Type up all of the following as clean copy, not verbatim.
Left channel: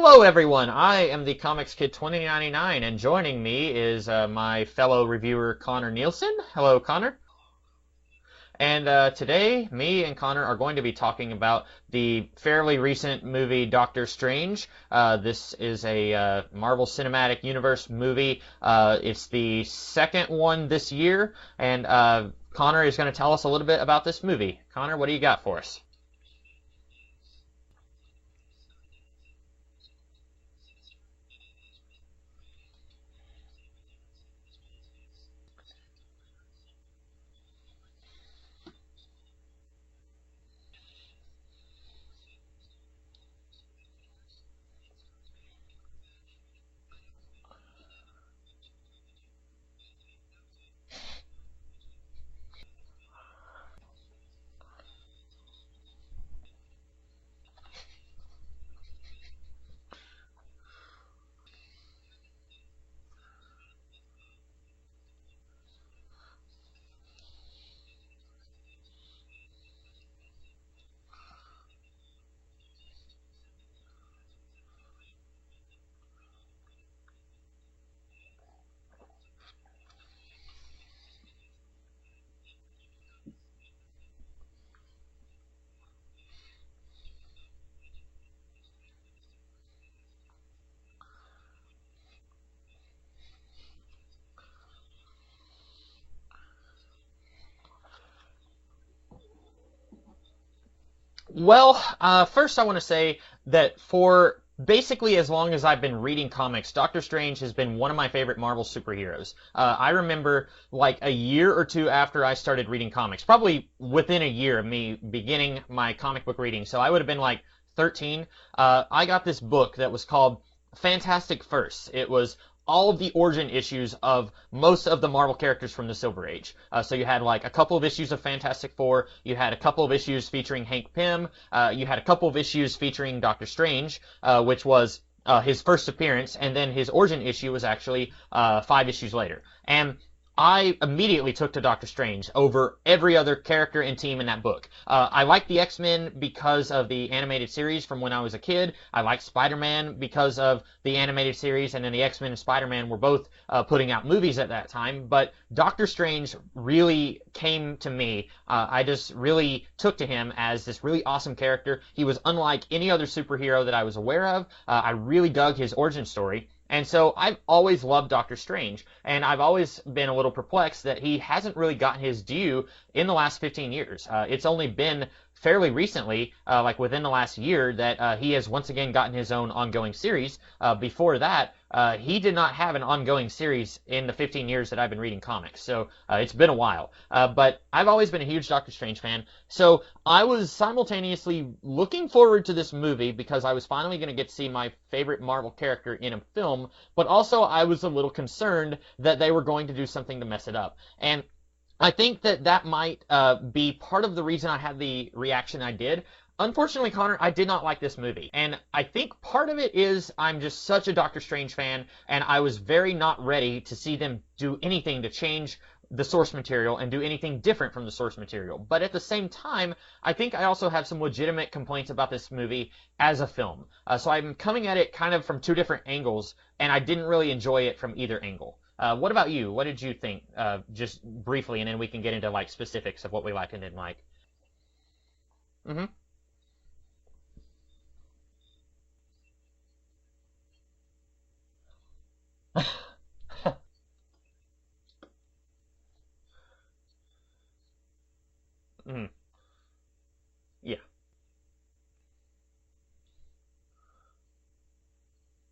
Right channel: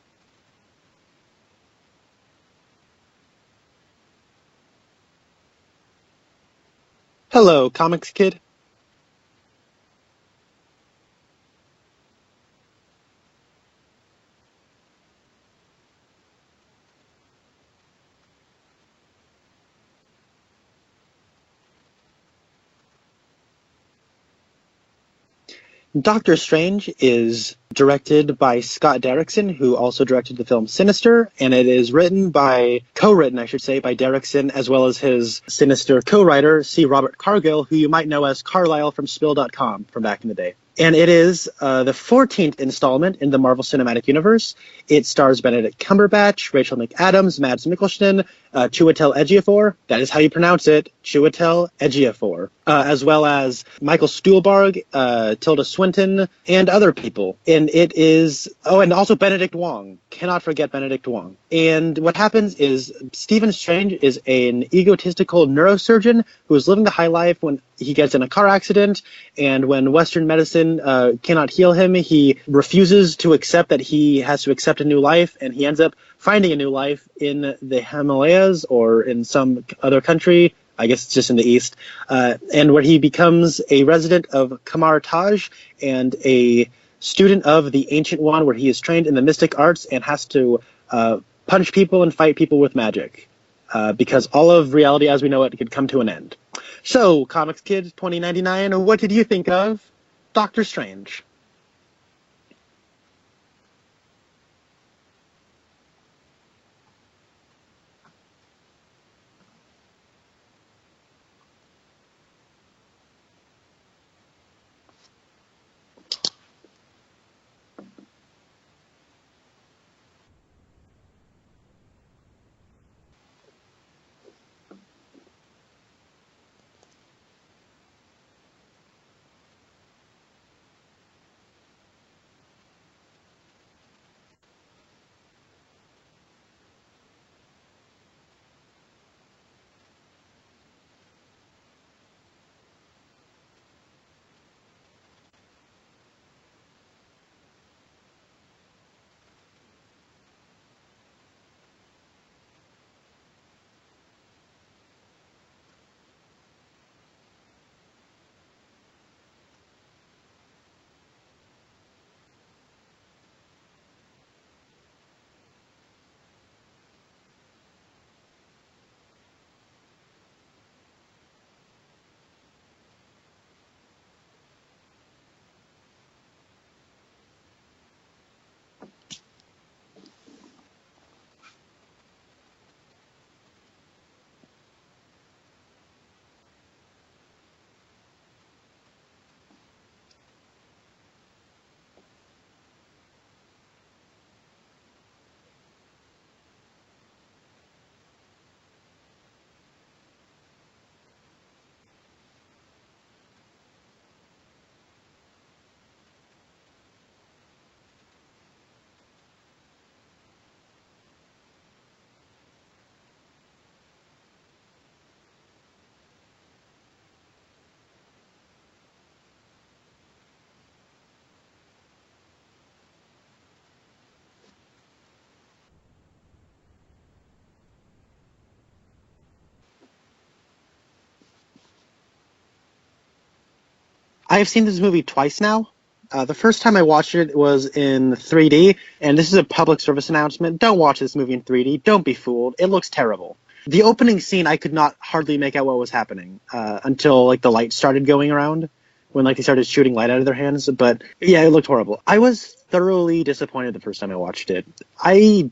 Hello, everyone. I am the Comics Kid 2099, and joining me is my fellow reviewer Connor Nielsen. Hello, Connor. Hello, Comics Kid. And today, me and Connor are going to be talking about the fairly recent movie Doctor Strange. This is a Marvel Cinematic Universe movie. It's the second one this year, and Connor is going to tell us a little bit about this movie. Connor, what do you got for us? Doctor Strange is directed by Scott Derrickson, who also directed the film Sinister, and it is co-written, I should say, by Derrickson, as well as his Sinister co-writer, C. Robert Cargill, who you might know as Carlisle from Spill.com from back in the day. And it is the 14th installment in the Marvel Cinematic Universe. It stars Benedict Cumberbatch, Rachel McAdams, Mads Mikkelsen, Chiwetel Ejiofor, that is how you pronounce it, Chiwetel Ejiofor, as well as Michael Stuhlbarg, Tilda Swinton, and other people. And it is, and also Benedict Wong. Cannot forget Benedict Wong. And what happens is Stephen Strange is an egotistical neurosurgeon who is living the high life when he gets in a car accident, and when Western medicine cannot heal him, he refuses to accept that he has to accept a new life, and he ends up finding a new life in the Himalayas or in some other country. I guess it's just in the East, and where he becomes a resident of Kamar Taj and a student of the Ancient One, where he is trained in the mystic arts and has to punch people and fight people with magic, because all of reality as we know it could come to an end. So, Comics Kid 2099, what did you think of Doctor Strange? Well, first I want to say that for basically as long as I've been reading comics, Doctor Strange has been one of my favorite Marvel superheroes. I remember like a year or two after I started reading comics, probably within a year of me beginning my comic book reading, so I would have been like 13, I got this book that was called Fantastic Firsts. It was all of the origin issues of most of the Marvel characters from the Silver Age. So you had like a couple of issues of Fantastic Four, you had a couple of issues featuring Hank Pym, you had a couple of issues featuring Doctor Strange, which was his first appearance, and then his origin issue was actually 5 issues later. And I immediately took to Doctor Strange over every other character and team in that book. I liked the X-Men because of the animated series from when I was a kid. I liked Spider-Man because of the animated series, and then the X-Men and Spider-Man were both putting out movies at that time. But Doctor Strange really came to me. I just really took to him as this really awesome character. He was unlike any other superhero that I was aware of. I really dug his origin story. And so I've always loved Doctor Strange, and I've always been a little perplexed that he hasn't really gotten his due in the last 15 years. It's only been fairly recently, like within the last year, that he has once again gotten his own ongoing series. Before that, he did not have an ongoing series in the 15 years that I've been reading comics, so it's been a while. But I've always been a huge Doctor Strange fan, so I was simultaneously looking forward to this movie because I was finally going to get to see my favorite Marvel character in a film, but also I was a little concerned that they were going to do something to mess it up. And I think that might be part of the reason I had the reaction I did. Unfortunately, Connor, I did not like this movie, and I think part of it is I'm just such a Doctor Strange fan, and I was very not ready to see them do anything to change the source material and do anything different from the source material. But at the same time, I think I also have some legitimate complaints about this movie as a film. So I'm coming at it kind of from two different angles, and I didn't really enjoy it from either angle. What about you? What did you think, just briefly, and then we can get into like specifics of what we liked and didn't like? I have seen this movie twice now. Mm-hmm. The first time I watched it was in 3D, and this is a public service announcement. Don't watch this movie in 3D. Don't be fooled. It looks terrible. The opening scene, I could not hardly make out what was happening until like the light started going around, when like they started shooting light out of their hands. Yeah. But yeah, it looked horrible. I was thoroughly disappointed the first time I watched it. I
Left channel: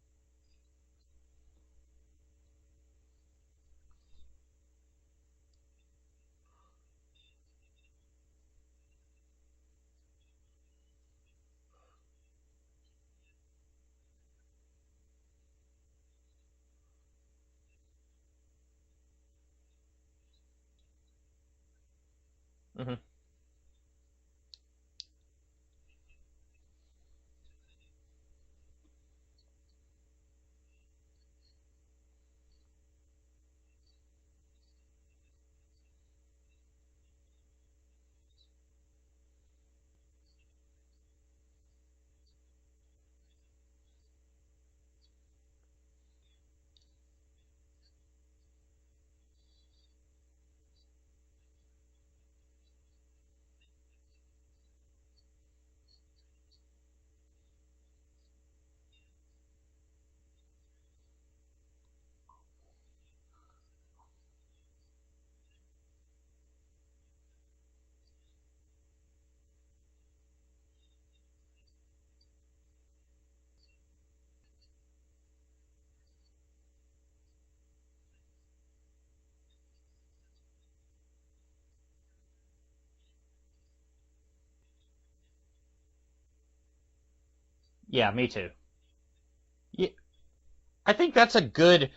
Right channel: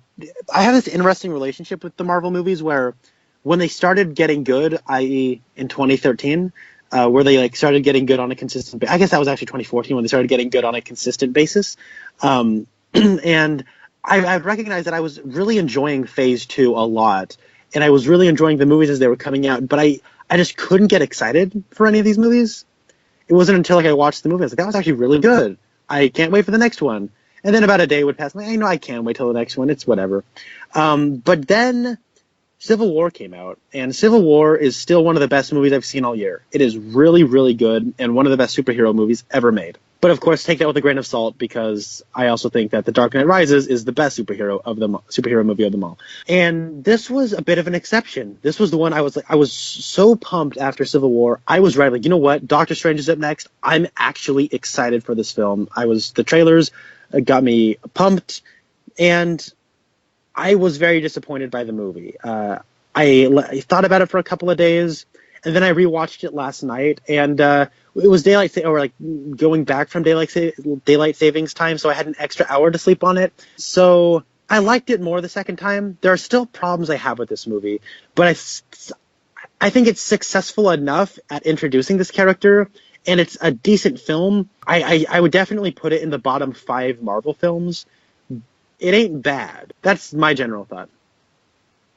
have this interesting relationship with the Marvel movies where when they started getting good, i.e. in 2013, where they like started getting good on a consistent basis. I guess that was actually 2014 when they started getting good on a consistent basis. And I recognized that I was really enjoying Phase 2 a lot, and I was really enjoying the movies as they were coming out, but I just couldn't get excited for any of these movies. Mm-hmm. It wasn't until like I watched the movie, I was like, that was actually really good. I can't wait for the next one. And then about a day would pass. I'm like, I can't wait till the next one. It's whatever. But then Civil War came out, and Civil War is still one of the best movies I've seen all year. It is really, really good, and one of the best superhero movies ever made. But of course, take that with a grain of salt because I also think that The Dark Knight Rises is the best superhero movie of them all. And this was a bit of an exception. This was the one I was so pumped after Civil War. I was right, like, you know what? Doctor Strange is up next. I'm actually excited for this film. The trailers got me pumped, and I was very disappointed by the movie. I thought about it for a couple of days, and then I rewatched it last night, and it was going back from daylight savings time, so I had an extra hour to sleep on it. So I liked it more the second time. There are still problems I have with this movie, but I think it's successful enough at introducing this character, and it's a decent film. I would definitely put it in the bottom 5 Marvel films. Yeah, me too. It ain't bad. Yeah. That's my general thought. I think that's a good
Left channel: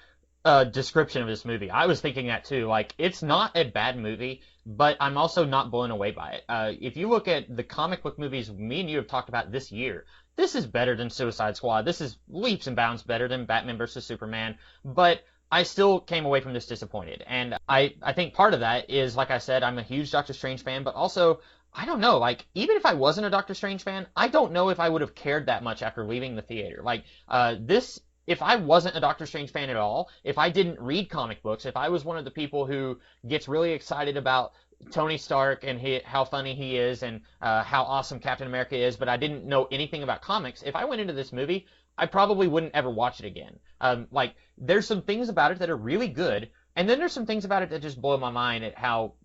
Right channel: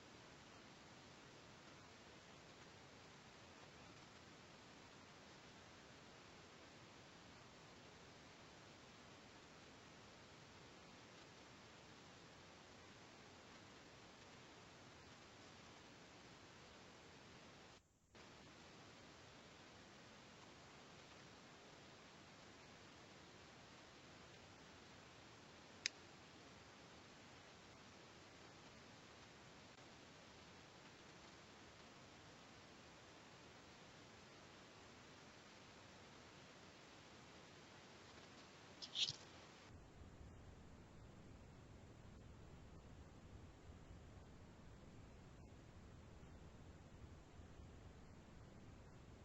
description of this movie. I was thinking that too. Like, it's not a bad movie, but I'm also not blown away by it. If you look at the comic book movies me and you have talked about this year, this is better than Suicide Squad. This is leaps and bounds better than Batman vs. Superman, but I still came away from this disappointed. And I think part of that is, like I said, I'm a huge Doctor Strange fan, but also, I don't know, like, even if I wasn't a Doctor Strange fan, I don't know if I would have cared that much after leaving the theater. Like, if I wasn't a Doctor Strange fan at all, if I didn't read comic books, if I was one of the people who gets really excited about Tony Stark and how funny he is and how awesome Captain America is, but I didn't know anything about comics, if I went into this movie, I probably wouldn't ever watch it again. There's some things about it that are really good, and then there's some things about it that just blow my mind at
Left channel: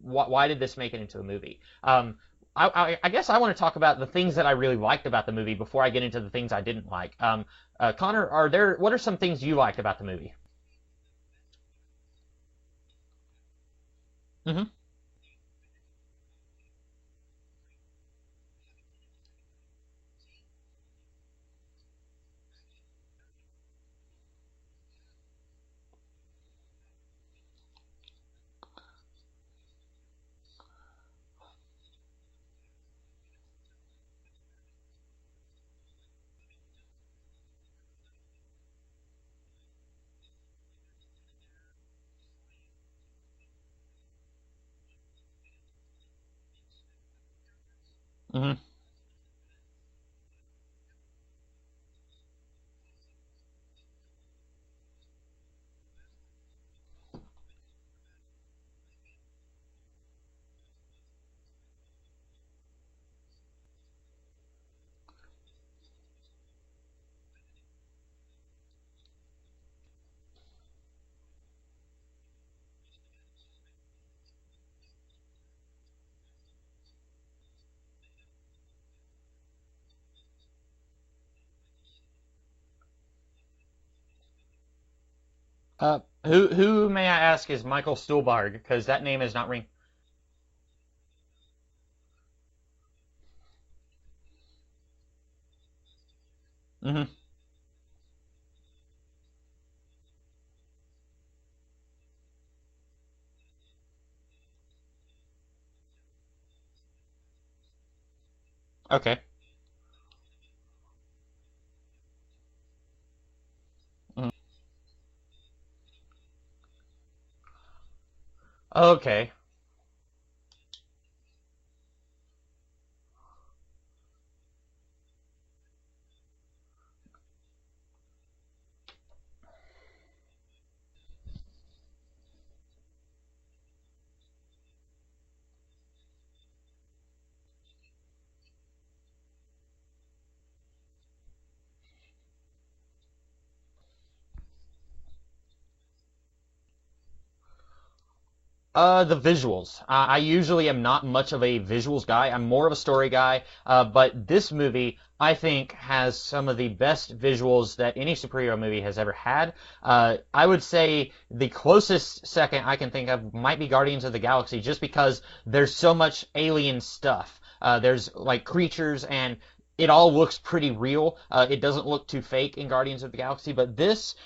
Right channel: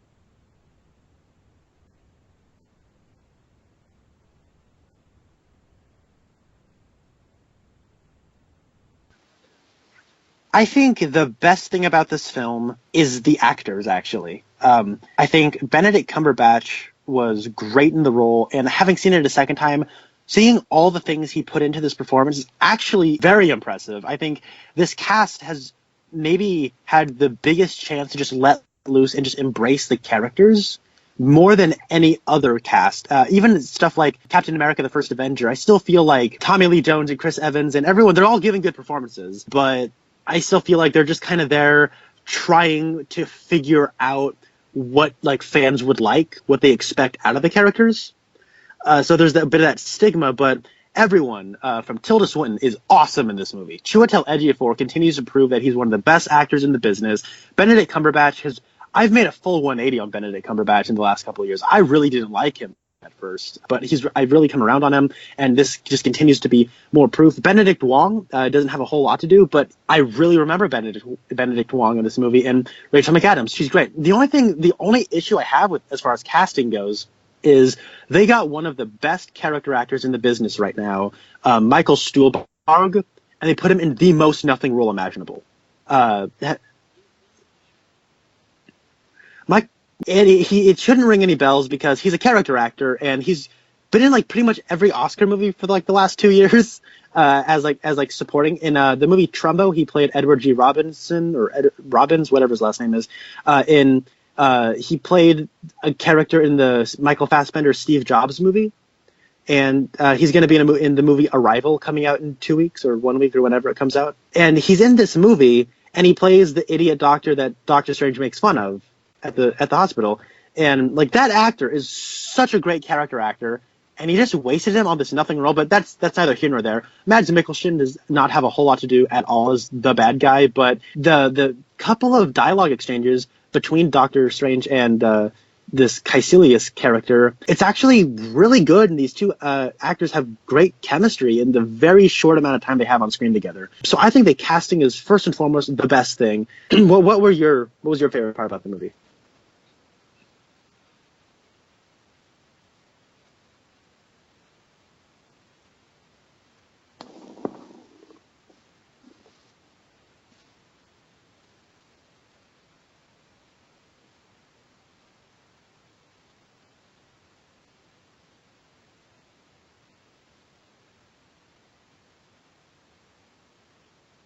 why did this make it into a movie? I guess I want to talk about the things that I really liked about the movie before I get into the things I didn't like. Connor, what are some things you liked about the movie? I think the best thing about this film is the actors, actually. Mm-hmm. I think Benedict Cumberbatch was great in the role, and having seen it a second time, seeing all the things he put into this performance is actually very impressive. I think this cast has maybe had the biggest chance to just let loose and just embrace the characters more than any other cast. Even stuff like Captain America, the First Avenger, I still feel like Tommy Lee Jones and Chris Evans and everyone, they're all giving good performances, but I still feel like they're just kind of there trying to figure out what fans would like, what they expect out of the characters. Mm-hmm. So there's a bit of that stigma, but everyone from Tilda Swinton is awesome in this movie. Chiwetel Ejiofor continues to prove that he's one of the best actors in the business. Benedict Cumberbatch I've made a full 180 on Benedict Cumberbatch in the last couple of years. I really didn't like him at first, but I've really come around on him, and this just continues to be more proof. Benedict Wong doesn't have a whole lot to do, but I really remember Benedict Wong in this movie, and Rachel McAdams, she's great. The only issue I have with as far as casting goes is they got one of the best character actors in the business right now, Michael Stuhlbarg, and they put him in the most nothing role imaginable. Who may I ask is Michael Stuhlbarg? Because that name is not. It shouldn't ring any bells because he's a character actor and he's been in pretty much every Oscar movie for the last 2 years. Mm-hmm. as supporting. In the movie Trumbo, he played Edward G. Robinson or Robbins, whatever his last name is. He played a character in the Michael Fassbender Steve Jobs movie. Okay. And he's going to be in the movie Arrival coming out in 2 weeks or 1 week or whenever it comes out. Mm. And he's in this movie, and he plays the idiot doctor that Doctor Strange makes fun of. Okay. At the hospital. And that actor is such a great character actor, and he just wasted him on this nothing role. But that's neither here nor there. Mads Mikkelsen does not have a whole lot to do at all as the bad guy, but the couple of dialogue exchanges between Doctor Strange and this Caecilius character, it's actually really good, and these two actors have great chemistry in the very short amount of time they have on screen together. So I think the casting is first and foremost the best thing. what was your favorite part about the movie? The visuals. I usually am not much of a visuals guy. I'm more of a story guy, but this movie, I think, has some of the best visuals that any superhero movie has ever had. I would say the closest second I can think of might be Guardians of the Galaxy, just because there's so much alien stuff. There's creatures, and it all looks pretty real. It doesn't look too fake in Guardians of the Galaxy, but this,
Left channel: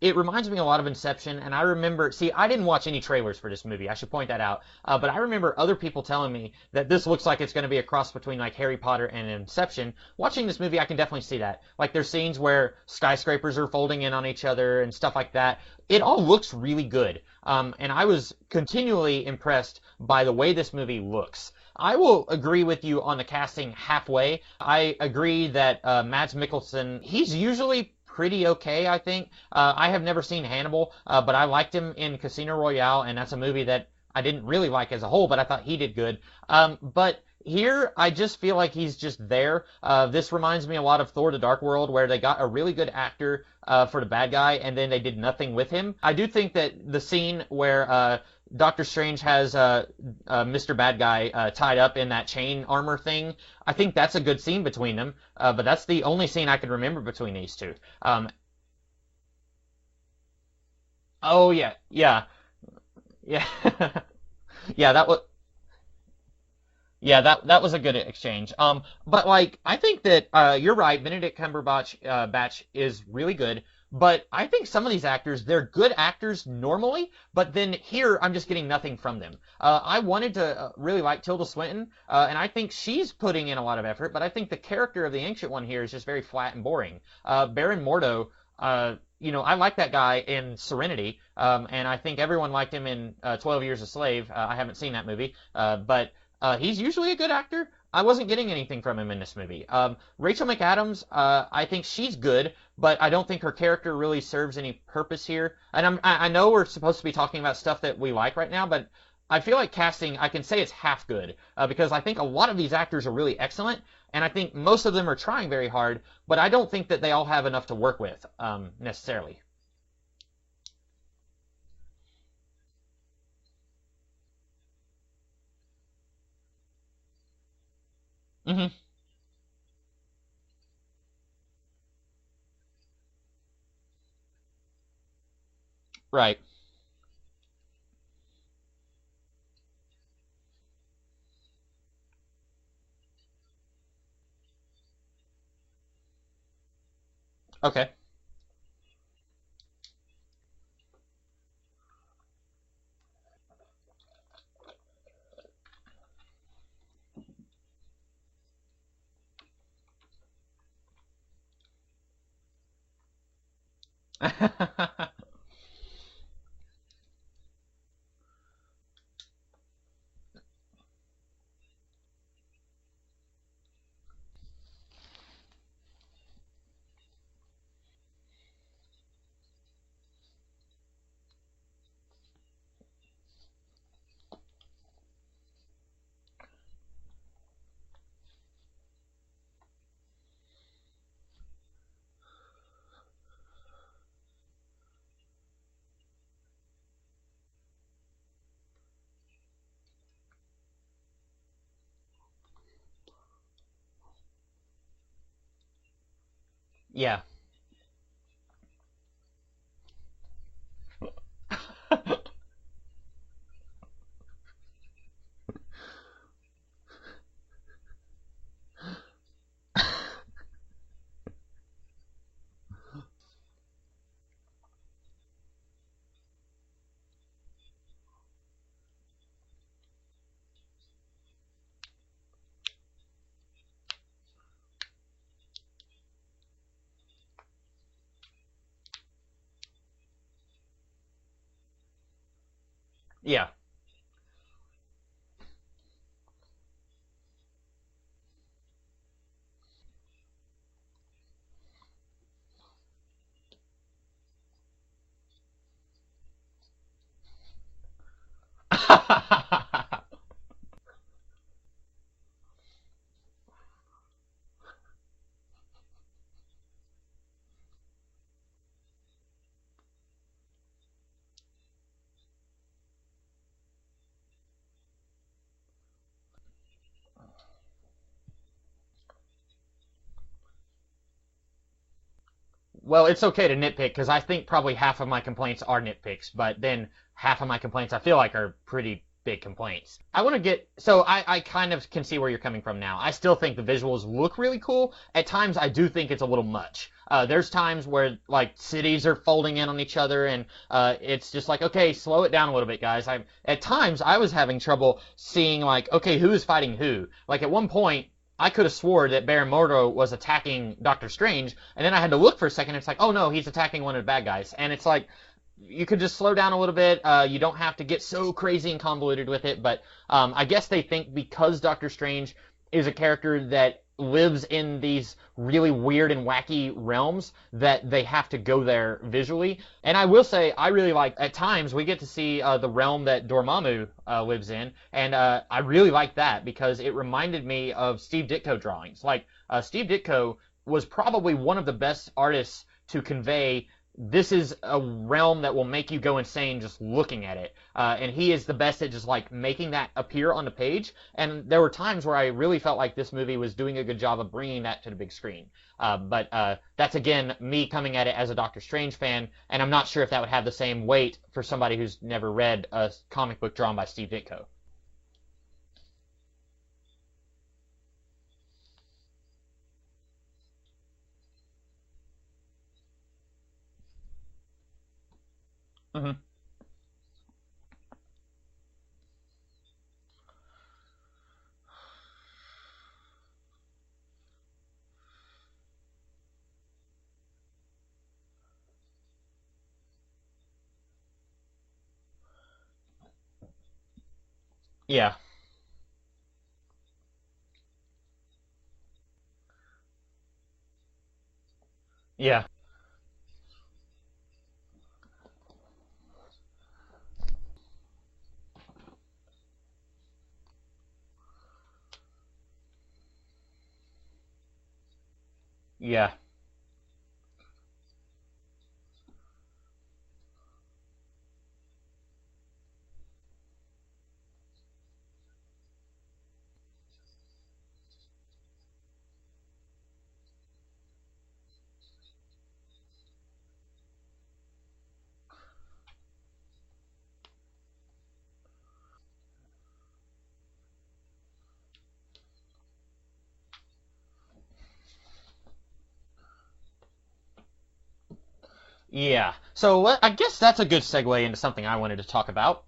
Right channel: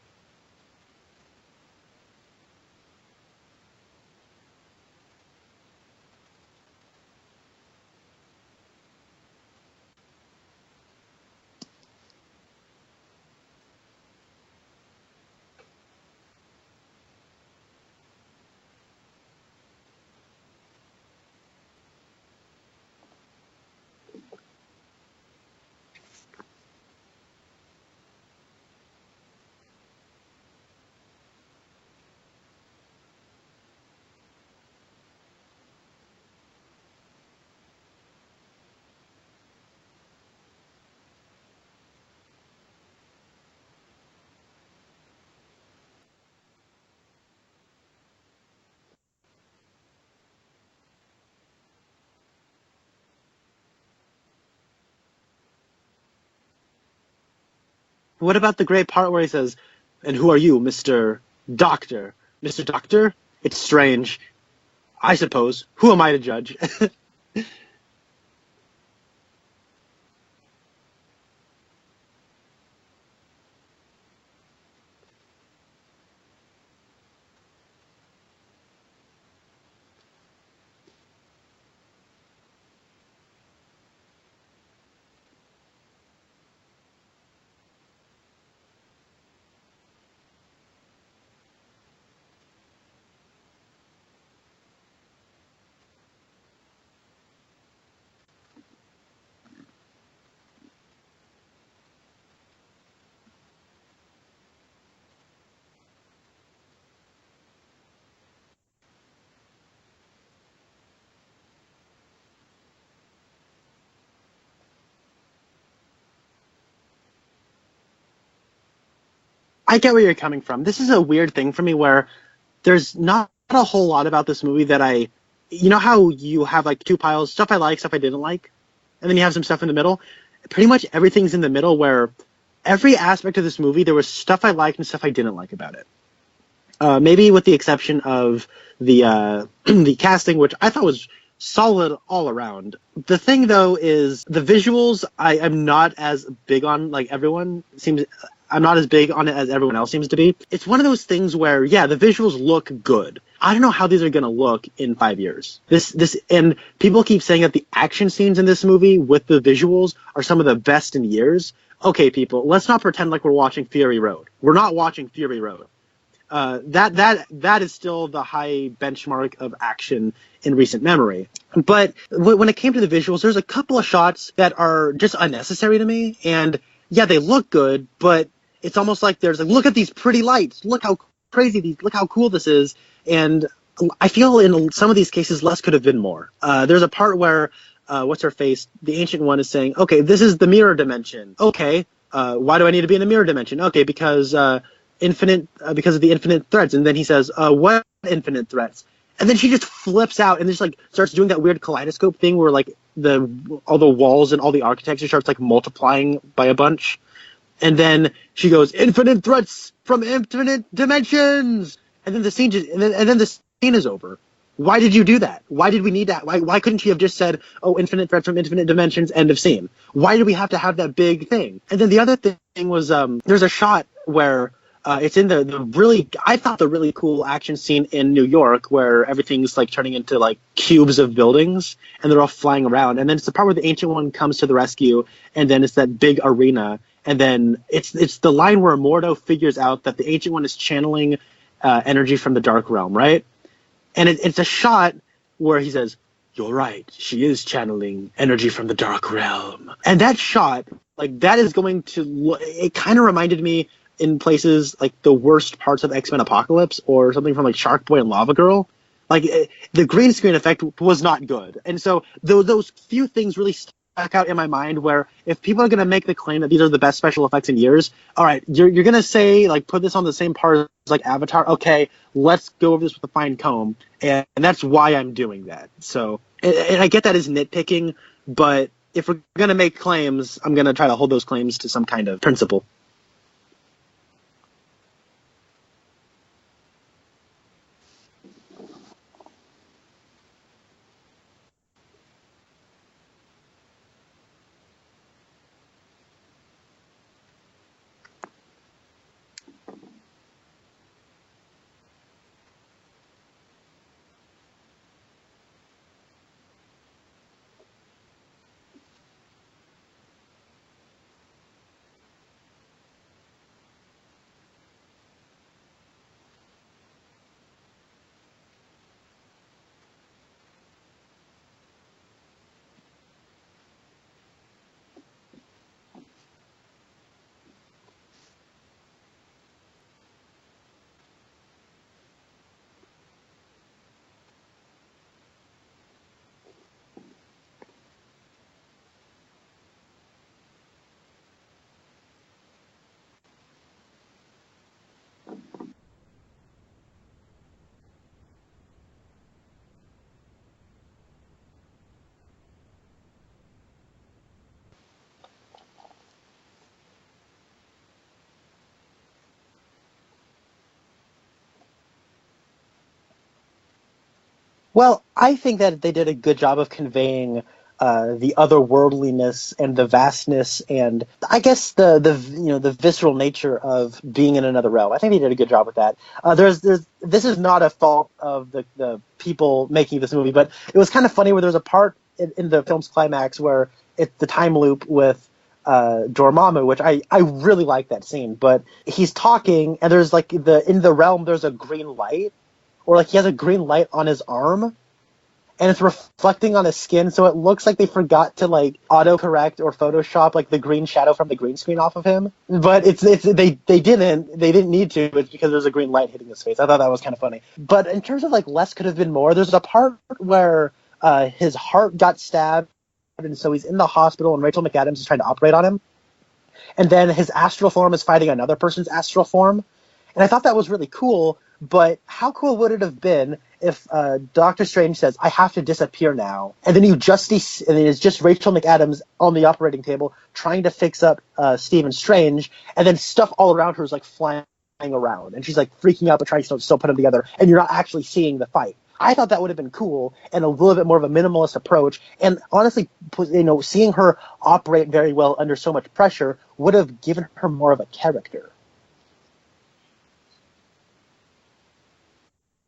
it reminds me a lot of Inception, and I remember, I didn't watch any trailers for this movie, I should point that out, but I remember other people telling me that this looks like it's going to be a cross between Harry Potter and Inception. Watching this movie, I can definitely see that. There's scenes where skyscrapers are folding in on each other and stuff like that. It all looks really good, and I was continually impressed by the way this movie looks. I will agree with you on the casting halfway. I agree that Mads Mikkelsen, he's usually pretty okay, I think. I have never seen Hannibal, but I liked him in Casino Royale, and that's a movie that I didn't really like as a whole, but I thought he did good. But here, I just feel like he's just there. This reminds me a lot of Thor: The Dark World, where they got a really good actor for the bad guy, and then they did nothing with him. I do think that the scene where Doctor Strange has Mr. Bad Guy tied up in that chain armor thing, I think that's a good scene between them, but that's the only scene I can remember between these two. What about the great part where he says, "And who are you, Mr. Doctor?" Yeah. Mr. Doctor? Yeah. It's strange. Yeah, that was, I suppose. Who am I to judge? yeah, that was a good exchange. But like I think that you're right. Benedict Cumberbatch Batch is really good. But I think some of these actors, they're good actors normally, but then here I'm just getting nothing from them. I wanted to really like Tilda Swinton, and I think she's putting in a lot of effort, but I think the character of the Ancient One here is just very flat and boring. Baron Mordo, I like that guy in Serenity, and I think everyone liked him in 12 Years a Slave. I haven't seen that movie, but he's usually a good actor. I wasn't getting anything from him in this movie. Rachel McAdams, I think she's good, but I don't think her character really serves any purpose here. And I know we're supposed to be talking about stuff that we like right now, but I feel like casting, I can say it's half good, because I think a lot of these actors are really excellent, and I think most of them are trying very hard, but I don't think that they all have enough to work with, necessarily. I get where you're coming from. This is a weird thing for me where there's not a whole lot about this movie that you know how you have like two piles, stuff I like, stuff I didn't like, Mm-hmm. and then you have some stuff in the middle? Pretty much everything's in the middle where every aspect of this movie, there was stuff I liked and stuff I didn't like about it. Right. Maybe with the exception of the the casting, which I thought was solid all around. The thing, though, is the visuals I am not as big on like everyone. Okay. I'm not as big on it as everyone else seems to be. It's one of those things where, yeah, the visuals look good. I don't know how these are going to look in 5 years. And people keep saying that the action scenes in this movie with the visuals are some of the best in years. Okay, people, let's not pretend like we're watching Fury Road. We're not watching Fury Road. That is still the high benchmark of action in recent memory. But when it came to the visuals, there's a couple of shots that are just unnecessary to me. And yeah, they look good, but it's almost like there's like, look at these pretty lights. Look how crazy look how cool this is. And I feel in some of these cases, less could have been more. There's a part where, what's her face? The Ancient One is saying, okay, this is the mirror dimension. Okay. Why do I need to be in the mirror dimension? Okay, because because of the infinite threats. And then he says, what infinite threats? And then she just flips out and just like starts doing that weird kaleidoscope thing where like all the walls and all the architecture starts like multiplying by a bunch. Yeah. And then she goes, infinite threats from infinite dimensions. And then the scene and then the scene is over. Why did you do that? Why did we need that? Why couldn't she have just said, oh, infinite threats from infinite dimensions, end of scene? Why do we have to have that big thing? And then the other thing was there's a shot where it's in I thought the really cool action scene in New York where everything's like turning into like cubes of buildings and they're all flying around. And then it's the part where the Ancient One comes to the rescue, and then it's that big arena. And then it's the line where Mordo figures out that the Ancient One is channeling energy from the Dark Realm, right? Yeah. And it's a shot where he says, you're right, she is channeling energy from the Dark Realm. And that shot, like, that is going to it kind of reminded me in places like the worst parts of X-Men Apocalypse or something from like Shark Boy and Lava Girl. Like the green screen effect was not good. And so those few things really stuck out in my mind where if people are going to make the claim that these are the best special effects in years, all right, you're going to say like put this on the same par as like Avatar. Okay, let's go over this with a fine comb. And that's why I'm doing that. So, and I get that as nitpicking, but if we're going to make claims, I'm going to try to hold those claims to some kind of principle. Well, it's okay to nitpick because I think probably half of my complaints are nitpicks, but then half of my complaints I feel like are pretty big complaints. I kind of can see where you're coming from now. I still think the visuals look really cool. At times I do think it's a little much. There's times where like cities are folding in on each other and it's just like, okay, slow it down a little bit, guys. At times I was having trouble seeing like, okay, who is fighting who? Like at one point I could have swore that Baron Mordo was attacking Doctor Strange, and then I had to look for a second. And it's like, oh no, he's attacking one of the bad guys, and it's like, you could just slow down a little bit. You don't have to get so crazy and convoluted with it. But I guess they think because Doctor Strange is a character that lives in these really weird and wacky realms that they have to go there visually. And I will say, I really like, at times, we get to see the realm that Dormammu lives in, and I really like that because it reminded me of Steve Ditko drawings. Like, Steve Ditko was probably one of the best artists to convey this is a realm that will make you go insane just looking at it. And he is the best at just like making that appear on the page. And there were times where I really felt like this movie was doing a good job of bringing that to the big screen. But that's, again, me coming at it as a Doctor Strange fan, and I'm not sure if that would have the same weight for somebody who's never read a comic book drawn by Steve Ditko. Well, I think that they did a good job of conveying the otherworldliness and the vastness and I guess the visceral nature of being in another realm. I think they did a good job with that. Mm-hmm. This is not a fault of the people making this movie, but it was kind of funny where there's a part in the film's climax where it's the time loop with Dormammu, which I really like that scene. But he's talking and there's like in the realm there's a green light, or like he has a green light on his arm. Yeah. And it's reflecting on his skin, so it looks like they forgot to like autocorrect or Photoshop like the green shadow from the green screen off of him. Yeah. But they didn't need to. It's because there's a green light hitting his face. I thought that was kind of funny. But in terms of like less could have been more, there's a part where his heart got stabbed, and so he's in the hospital, and Rachel McAdams is trying to operate on him. Yeah. And then his astral form is fighting another person's astral form, and I thought that was really cool. But how cool would it have been if Doctor Strange says, "I have to disappear now," and then and it's just Rachel McAdams on the operating table trying to fix up Stephen Strange, and then stuff all around her is like flying around, and she's like freaking out but trying to still put them together, and you're not actually seeing the fight. I thought that would have been cool and a little bit more of a minimalist approach, and honestly, seeing her operate very well under so much pressure would have given her more of a character. Yeah. So I guess that's a good segue into something I wanted to talk about.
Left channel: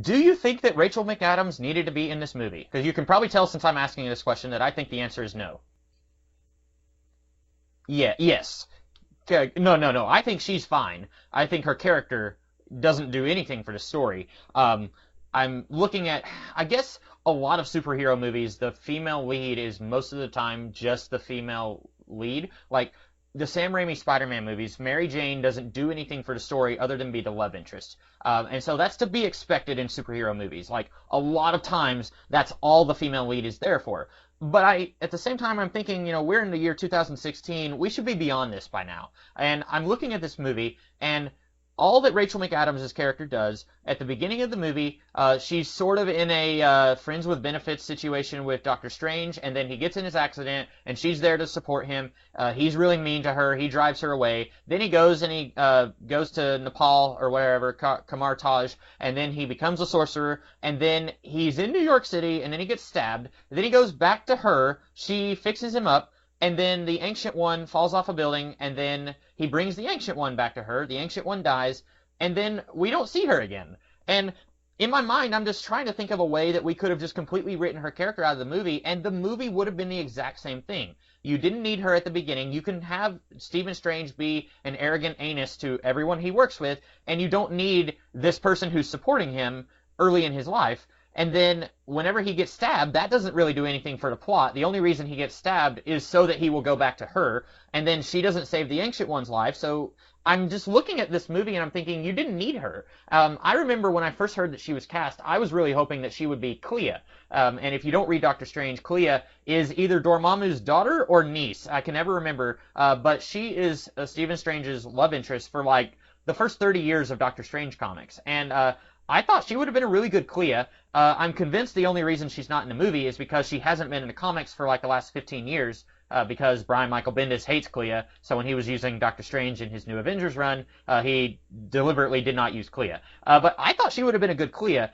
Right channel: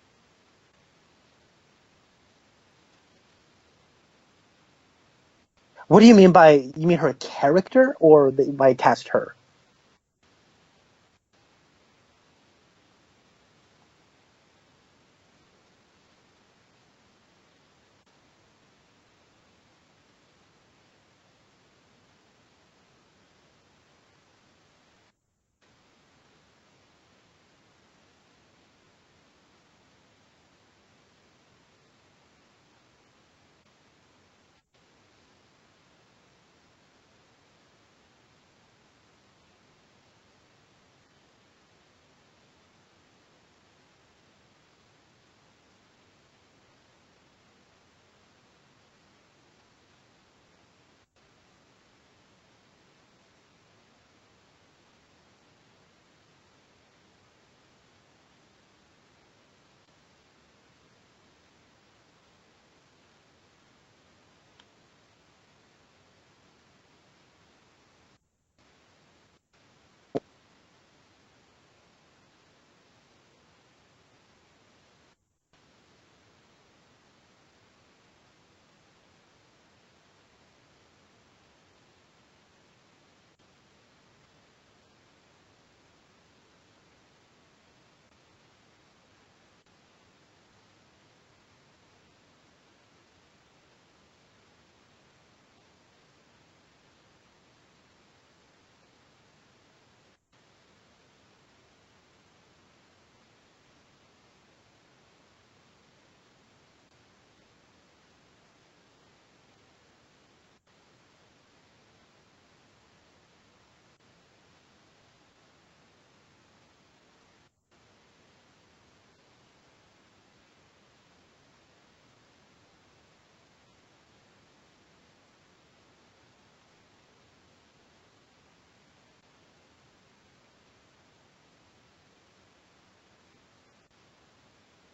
Do you think that Rachel McAdams needed to be in this movie? Because you can probably tell since I'm asking you this question that I think the answer is no. What do you mean you mean her character? Yeah, or yes. by cast her? No. I think she's fine. I think her character doesn't do anything for the story. I'm looking at, I guess, a lot of superhero movies, the female lead is most of the time just the female lead. Like, the Sam Raimi Spider-Man movies, Mary Jane doesn't do anything for the story other than be the love interest. And so that's to be expected in superhero movies. Like, a lot of times, that's all the female lead is there for. But at the same time, I'm thinking, we're in the year 2016, we should be beyond this by now. And I'm looking at this movie, and all that Rachel McAdams' character does, at the beginning of the movie, she's sort of in a friends with benefits situation with Doctor Strange, and then he gets in his accident, and she's there to support him. He's really mean to her. He drives her away. Then he goes goes to Nepal or wherever, Kamar Taj, and then he becomes a sorcerer, and then he's in New York City, and then he gets stabbed. Then he goes back to her. She fixes him up, and then the Ancient One falls off a building, and then he brings the Ancient One back to her. The Ancient One dies, and then we don't see her again. And in my mind, I'm just trying to think of a way that we could have just completely written her character out of the movie, and the movie would have been the exact same thing. You didn't need her at the beginning. You can have Stephen Strange be an arrogant anus to everyone he works with, and you don't need this person who's supporting him early in his life. And then whenever he gets stabbed, that doesn't really do anything for the plot. The only reason he gets stabbed is so that he will go back to her, and then she doesn't save the Ancient One's life. So I'm just looking at this movie and I'm thinking, you didn't need her. I remember when I first heard that she was cast, I was really hoping that she would be Clea. And if you don't read Doctor Strange, Clea is either Dormammu's daughter or niece. I can never remember. But she is Stephen Strange's love interest for like the first 30 years of Doctor Strange comics. And I thought she would have been a really good Clea. I'm convinced the only reason she's not in the movie is because she hasn't been in the comics for like the last 15 years. Because Brian Michael Bendis hates Clea, so when he was using Doctor Strange in his New Avengers run, he deliberately did not use Clea. But I thought she would have been a good Clea.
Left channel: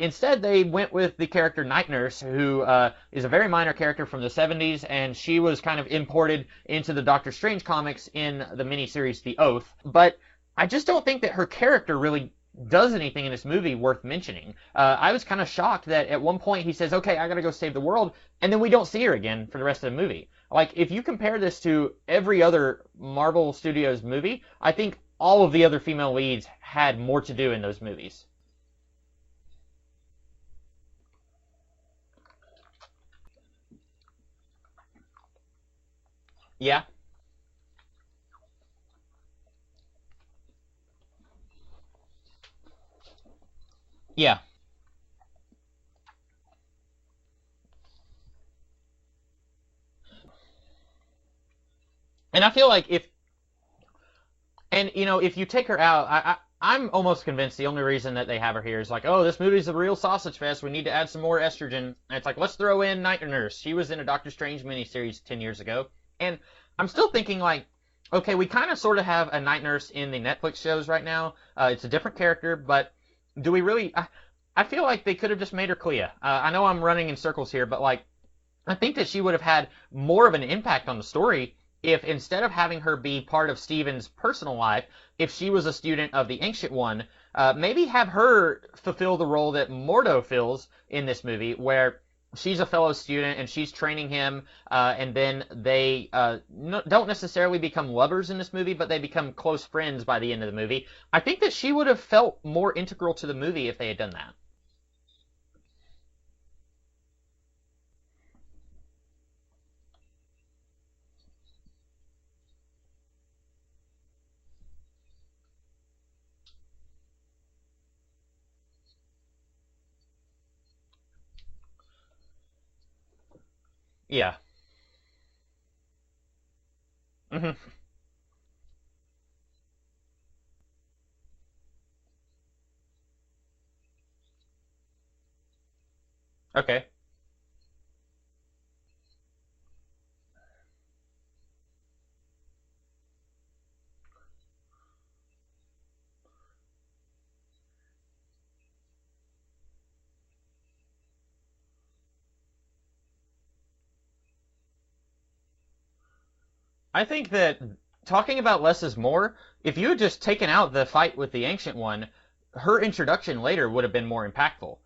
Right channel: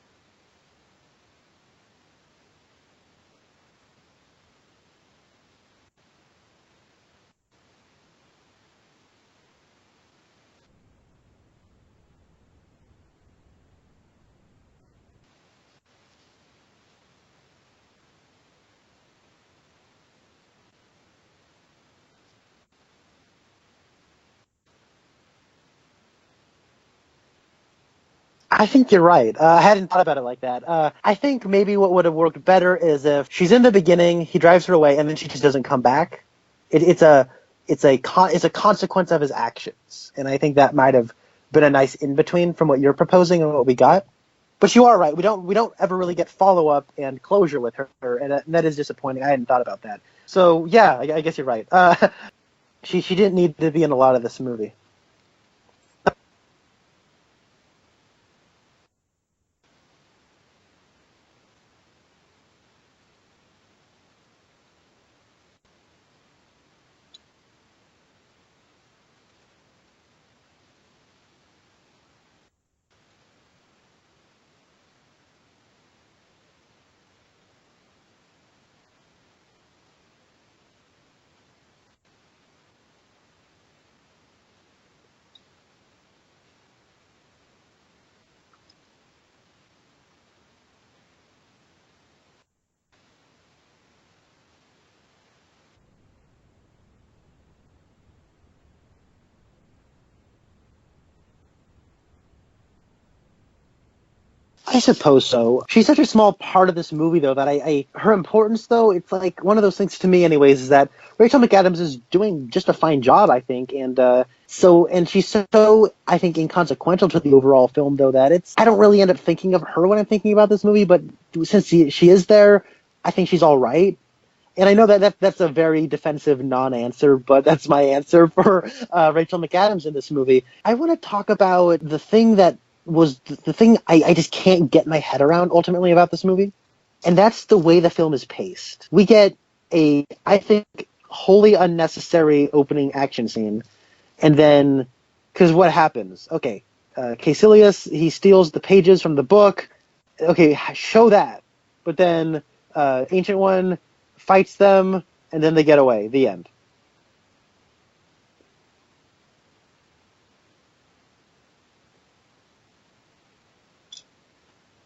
Instead, they went with the character Night Nurse, who is a very minor character from the 70s, and she was kind of imported into the Doctor Strange comics in the miniseries The Oath. But I just don't think that her character really does anything in this movie worth mentioning. I was kind of shocked that at one point he says, okay, I gotta go save the world, and then we don't see her again for the rest of the movie. Like, if you compare this to every other Marvel Studios movie, I think all of the other female leads had more to do in those movies. I think you're right. I hadn't thought about it like that. I think maybe what would have worked better is if she's in the beginning, he drives her away, and then she just doesn't come back. Yeah. It's a consequence of his actions, and I think that might have been a nice in between from what you're proposing and what we got. Yeah. But you are right. We don't ever really get follow up and closure with her, and that is disappointing. I hadn't thought about that. So yeah, I guess you're right. And I feel like she didn't need to be in a lot of this movie. And if you take her out, I'm almost convinced the only reason that they have her here is like, oh, this movie's a real sausage fest. We need to add some more estrogen. And it's like, let's throw in Night Nurse. She was in a Doctor Strange miniseries 10 years ago. And I'm still thinking, like, okay, we kind of sort of have a Night Nurse in the Netflix shows right now. It's a different character, but do we really... I feel like they could have just made her Clea. I know I'm running in circles here, but, like, I think that she would have had more of an impact on the story if instead of having her be part of Steven's personal life, if she was a student of the Ancient One, maybe have her fulfill the role that Mordo fills in this movie, where she's a fellow student and she's training him, and then they don't necessarily become lovers in this movie, but they become close friends by the end of the movie. I think that she would have felt more integral to the movie if they had done that. I suppose so. She's such a small part of this movie, though, that her importance, though, it's like one of those things to me, anyways, is that Rachel McAdams is doing just a fine job, I think, and she's so, I think, inconsequential to the overall film, though, that I don't really end up thinking of her when I'm thinking about this movie, but since she is there, I think she's all right. Yeah. And I know that's a very defensive non-answer, but that's my answer for Rachel McAdams in this movie. I want to talk about the thing that was the thing I just can't get my head around ultimately about this movie. Okay. And that's the way the film is paced. We get I think, wholly unnecessary opening action scene. And then, because what happens? Okay, Caecilius, he steals the pages from the book. Okay, show that. But then Ancient One fights them, and then they get away. The end. I think that talking about less is more. If you had just taken out the fight with the Ancient One, her introduction later would have been more impactful.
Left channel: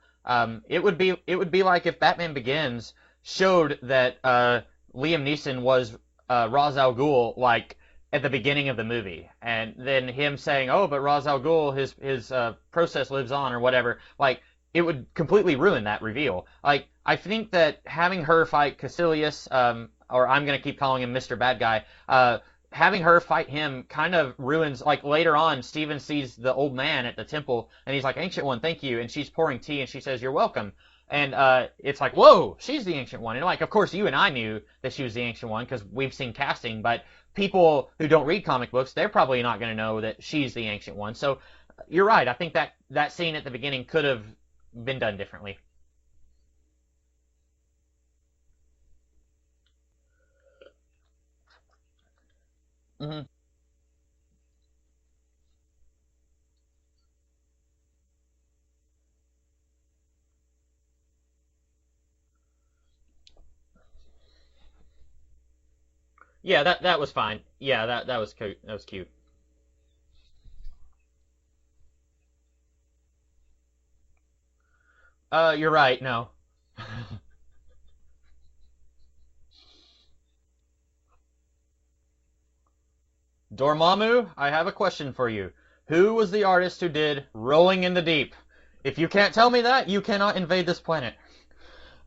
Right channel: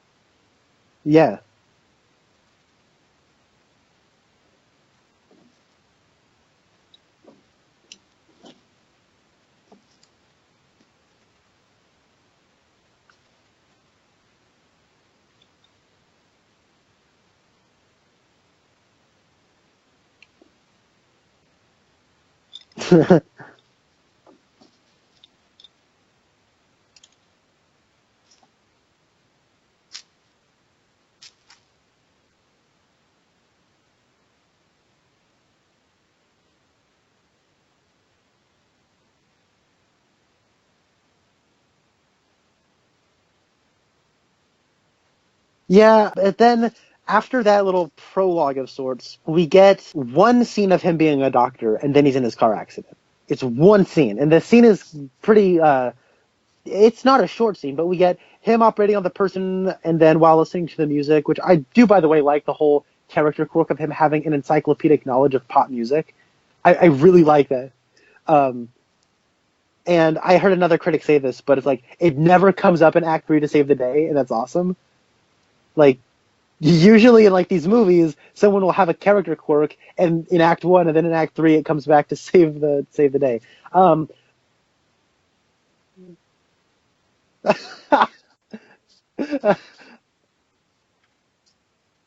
It would be like if Batman Begins showed that Liam Neeson was Ra's al Ghul, like at the beginning of the movie, and then him saying, "Oh, but Ra's al Ghul, his process lives on," or whatever. Like, it would completely ruin that reveal. Like, I think that having her fight Caecilius, or I'm gonna keep calling him Mr. Bad Guy, having her fight him kind of ruins, like, later on, Steven sees the old man at the temple, and he's like, "Ancient One, thank you," and she's pouring tea, and she says, "You're welcome." And it's like, whoa, she's the Ancient One. And, like, of course, you and I knew that she was the Ancient One, because we've seen casting, but people who don't read comic books, they're probably not going to know that she's the Ancient One. So, you're right, I think that scene at the beginning could have been done differently. Yeah, but then after that little prologue of sorts, we get one scene of him being a doctor, and then he's in his car accident. Mm-hmm. It's one scene, and the scene is pretty, it's not a short scene, but we get him operating on the person, and then while listening to the music, which I do, by the way, like the whole character quirk of him having an encyclopedic knowledge of pop music. Yeah, I really fine. like that. Yeah, that was cute. That was cute. And I heard another critic say this, but it's like, it never comes up in Act 3 to save the day, and that's awesome. You're right, like, no. Usually in, like, these movies, someone will have a character quirk, and in Act 1, and then in Act 3, it comes back to save the day. Dormammu, I have a question for you. Who was the artist who did Rolling in the Deep? If you can't tell me that, you cannot invade this planet.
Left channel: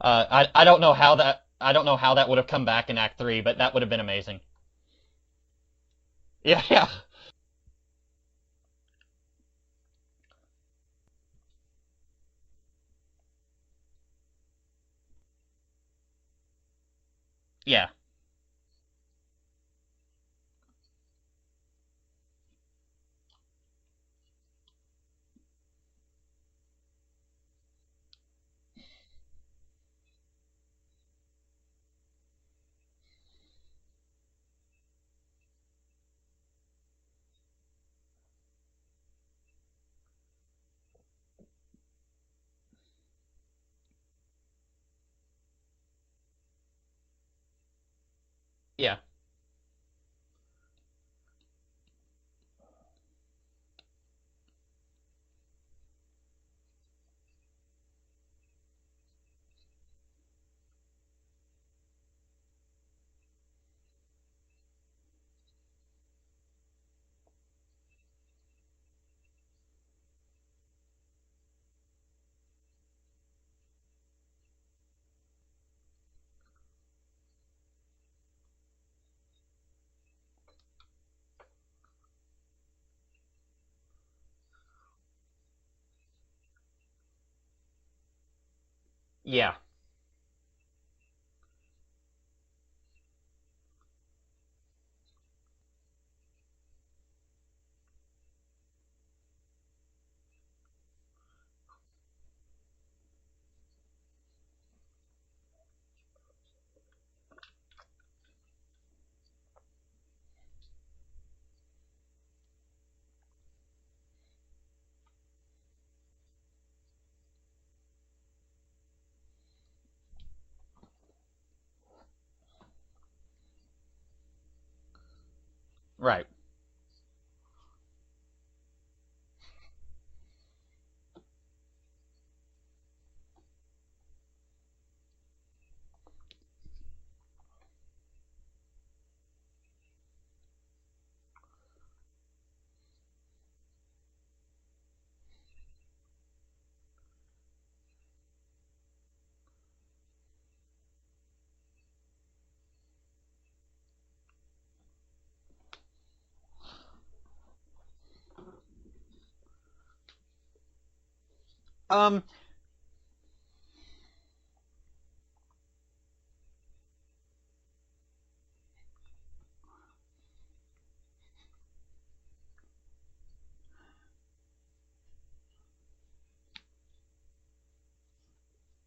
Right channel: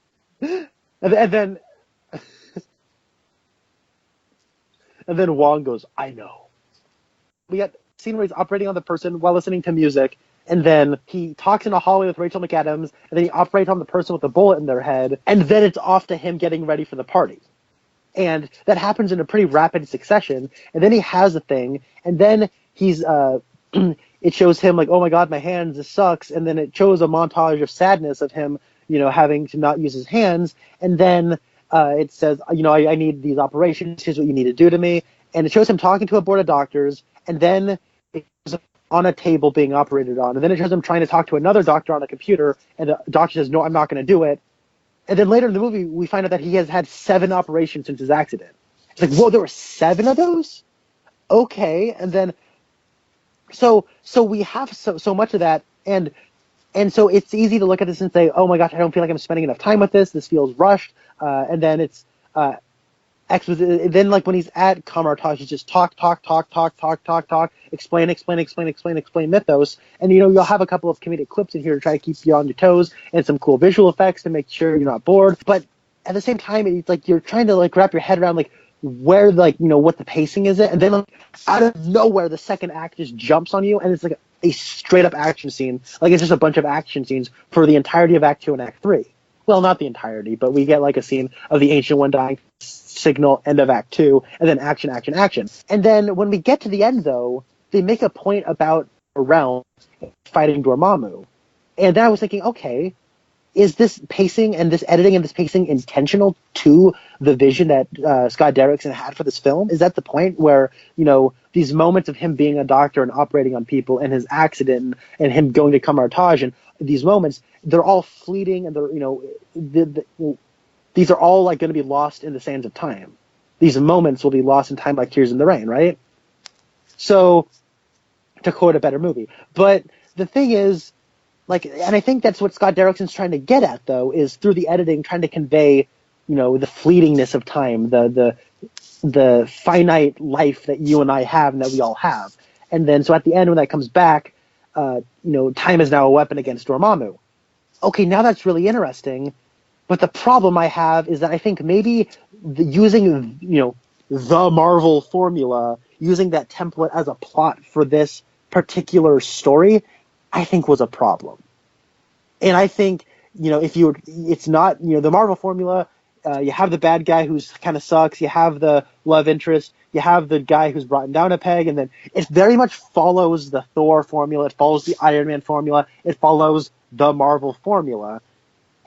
I don't know how I don't know how that would have come back in Act 3, but that would have been amazing. And then Wong goes, "I know." Yeah. We got a scene where he's operating on the person while listening to music, and then he talks in a hallway with Rachel McAdams, and then he operates on the person with a bullet in their head, and then it's off to him getting ready for the party. Yeah. And that happens in a pretty rapid succession, and then he has a thing, and then he's it shows him like, "Oh my god, my hands, this sucks," and then it shows a montage of sadness of him, having to not use his hands, and then it says, I need these operations, here's what you need to do to me, and it shows him talking to a board of doctors, and then it shows on a table being operated on, and then it shows him trying to talk to another doctor on a computer, and the doctor says, "No, I'm not going to do it." And then later in the movie, we find out that he has had 7 operations since his accident. Yeah. It's like, whoa, there were 7 of those? Okay, and then so we have so much of that, and so it's easy to look at this and say, "Oh my gosh, I don't feel like I'm spending enough time with this. This feels rushed." And then it's exposition. Then, like, when he's at Kamartaj, he's just talk, explain mythos. And, you'll have a couple of comedic clips in here to try to keep you on your toes and some cool visual effects to make sure you're not bored. But at the same time, it's like you're trying to, like, wrap your head around, like, where, like, what the pacing is. And then, like, out of nowhere, the second act just jumps on you, and it's like a straight up action scene. Like, it's just a bunch of action scenes for the entirety of Act 2 and Act 3. Yeah. Well, not the entirety, but we get, like, a scene of the Ancient One dying, signal, end of Act 2, and then action. And then when we get to the end, though, they make a point about a realm fighting Dormammu. And then I was thinking, okay, is this pacing and this editing and this pacing intentional to the vision that Scott Derrickson had for this film? Is that the point where, these moments of him being a doctor and operating on people and his accident and him going to Kamartaj and these moments, they're all fleeting and they're, these are all, like, going to be lost in the sands of time. These moments will be lost in time like Tears in the Rain, right? Right. So, to quote a better movie. But the thing is, like, and I think that's what Scott Derrickson's trying to get at, though, is through the editing trying to convey, the fleetingness of time, the finite life that you and I have and that we all have. And then, so at the end, when that comes back, time is now a weapon against Dormammu. Okay, now that's really interesting. But the problem I have is that I think maybe using, the Marvel formula, using that template as a plot for this particular story, I think was a problem. And I think, it's not, the Marvel formula, you have the bad guy who's kind of sucks, you have the love interest, you have the guy who's brought down a peg, and then it very much follows the Thor formula, it follows the Iron Man formula, it follows the Marvel formula.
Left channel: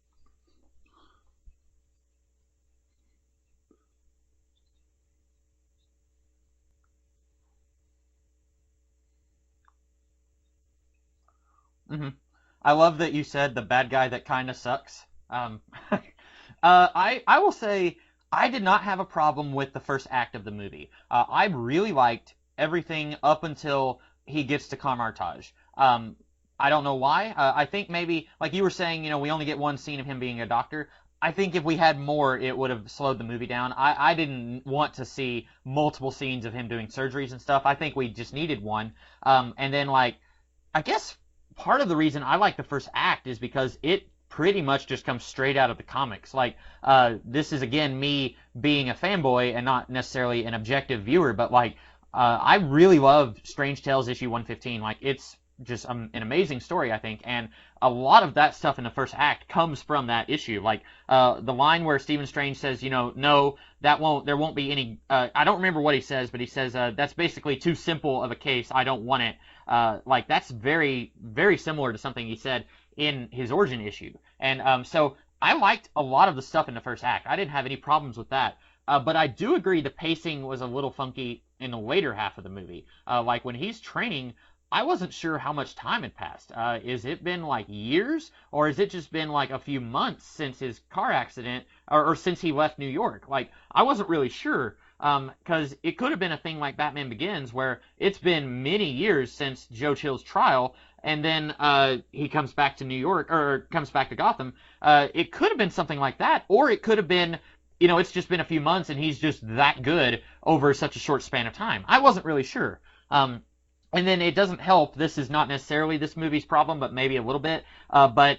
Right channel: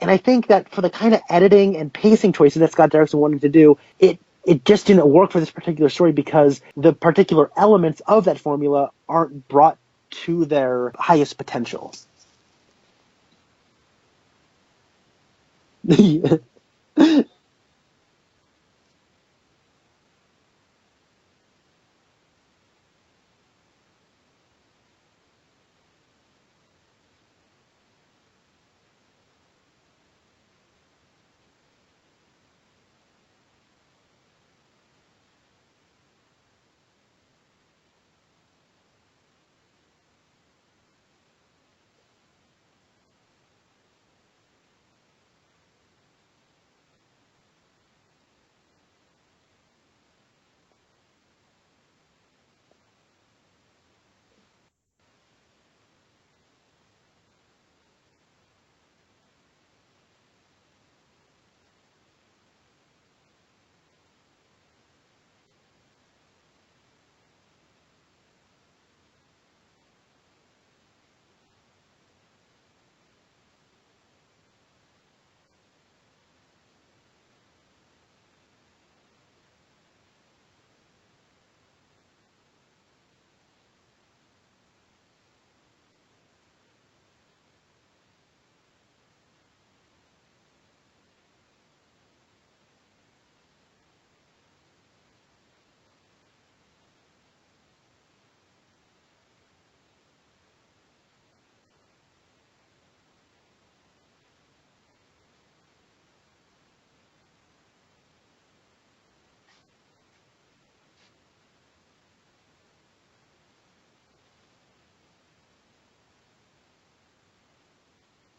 And I think that for the kind of editing and pacing choices that Scott Derrickson wanted to do, it just didn't work for this particular story because the particular elements of that formula aren't brought to their highest potential. Mm-hmm. I love that you said the bad guy that kind of sucks. I will say I did not have a problem with the first act of the movie. I really liked everything up until he gets to Kamartaj. I don't know why. I think maybe, like you were saying, we only get one scene of him being a doctor. I think if we had more, it would have slowed the movie down. I didn't want to see multiple scenes of him doing surgeries and stuff. I think we just needed one. And then, like, I guess part of the reason I like the first act is because it pretty much just comes straight out of the comics. Like, this is, again, me being a fanboy and not necessarily an objective viewer, but, like, I really love Strange Tales issue 115. Like, it's just an amazing story, I think, and a lot of that stuff in the first act comes from that issue. Like, the line where Stephen Strange says, no, there won't be any, I don't remember what he says, but he says, that's basically too simple of a case, I don't want it. Like, that's very, very similar to something he said in his origin issue. And so I liked a lot of the stuff in the first act. I didn't have any problems with that. But I do agree the pacing was a little funky in the later half of the movie. Like, when he's training, I wasn't sure how much time had passed. Is it been, like, years? Or has it just been, like, a few months since his car accident, or since he left New York? Like, I wasn't really sure, because it could have been a thing like Batman Begins, where it's been many years since Joe Chill's trial, and then he comes back to New York, or comes back to Gotham. It could have been something like that, or it could have been, it's just been a few months, and he's just that good over such a short span of time. I wasn't really sure. And then it doesn't help, this is not necessarily this movie's problem, but maybe a little bit. But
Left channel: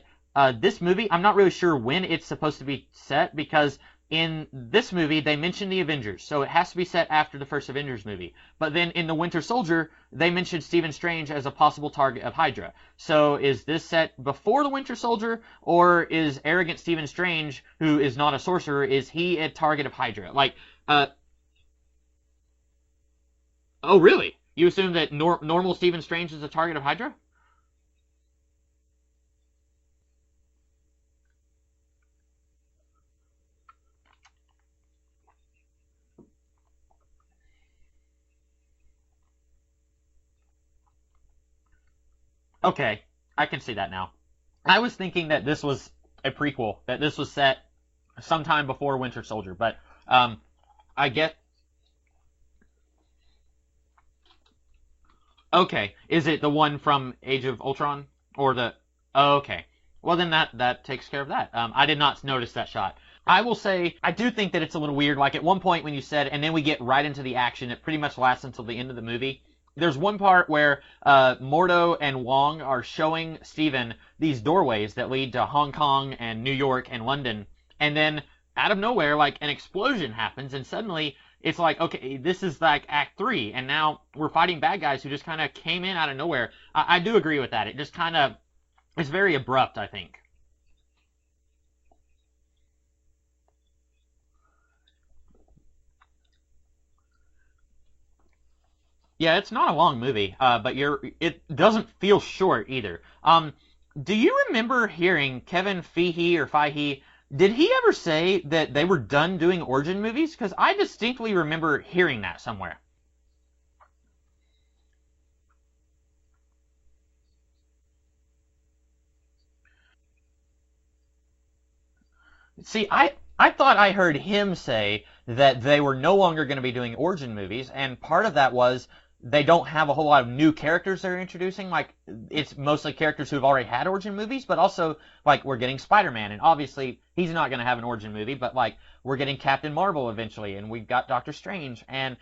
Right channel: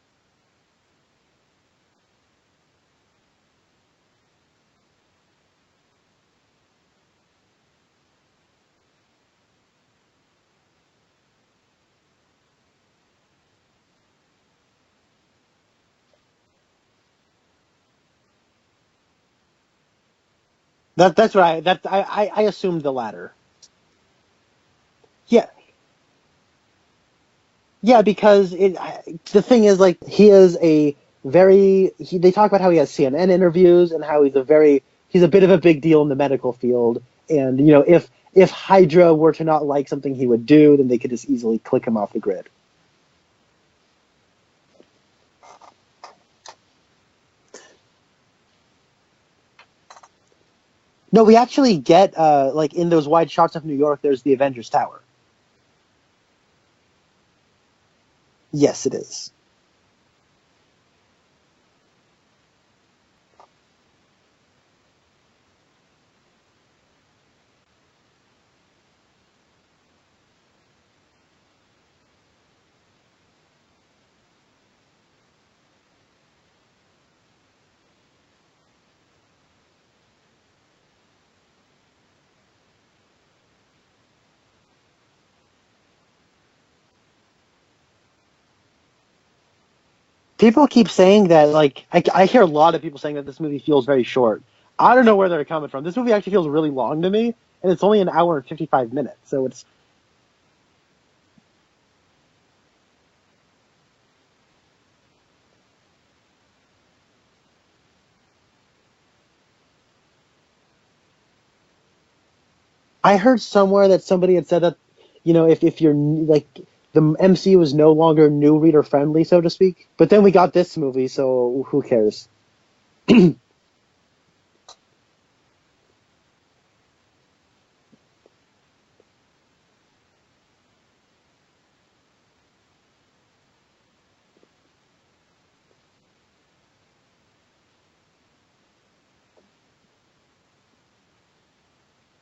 this movie, I'm not really sure when it's supposed to be set, because in this movie, they mention the Avengers, so it has to be set after the first Avengers movie. But then in The Winter Soldier, they mentioned Stephen Strange as a possible target of Hydra. So is this set before The Winter Soldier, or is arrogant Stephen Strange, who is not a sorcerer, is he a target of Hydra? Like, that's right. I assumed the latter. Oh, really? You assume that normal Stephen Strange is a target of Hydra? Yeah, because the thing is, like, he is a very... they talk about how he has CNN interviews and how he's a bit of a big deal in the medical field. And, if Hydra were to not like something he would do, then they could just easily click him off the grid. Okay, I can see that now. I was thinking that this was a prequel, that this was set sometime before Winter Soldier, but... I guess... No, we actually get, like, in those wide shots of New York, there's the Avengers Tower. Okay. Is it the one from Age of Ultron? Yes, it is. Oh, okay. Well, then that takes care of that. I did not notice that shot. I will say, I do think that it's a little weird. Like, at one point when you said, and then we get right into the action, it pretty much lasts until the end of the movie. There's one part where Mordo and Wong are showing Steven these doorways that lead to Hong Kong and New York and London. And then, out of nowhere, like, an explosion happens, and suddenly it's like, okay, this is like Act 3, and now we're fighting bad guys who just kind of came in out of nowhere. I do agree with that. It just kind of, it's very abrupt, I think. People keep saying that, like, I hear a lot of people saying that this movie feels very short. I don't know where they're coming from. This movie actually feels really long to me, and it's only an hour and 55 minutes. Yeah, so it's not a long movie, but it doesn't feel short either. Do you remember hearing Kevin Feige, did he ever say that they were done doing origin movies? Because I distinctly remember hearing that somewhere. I heard somewhere that somebody had said that, you know, if you're, like, the MCU was no longer new reader friendly, so to speak. But then we got this movie, so who cares? See, I thought I heard him say that they were no longer going to be doing origin movies, and part of that was they don't have a whole lot of new characters they're introducing. Like, it's mostly characters who've already had origin movies, but also, like, we're getting Spider-Man, and obviously he's not going to have an origin movie, but, like, we're getting Captain Marvel eventually, and we've got Doctor Strange, and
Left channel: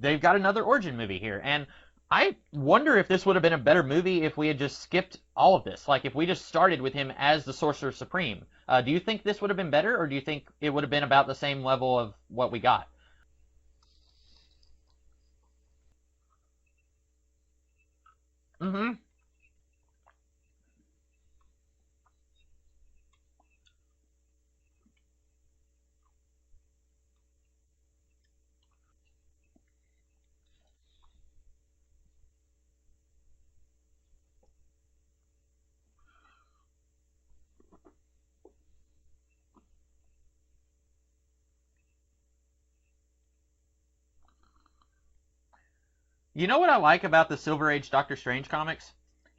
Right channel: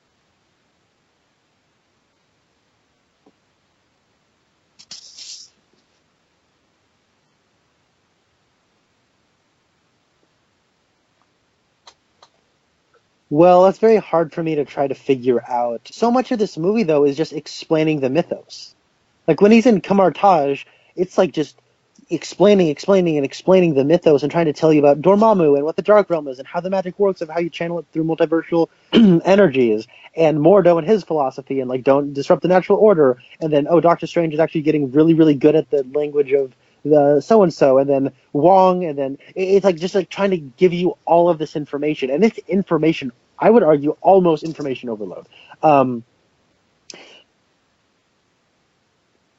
they've got another origin movie here, and I wonder if this would have been a better movie if we had just skipped all of this. Like, if we just started with him as the Sorcerer Supreme. Do you think this would have been better, or do you think it would have been about the same level of what we got? Well, that's very hard for me to try to figure out. So much of this movie, though, is just explaining the mythos. Mm-hmm. Like, when he's in Kamar-Taj, it's like just explaining the mythos and trying to tell you about Dormammu and what the Dark Realm is and how the magic works and how you channel it through multiversal energies, and Mordo and his philosophy, and, like, don't disrupt the natural order, and then, oh, Doctor Strange is actually getting really, really good at the language of the so-and-so, and then Wong, and then it's like just like trying to give you all of this information, and it's information, I would argue, almost information overload. You know what I like about the Silver Age Doctor Strange comics?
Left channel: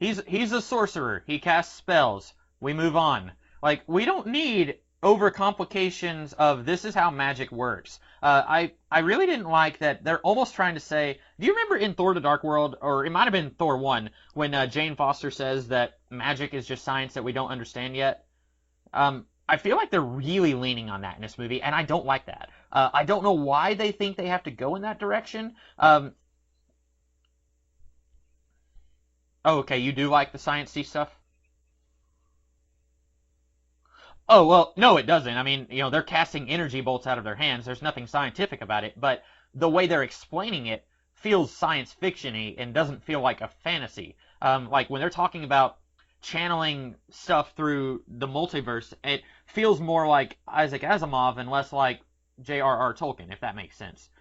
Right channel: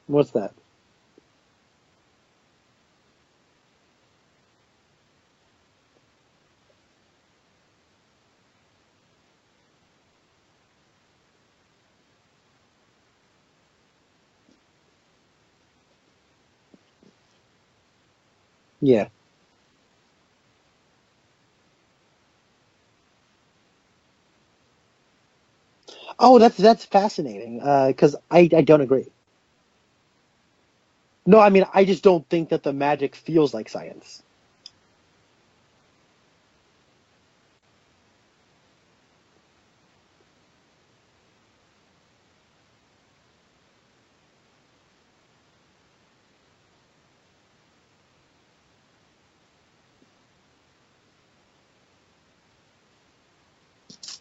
He's a sorcerer. He casts spells. We move on. Like, we don't need overcomplications of this is how magic works. I really didn't like that they're almost trying to say, do you remember in Thor the Dark World, or it might have been Thor 1, when Jane Foster says that magic is just science that we don't understand yet? Yeah. I feel like they're really leaning on that in this movie, and I don't like that. I don't know why they think they have to go in that direction. That's fascinating, because I don't agree. Oh, okay, you do like the sciencey stuff? No, I mean, I just don't think that the magic feels like science. Oh, well, no, it doesn't. I mean, you know, they're casting energy bolts out of their hands. There's nothing scientific about it, but the way they're explaining it feels science fiction-y and doesn't feel like a fantasy. Like, when they're talking about channeling stuff through the multiverse, it feels more like Isaac Asimov and less like J.R.R. Tolkien, if that makes sense.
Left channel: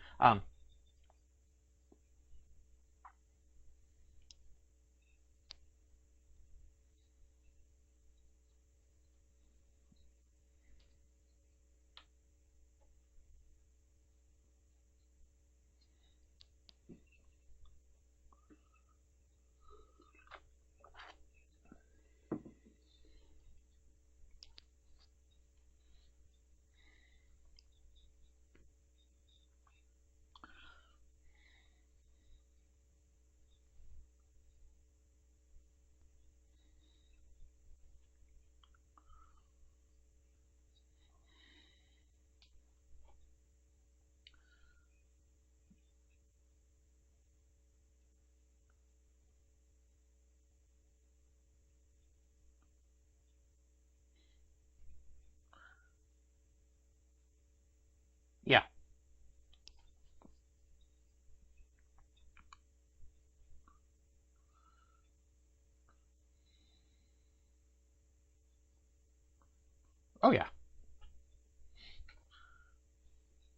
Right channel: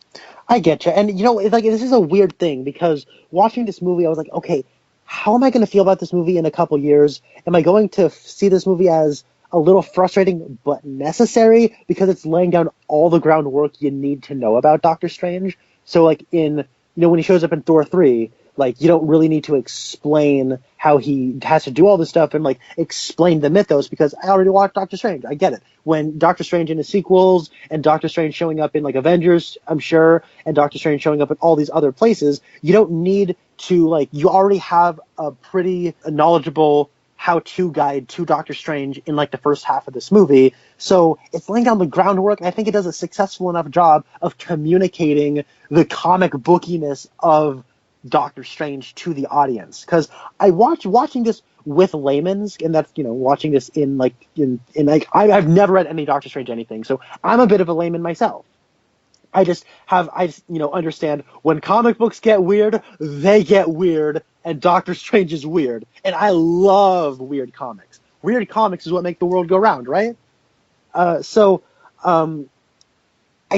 I get you. And, you know, it's like, this is a weird thing, because watching this movie, I was like, okay, how am I going to feel about this movie in a couple years? Am I going to see this movie as a little frustrating but necessary because it's laying down all the groundwork you need to know about Doctor Strange? So, like, when he shows up in Thor 3, like, you don't really need to explain how he has to do all this stuff and, like, explain the mythos, because I already watched Doctor Strange. I get it. When Doctor Strange in the sequels, and Doctor Strange showing up in, like, Avengers, I'm sure, and Doctor Strange showing up in all these other places, you don't need to, like, you already have a pretty knowledgeable how-to guide to Doctor Strange in, like, the first half of this movie. So it's laying down the groundwork, and I think it does a successful enough job of communicating the comic bookiness of Doctor Strange to the audience. Because I watching this with layman's, and that's, you know, watching this in I've never read any Doctor Strange anything, so I'm a bit of a layman myself. Yeah. I just understand when comic books get weird, they get weird, and Doctor Strange is weird. And I love weird comics. Weird comics is what make the world go round, right? Oh, yeah. I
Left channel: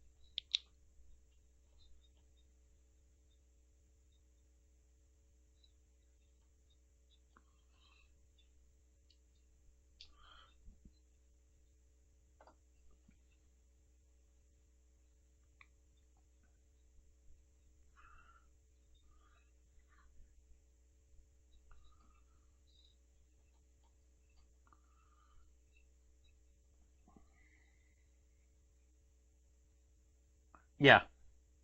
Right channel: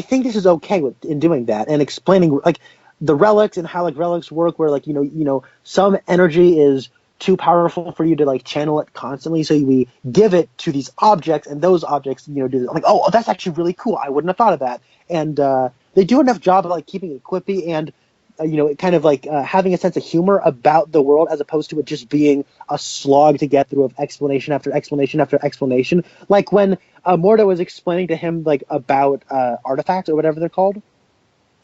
think this is okay in doing that and explaining, like, the relics and how, like, relics work, where, like, you know, some energy is too powerful for you to, like, channel it constantly, so we give it to these objects, and those objects, you know, do, like, oh, that's actually really cool, I wouldn't have thought of that. And they do enough job of, like, keeping it quippy and kind of, like, having a sense of humor about the world, as opposed to it just being a slog to get through of explanation after explanation after explanation. Like when Mordo was explaining to him, like, about artifacts or whatever they're called. Yeah.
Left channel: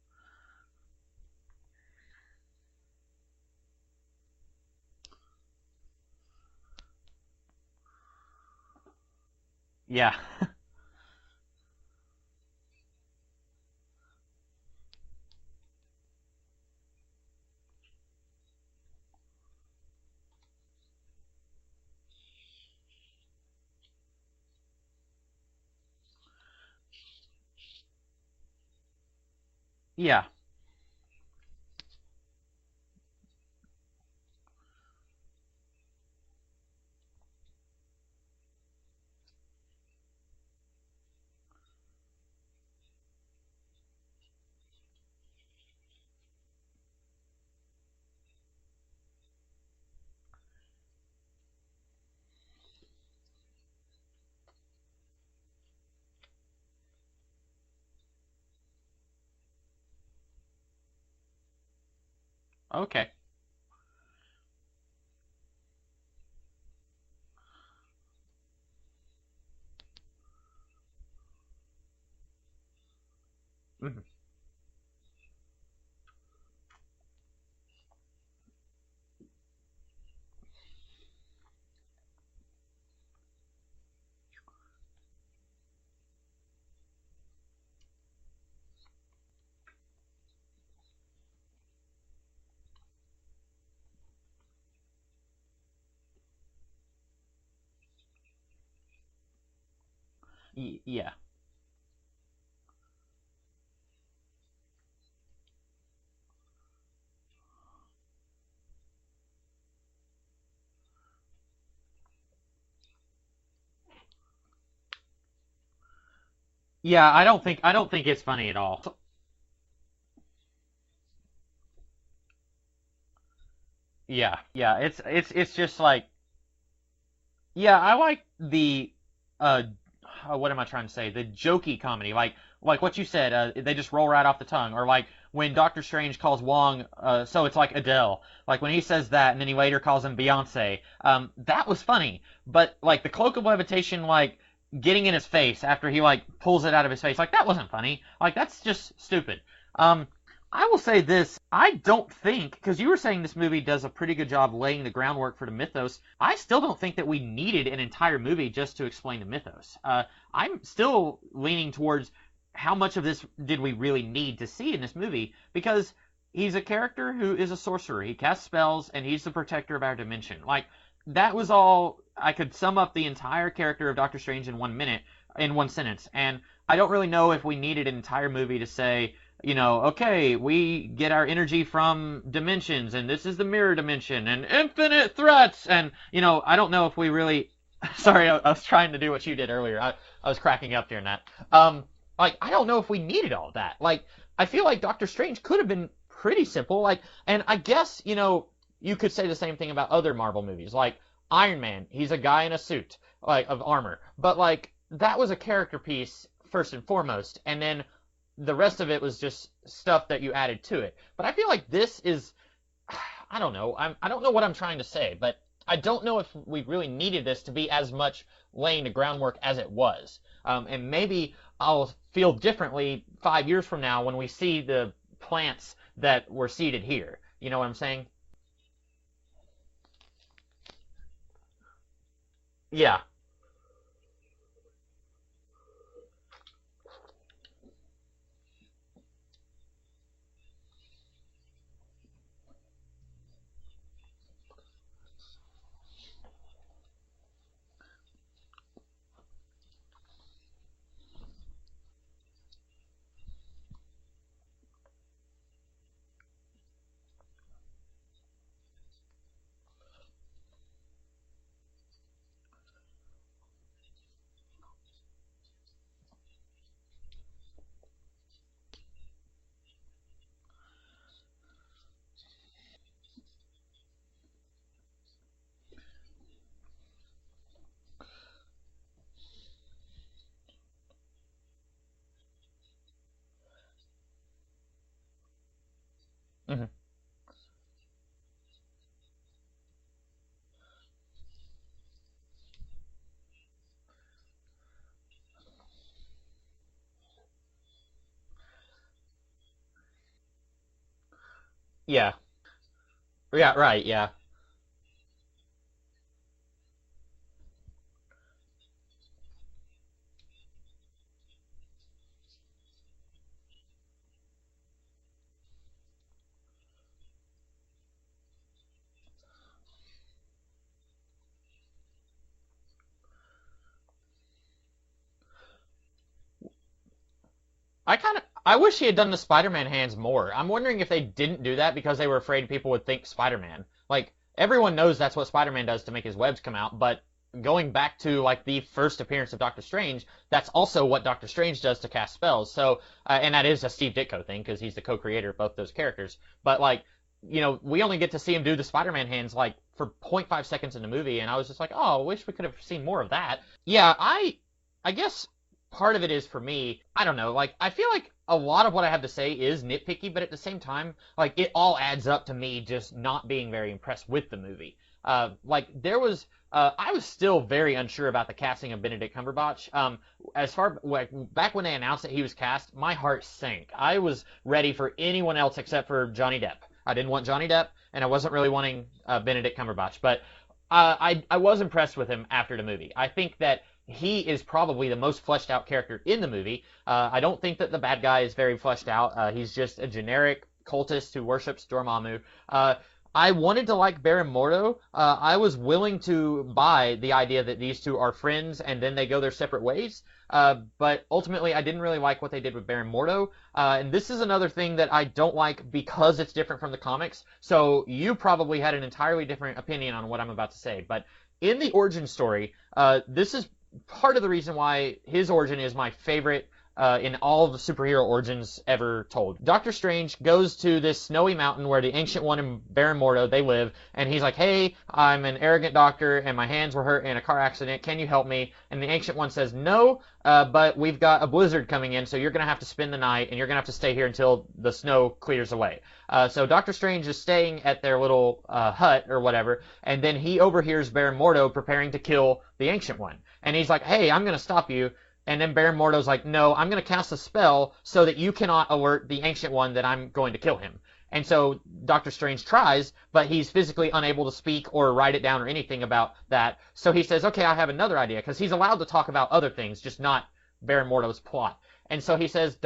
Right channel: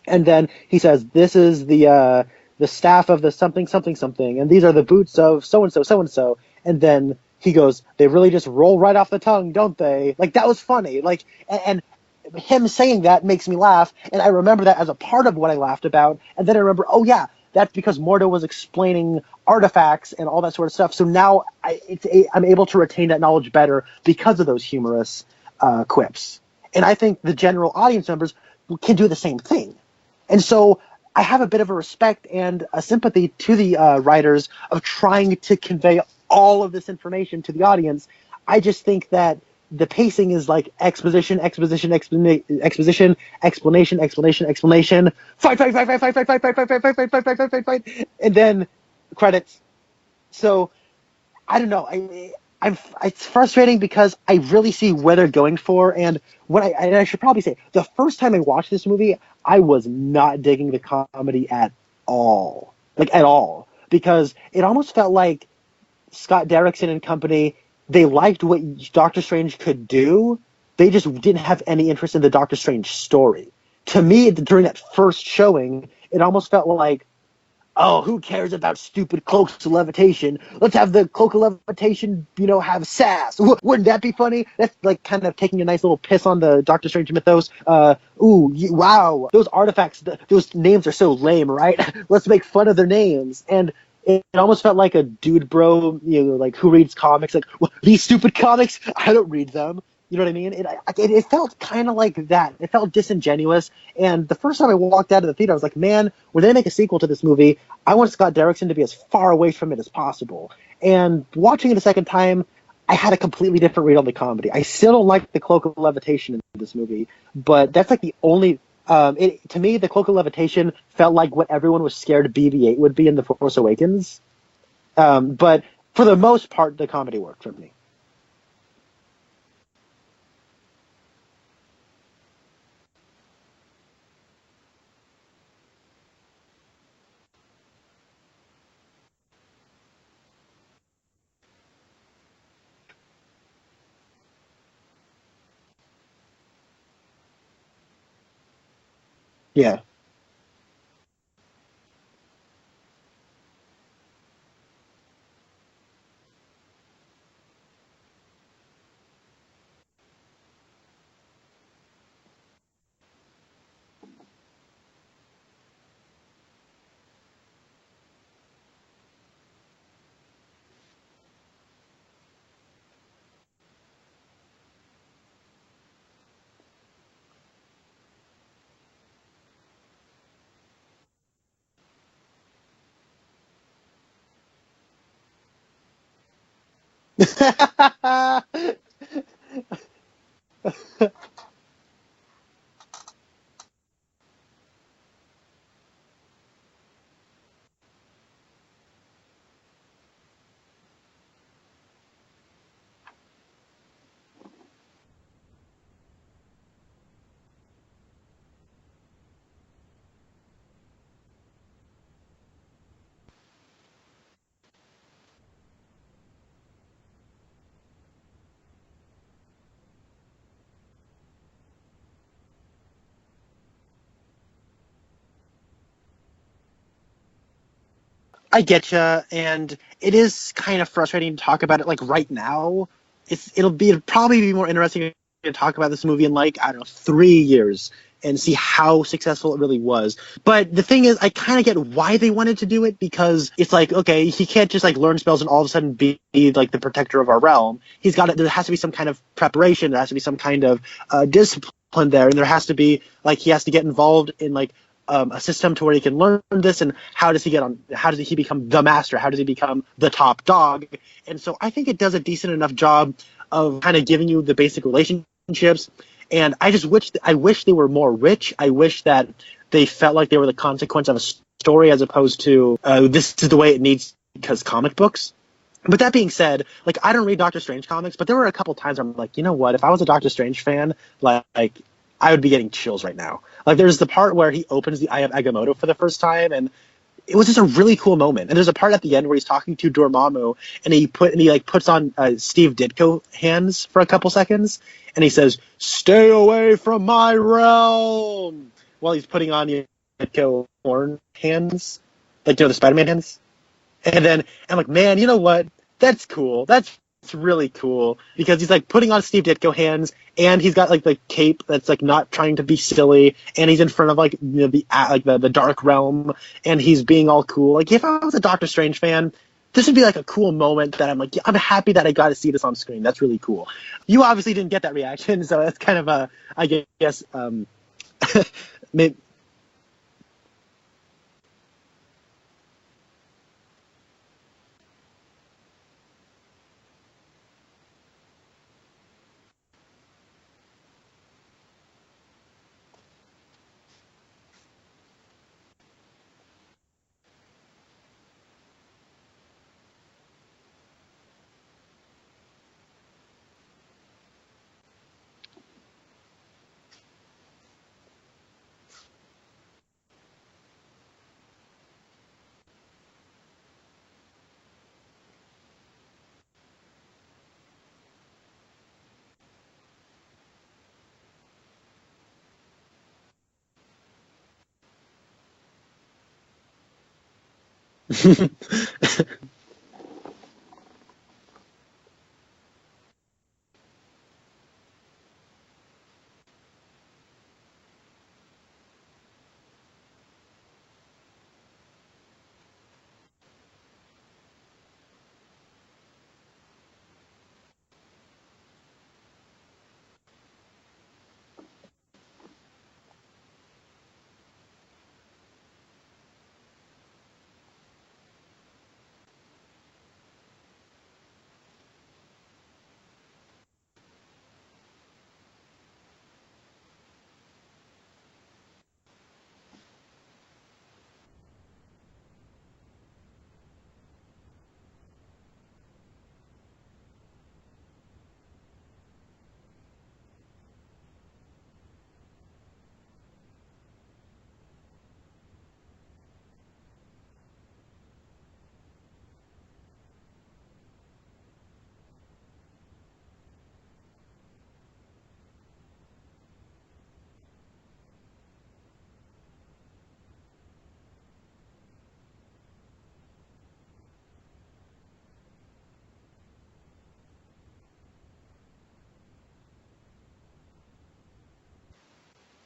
And then he says, this is the staff of the something something something, and these are the boots of so and so so and so. And then he goes, they really just roll right off the tongue, don't they? Yeah. Like, that was funny. Like, and him saying that makes me laugh, and I remember that as a part of what I laughed about. And then I remember, oh yeah, that's because Mordo was explaining artifacts and all that sort of stuff. So now I'm able to retain that knowledge better because of those humorous quips. And I think the general audience members can do the same thing. Yeah. And so I have a bit of a respect and a sympathy to the writers of trying to convey all of this information to the audience. I just think that the pacing is like exposition, fight, and then credits. So I don't know. It's frustrating because I really see where they're going for, and I should probably say the first time I watched this movie, I was not digging the comedy at all. Okay. Like at all, because it almost felt like Scott Derrickson and company, they liked what Doctor Strange could do. They just didn't have any interest in the Doctor Strange story. Mm-hmm. To me, during that first showing, it almost felt like, oh, who cares about stupid cloaks of levitation? Let's have the cloak of levitation, have sass. Wouldn't that be funny? That's like kind of taking a nice little piss on the Doctor Strange mythos. Wow, those artifacts, those names are so lame, right? Let's make fun of their names. And it almost felt like a dude bro, like who reads comics? Like, well, these stupid comics, I don't read them. You know what I mean? It felt kind of like that. It felt disingenuous. And the first time I walked out of the theater, I was like, man, when they make a sequel to this movie, I want Scott Derrickson to be as far away from it as possible. And watching it a second time, I had a completely different read on the comedy. I still don't like the Cloak of Levitation in this movie. Yeah, I don't think it's funny at all. To me, the Cloak of Levitation felt like what everyone was scared BB-8 would be in The Force Awakens. Yeah. It's but just like, for the most part, the comedy worked for me. Yeah, I like the what am I trying to say? The jokey comedy, like what you said. They just roll right off the tongue, or like when Doctor Strange calls Wong, so it's like Adele. Like when he says that, and then he later calls him Beyonce. That was funny. But like the Cloak of Levitation, like getting in his face after he like pulls it out of his face, like that wasn't funny. Like that's just stupid. Yeah. I will say this. I don't think, because you were saying this movie does a pretty good job laying the groundwork for the mythos, I still don't think that we needed an entire movie just to explain the mythos. I'm still leaning towards how much of this did we really need to see in this movie, because he's a character who is a sorcerer. He casts spells, and he's the protector of our dimension. Like, that was all. I could sum up the entire character of Doctor Strange in 1 minute, in one sentence, and I don't really know if we needed an entire movie to say, okay, we get our energy from dimensions, and this is the mirror dimension, and infinite threats, and, I don't know if we really... Sorry, I was trying to do what you did earlier. I was cracking up during that. I don't know if we needed all that. Like, I feel like Doctor Strange could have been pretty simple, and I guess, you could say the same thing about other Marvel movies, like Iron Man. He's a guy in a suit, of armor, but, that was a character piece, first and foremost, and then the rest of it was just stuff that you added to it. But I feel like this is, I don't know. I don't know what I'm trying to say, but I don't know if we really needed this to be as much laying the groundwork as it was. And maybe I'll feel differently 5 years from now when we see the plants that were seeded here. You know what I'm saying? I getcha, and it is kind of frustrating to talk about it right now. Yeah. It'll probably be more interesting to talk about this movie in 3 years and see how successful it really was. But the thing is, I kind of get why they wanted to do it, because it's okay, he can't just learn spells and all of a sudden be the protector of our realm. There has to be some kind of preparation. There has to be some kind of discipline there, and there has to be he has to get involved in a system to where he can learn this, and how does he become the master? How does he become the top dog? And so I think it does a decent enough job of kind of giving you the basic relationships. And I wish they were more rich. I wish that they felt like they were the consequence of a story, as opposed to this is the way it needs because comic books. But that being said, I don't read Doctor Strange comics, but there were a couple times where I'm like, you know what? If I was a Doctor Strange fan, I would be getting chills right now. There's the part where he opens the Eye of Agamotto for the first time, and it was just a really cool moment. And there's a part at the end where he's talking to Dormammu, and he puts on Steve Ditko hands for a couple seconds, and he says, "Stay away from my realm," while he's putting on the Ditko horn hands. Yeah. The Spider-Man hands. Yeah, right. Yeah. And then I'm like, man, you know what? That's cool. That's It's really cool because he's like putting on Steve Ditko hands, and he's got like the cape that's like not trying to be silly, and he's in front of like the dark realm, and he's being all cool. Like if I was a Doctor Strange fan, this would be like a cool moment that I'm like, I'm happy that I got to see this on screen. That's really cool. You obviously didn't get that reaction, so that's kind of I guess. I wish he had done the Spider-Man hands more. I'm wondering if they didn't do that because they were afraid people would think Spider-Man. Like everyone knows that's what Spider-Man does to make his webs come out, but going back to like the first appearance of Doctor Strange, that's also what Doctor Strange does to cast spells. So, and that is a Steve Ditko thing because he's the co-creator of both those characters. But like, we only get to see him do the Spider-Man hands like for 0.5 seconds in the movie, and I was just like, oh, I wish we could have seen more of that. Yeah, I guess part of it is for me, I don't know, like I feel like a lot of what I have to say is nitpicky, but at the same time, like it all adds up to me just not being very impressed with the movie. Like there was. I was still very unsure about the casting of Benedict Cumberbatch. Back when they announced that he was cast, my heart sank. I was ready for anyone else except for Johnny Depp. I didn't want Johnny Depp, and I wasn't really wanting Benedict Cumberbatch. But I was impressed with him after the movie. I think that he is probably the most fleshed out character in the movie. I don't think that the bad guy is very fleshed out. He's just a generic cultist who worships Dormammu. I wanted to like Baron Mordo. I was willing to buy the idea that these two are friends and then they go their separate ways. But ultimately, I didn't really like what they did with Baron Mordo. And this is another thing that I don't like because it's different from the comics. So you probably had an entirely different opinion on what I'm about to say. But in the origin story, this is part of the reason why his origin is my favorite in all of the superhero origins ever told. Doctor Strange goes to this snowy mountain where the Ancient One and Baron Mordo, they live, and he's like, hey, I'm an arrogant doctor, and my hands were hurt in a car accident. Can you help me? And the Ancient One says, no, but we've got a blizzard coming in, so you're going to have to spend the night, and you're going to have to stay here until the snow clears away. So Doctor Strange is staying at their little hut or whatever, and then he overhears Baron Mordo preparing to kill the Ancient One. And he's like, hey, I'm going to stop you. And then Baron Mordo's like, no, I'm going to cast a spell so that you cannot alert the Ancient One that I'm going to kill him. And so Doctor Strange tries, but he's physically unable to speak or write it down or anything about that. So he says, okay, I have another idea, because he's allowed to talk about other things, just not Baron Mordo's plot. And so he says,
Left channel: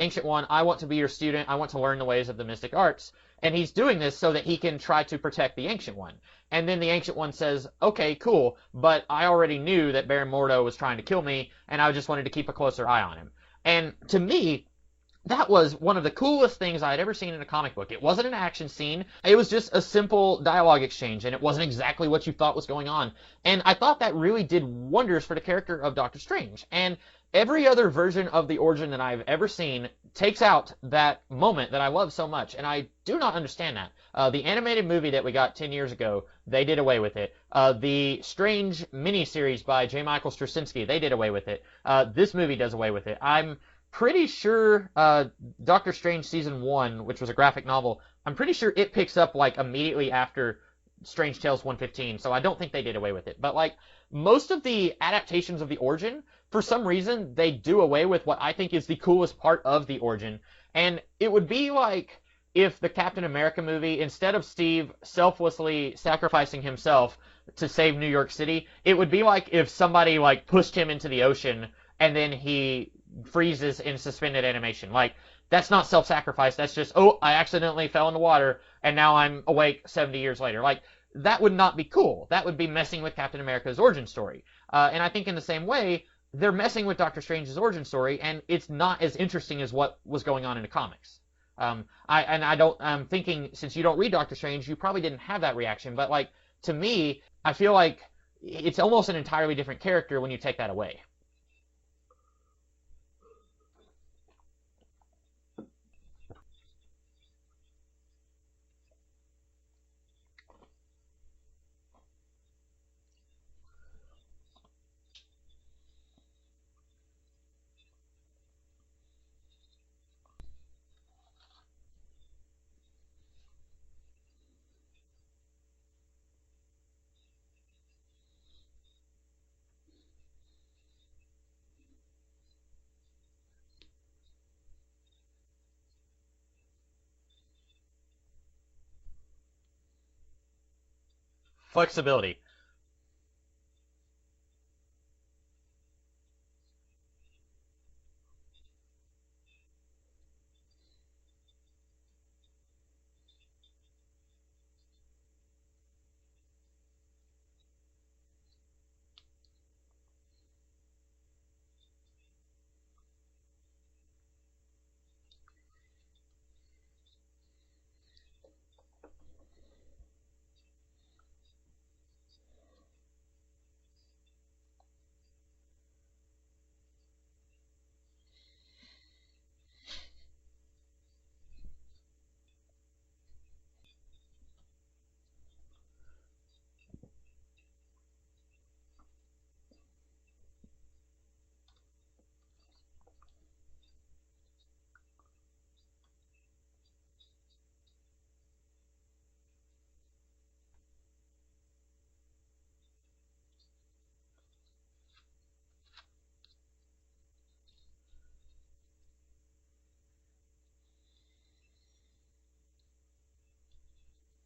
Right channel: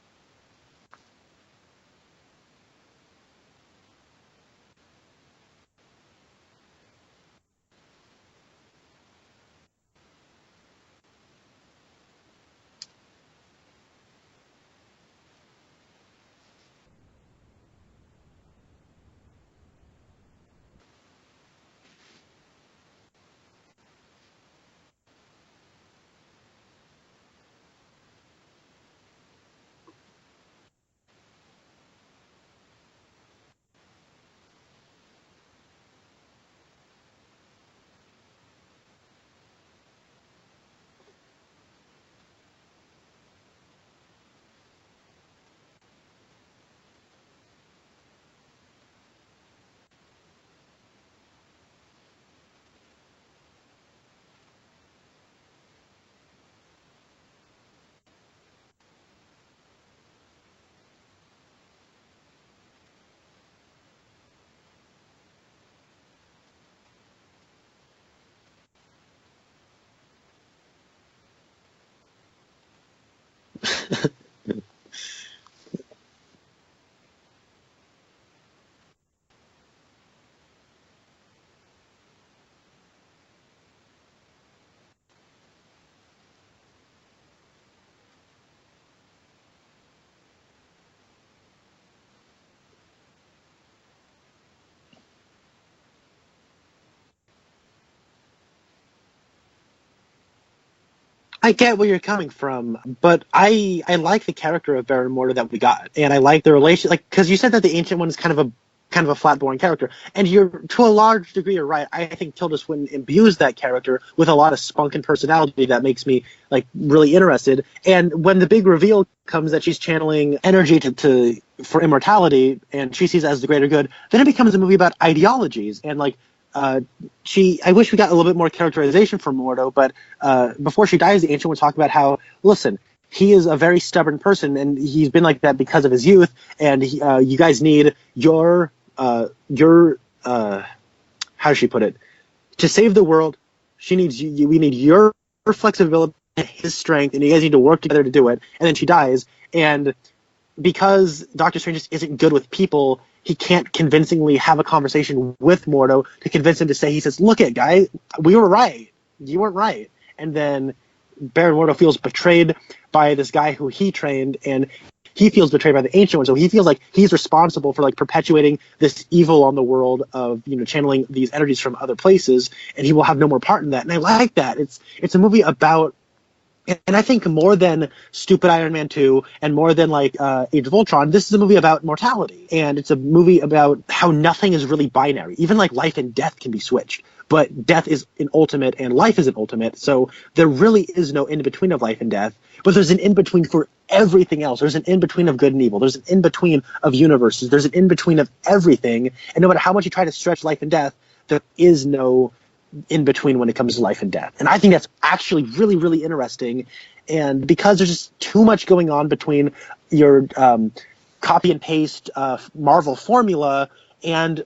Ancient One, I want to be your student. I want to learn the ways of the mystic arts. And he's doing this so that he can try to protect the Ancient One. And then the Ancient One says, okay, cool, but I already knew that Baron Mordo was trying to kill me, and I just wanted to keep a closer eye on him. And to me, that was one of the coolest things I had ever seen in a comic book. It wasn't an action scene. It was just a simple dialogue exchange, and it wasn't exactly what you thought was going on. And I thought that really did wonders for the character of Doctor Strange. And every other version of the origin that I've ever seen takes out that moment that I love so much, and I do not understand that. The animated movie that we got 10 years ago, they did away with it. The Strange miniseries by J. Michael Straczynski, they did away with it. This movie does away with it. I'm pretty sure Doctor Strange Season 1, which was a graphic novel, I'm pretty sure it picks up like immediately after Strange Tales 115, so I don't think they did away with it. But like most of the adaptations of the origin, for some reason, they do away with what I think is the coolest part of the origin. And it would be like if the Captain America movie, instead of Steve selflessly sacrificing himself to save New York City, it would be like if somebody like pushed him into the ocean and then he freezes in suspended animation. Like, that's not self-sacrifice. That's just, oh, I accidentally fell in the water and now I'm awake 70 years later. Like, that would not be cool. That would be messing with Captain America's origin story. And I think in the same way, they're messing with Doctor Strange's origin story, and it's not as interesting as what was going on in the comics. I'm thinking, since you don't read Doctor Strange, you probably didn't have that reaction, but like, to me, I feel like it's almost an entirely different character when you take that away. I get where you're coming from, but I like the character of Baron Mordo that we got, and I like the relation, like, because you said that the Ancient One is kind of a flat, boring character, and you're, to a large degree, you're right. I think Tilda Swinton imbues that character with a lot of spunk and personality that makes me like really interested. And when the big reveal comes that she's channeling energy for immortality, and she sees it as the greater good, then it becomes a movie about ideologies. And like, I wish we got a little bit more characterization from Mordo, but before she dies, the Ancient One talked about how, listen, he is a very stubborn person, and he's been like that because of his youth, and you guys need your how does she put flexibility. it? To save the world, She needs you. We need your flexibility, his strength, and you guys need to work together to do it. And then she dies, and because Doctor Strange just isn't good with people, he can't convincingly have a conversation with Mordo to convince him to say. He says, "Look, it guy, we were right. You weren't right." And then Baron Mordo feels betrayed by this guy who he trained, and he feels betrayed by the Ancient One. So he feels like he's responsible for like perpetuating this evil on the world of, you know, channeling these energies from other places, and he will have no more part in that. And I like that. It's a movie about, and I think more than stupid Iron Man 2 and more than like Age of Ultron, this is a movie about mortality. And it's a movie about how nothing is really binary. Even like life and death can be switched. But death is an ultimate and life is an ultimate. So there really is no in-between of life and death. But there's an in-between for everything else. There's an in-between of good and evil. There's an in-between of universes. There's an in-between of everything. And no matter how much you try to stretch life and death, there is no in between when it comes to life and death. And I think that's actually really, really interesting. And because there's just too much going on between your copy and paste Marvel formula and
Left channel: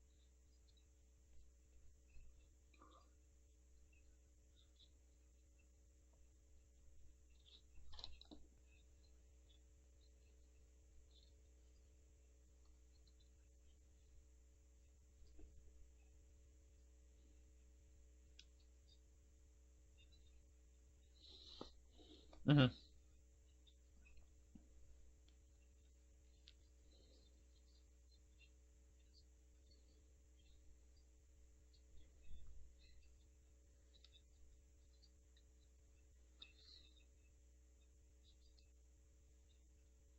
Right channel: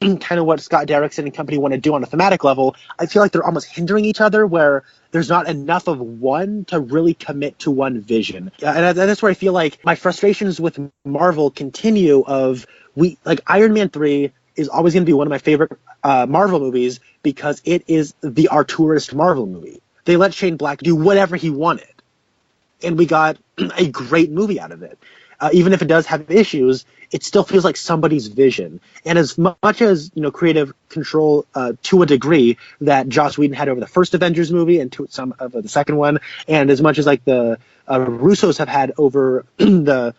kind of what Scott Derrickson and company want to do on a thematic level, I feel like they're almost hindering each other, where there's not enough of one to really commit to one vision. And that's where I feel like my frustrations with Marvel continue like Iron Man 3 is always going to be one of my favorite Marvel movies because it is the Arturist Marvel movie. They let Shane Black do whatever he wanted, and we got a great movie out of it. Even if it does have issues, it still feels like somebody's vision. And as much as, you know, creative control to a degree that Joss Whedon had over the first Avengers movie and to some of the second one, and as much as like the Russos have had over the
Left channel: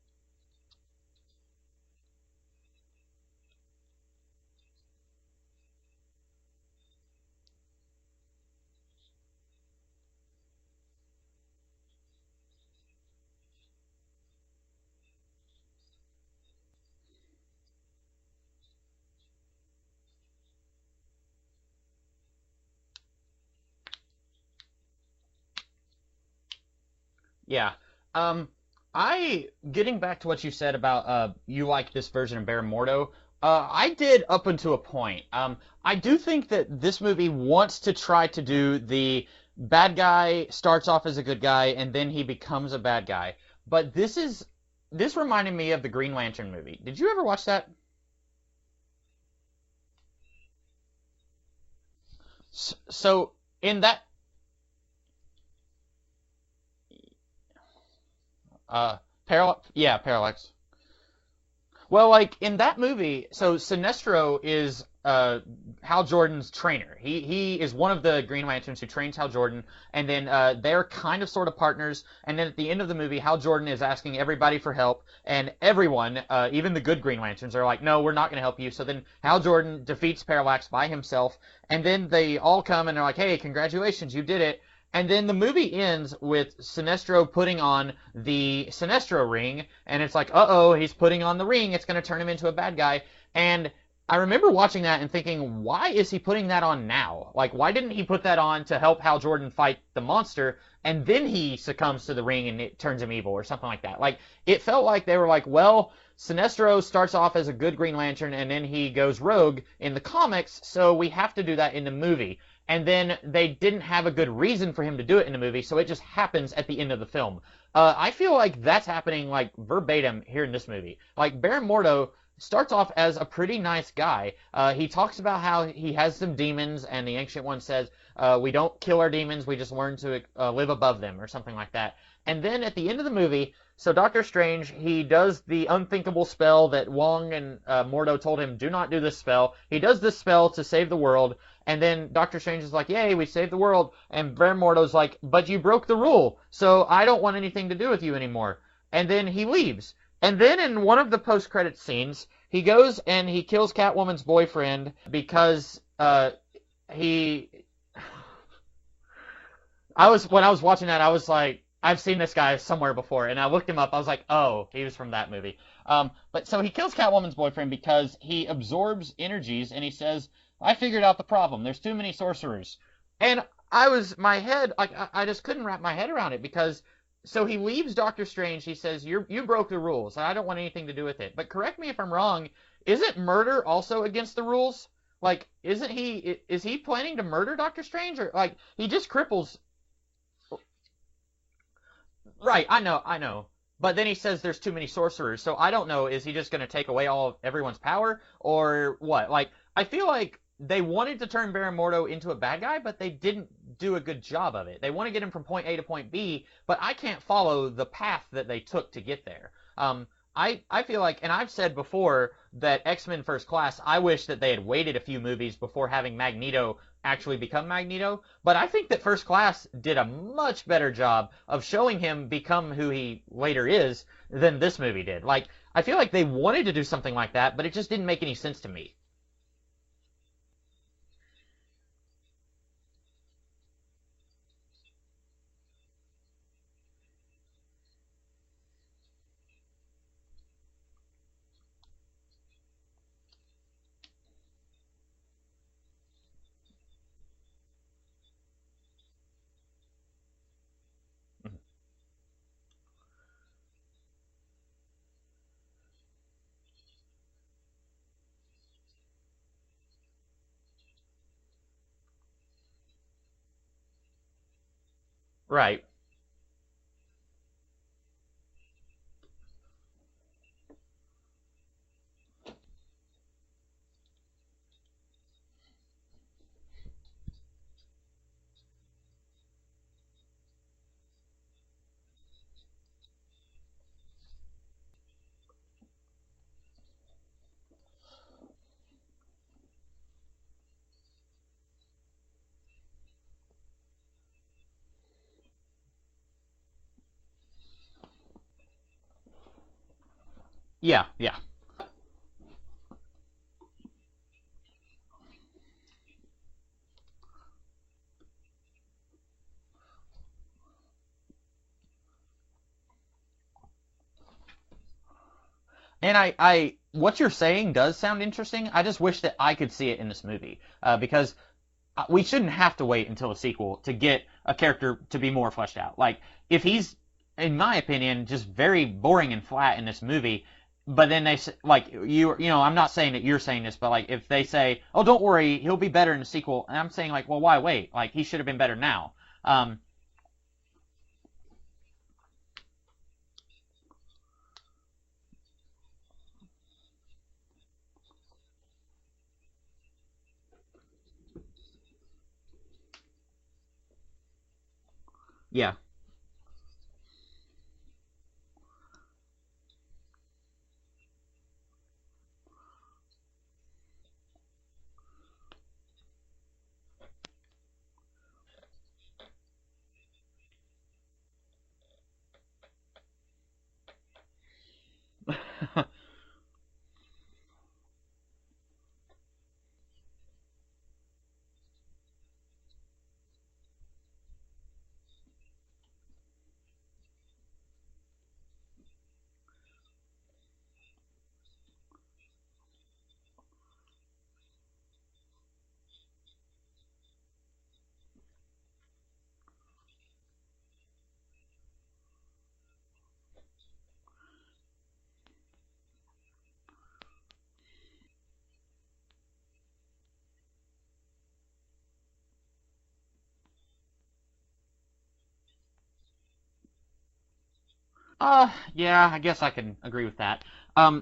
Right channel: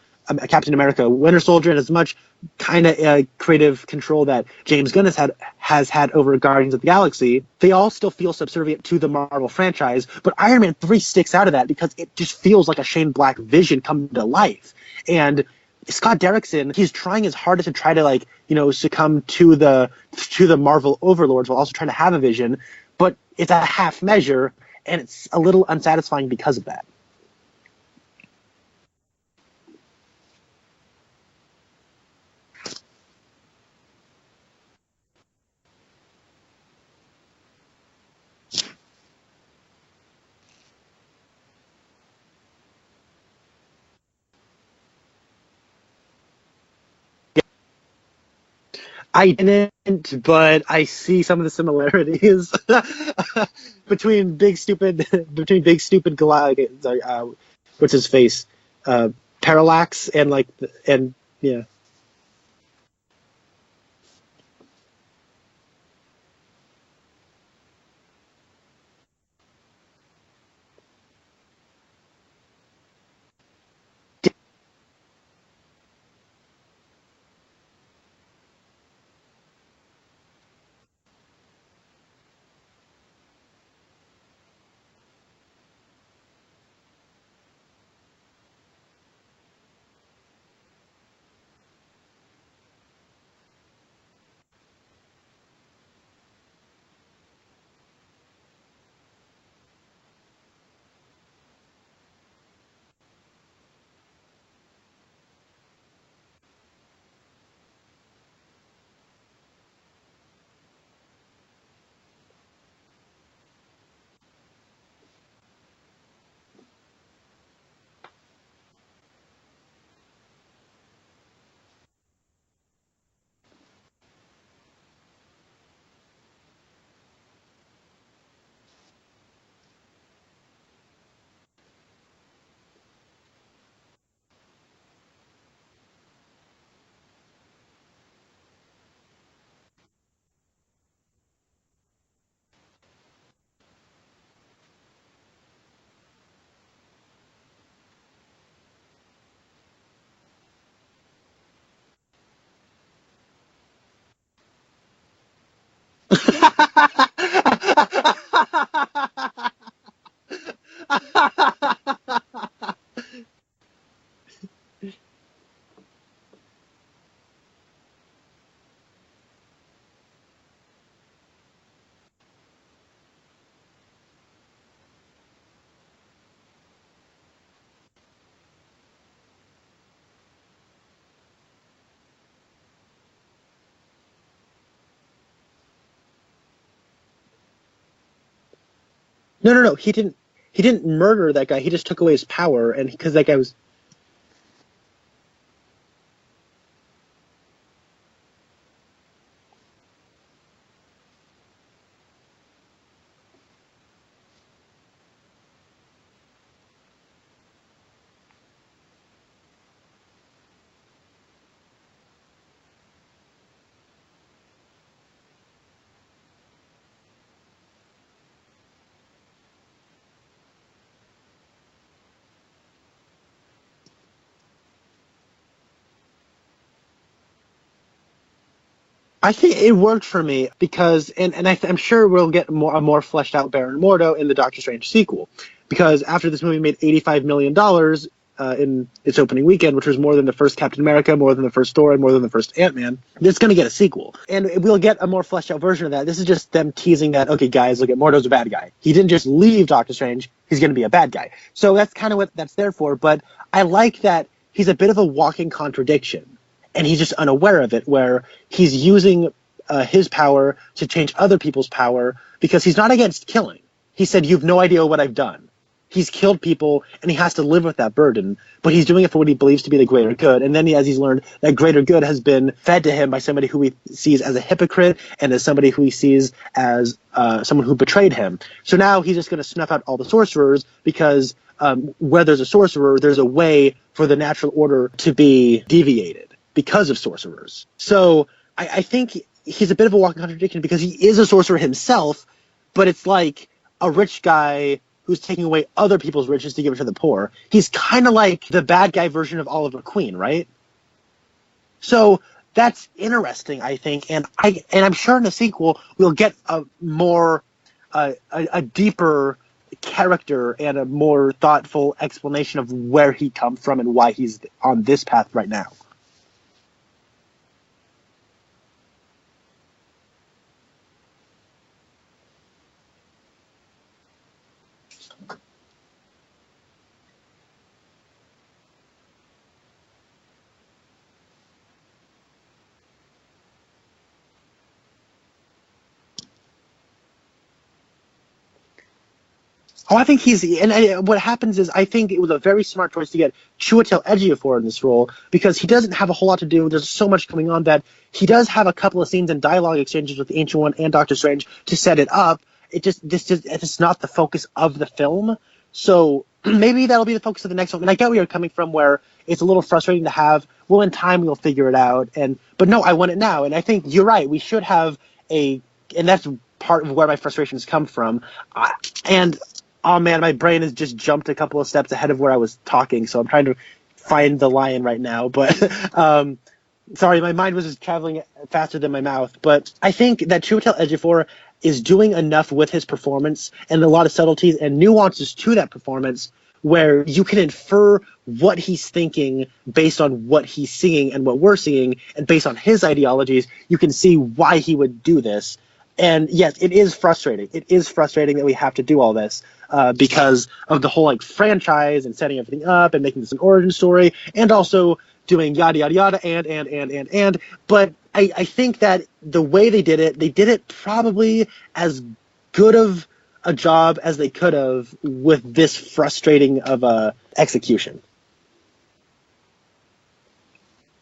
Captain America Winter Soldier, and as much kind of creative control that James Gunn has had over Guardians of the Galaxy, they all still feel subservient to the Marvel franchise. But Iron Man 3 sticks out of that because it just feels like a Shane Black vision come to life. And Scott Derrickson, he's trying his hardest to try to, like, you know, succumb to the Marvel overlords while also trying to have a vision, but it's a half measure, and it's a little unsatisfying because of that. Yeah. Getting back to what you said about you like this version of Baron Mordo, I did up until a point. I do think that this movie wants to try to do the bad guy starts off as a good guy and then he becomes a bad guy. But this reminded me of the Green Lantern movie. Did you ever watch that? I didn't, but I see some of the similarities. So in that between big stupid Goliath, what's his face? Parallax, yeah, and yeah. Well, like in that movie, so Sinestro is Hal Jordan's trainer. He is one of the Green Lanterns who trains Hal Jordan, and then they're kind of sort of partners. And then at the end of the movie, Hal Jordan is asking everybody for help, and everyone, even the good Green Lanterns, are like, "No, we're not going to help you." So then Hal Jordan defeats Parallax by himself, and then they all come and they're like, "Hey, congratulations, you did it." And then the movie ends with Sinestro putting on the Sinestro ring, and it's like, uh-oh, he's putting on the ring. It's going to turn him into a bad guy. And I remember watching that and thinking, why is he putting that on now? Like, why didn't he put that on to help Hal Jordan fight the monster, and then he succumbs to the ring and it turns him evil or something like that? Like, it felt like they were like, well, Sinestro starts off as a good Green Lantern, and then he goes rogue in the comics, so we have to do that in the movie. And then they didn't have a good reason for him to do it in the movie, so it just happens at the end of the film. I feel like that's happening, like, verbatim here in this movie. Like, Baron Mordo starts off as a pretty nice guy. He talks about how he has some demons, and the Ancient One says, we don't kill our demons, we just learn to live above them, or something like that. And then at the end of the movie, so Doctor Strange, he does the unthinkable spell that Wong and Mordo told him, do not do this spell. He does this spell to save the world, and then Doctor Strange is like, yay, we saved the world. And Baron Mordo's like, but you broke the rule, so I don't want anything to do with you anymore. And then he leaves. And then in one of the post-credits scenes, he goes and he kills Catwoman's boyfriend because he... When I was watching that, I was like, I've seen this guy somewhere before. And I looked him up. I was like, oh, he was from that movie. But so he kills Catwoman's boyfriend because he absorbs energies, and he says, I figured out the problem. There's too many sorcerers. And I just couldn't wrap my head around it because, so he leaves Doctor Strange. He says, you broke the rules. I don't want anything to do with it. But correct me if I'm wrong. Isn't murder also against the rules? Like, isn't he? Is he planning to murder Doctor Strange, or like he just cripples? No. He didn't murder that guy. He just took away his Right, power, I and know, because I that guy know. was. But then he says there's too many sorcerers, so I don't know. Is he just going to take away all of everyone's power, or what? Like, I feel like they wanted to turn Baron Mordo into a bad guy, but they didn't do a good job of it. They want to get him from point A to point B, but I can't follow the path that they took to get there. I feel like, and I've said before that X-Men First Class, I wish that they had waited a few movies before having Magneto actually become Magneto, but I think that First Class did a much better job of showing him become who he later is than this movie did. Like, I feel like they wanted to do something like that, but it just didn't make any sense to me. I think it worked for me because, I'm sure we'll get a more fleshed out Baron Mordo in the Doctor Strange sequel, because after this movie made $85 million in its opening weekend, which was more than the first Captain America, more than the first Thor, and more than the first Ant-Man, it's going to get a sequel. And we'll get a more fleshed out version of that. This is just them teasing that, okay, guys, look at Mordo's a bad guy. He didn't just leave Doctor Strange. He's going to be a bad guy. So that's kind of what that's there for. But I like that he's a bit of a walking contradiction. And he's just unaware of it, where he's using his power to change other people's power because he's not against killing. He said, you have no idea what I've done. Right. He's killed people, and he has to live with that burden, but he's doing it for what he believes to be the greater good. And then as he's learned, that greater good has been fed to him by somebody who he sees as a hypocrite and as somebody who he sees as someone who betrayed him. So now he's just going to snuff out all the sorcerers because where there's a sorcerer, there's a way for the natural order to be deviated because of sorcerers. So I think he's a bit of a walking contradiction because he is a sorcerer himself, but it's like a rich guy who's taking away other people's riches to give it to the poor. He's kind of like the bad guy version of Oliver Queen, right? Yeah. So that's interesting, I think, and I'm sure in the sequel we'll get a more a deeper character and a more thoughtful explanation of where he come from and why he's on this path right now. And I what you're saying does sound interesting. I just wish that I could see it in this movie because we shouldn't have to wait until a sequel to get a character to be more fleshed out. Like, if he's, in my opinion, just very boring and flat in this movie, but then they say, like, you know, I'm not saying that you're saying this, but like, if they say, oh, don't worry, he'll be better in the sequel, and I'm saying like, well, why wait? Like, he should have been better now. I think what happens is I think it was a very smart choice to get Chiwetel Ejiofor in this role because he doesn't have a whole lot to do. There's so much going on that he does have a couple of scenes and dialogue exchanges with the Ancient One and Doctor Strange to set it up. It's not the focus of the film. Yeah. So maybe that'll be the focus of the next one. And I get where you're coming from, where it's a little frustrating to have. Well, in time we'll figure it out. But no, I want it now. And I think you're right. We should have and that's part of where my frustrations come from. Oh man, my brain has just jumped a couple of steps ahead of where I was talking, so I'm trying to find the lion right now. But sorry, my mind was just traveling faster than my mouth. But I think that Chiwetel Ejiofor is doing enough with his performance and a lot of subtleties and nuances to that performance where you can infer what he's thinking based on what he's seeing and what we're seeing, and based on his ideologies, you can see why he would do this. And yes, it is frustrating. It is frustrating that we have to do all this because of the whole like franchise and setting everything up and making this an origin story, and also doing yada yada yada and. But I think that the way they did it probably as good of a job as they could have with this frustrating of a execution. Yeah, I guess I can agree with that.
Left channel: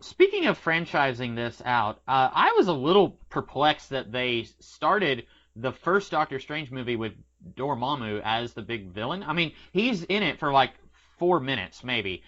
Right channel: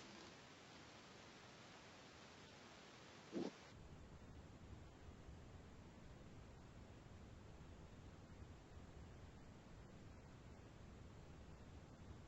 Speaking of franchising this out, I was a little perplexed that they started the first Doctor Strange movie with Dormammu as the big villain. I mean, he's in it for like 4 minutes, maybe.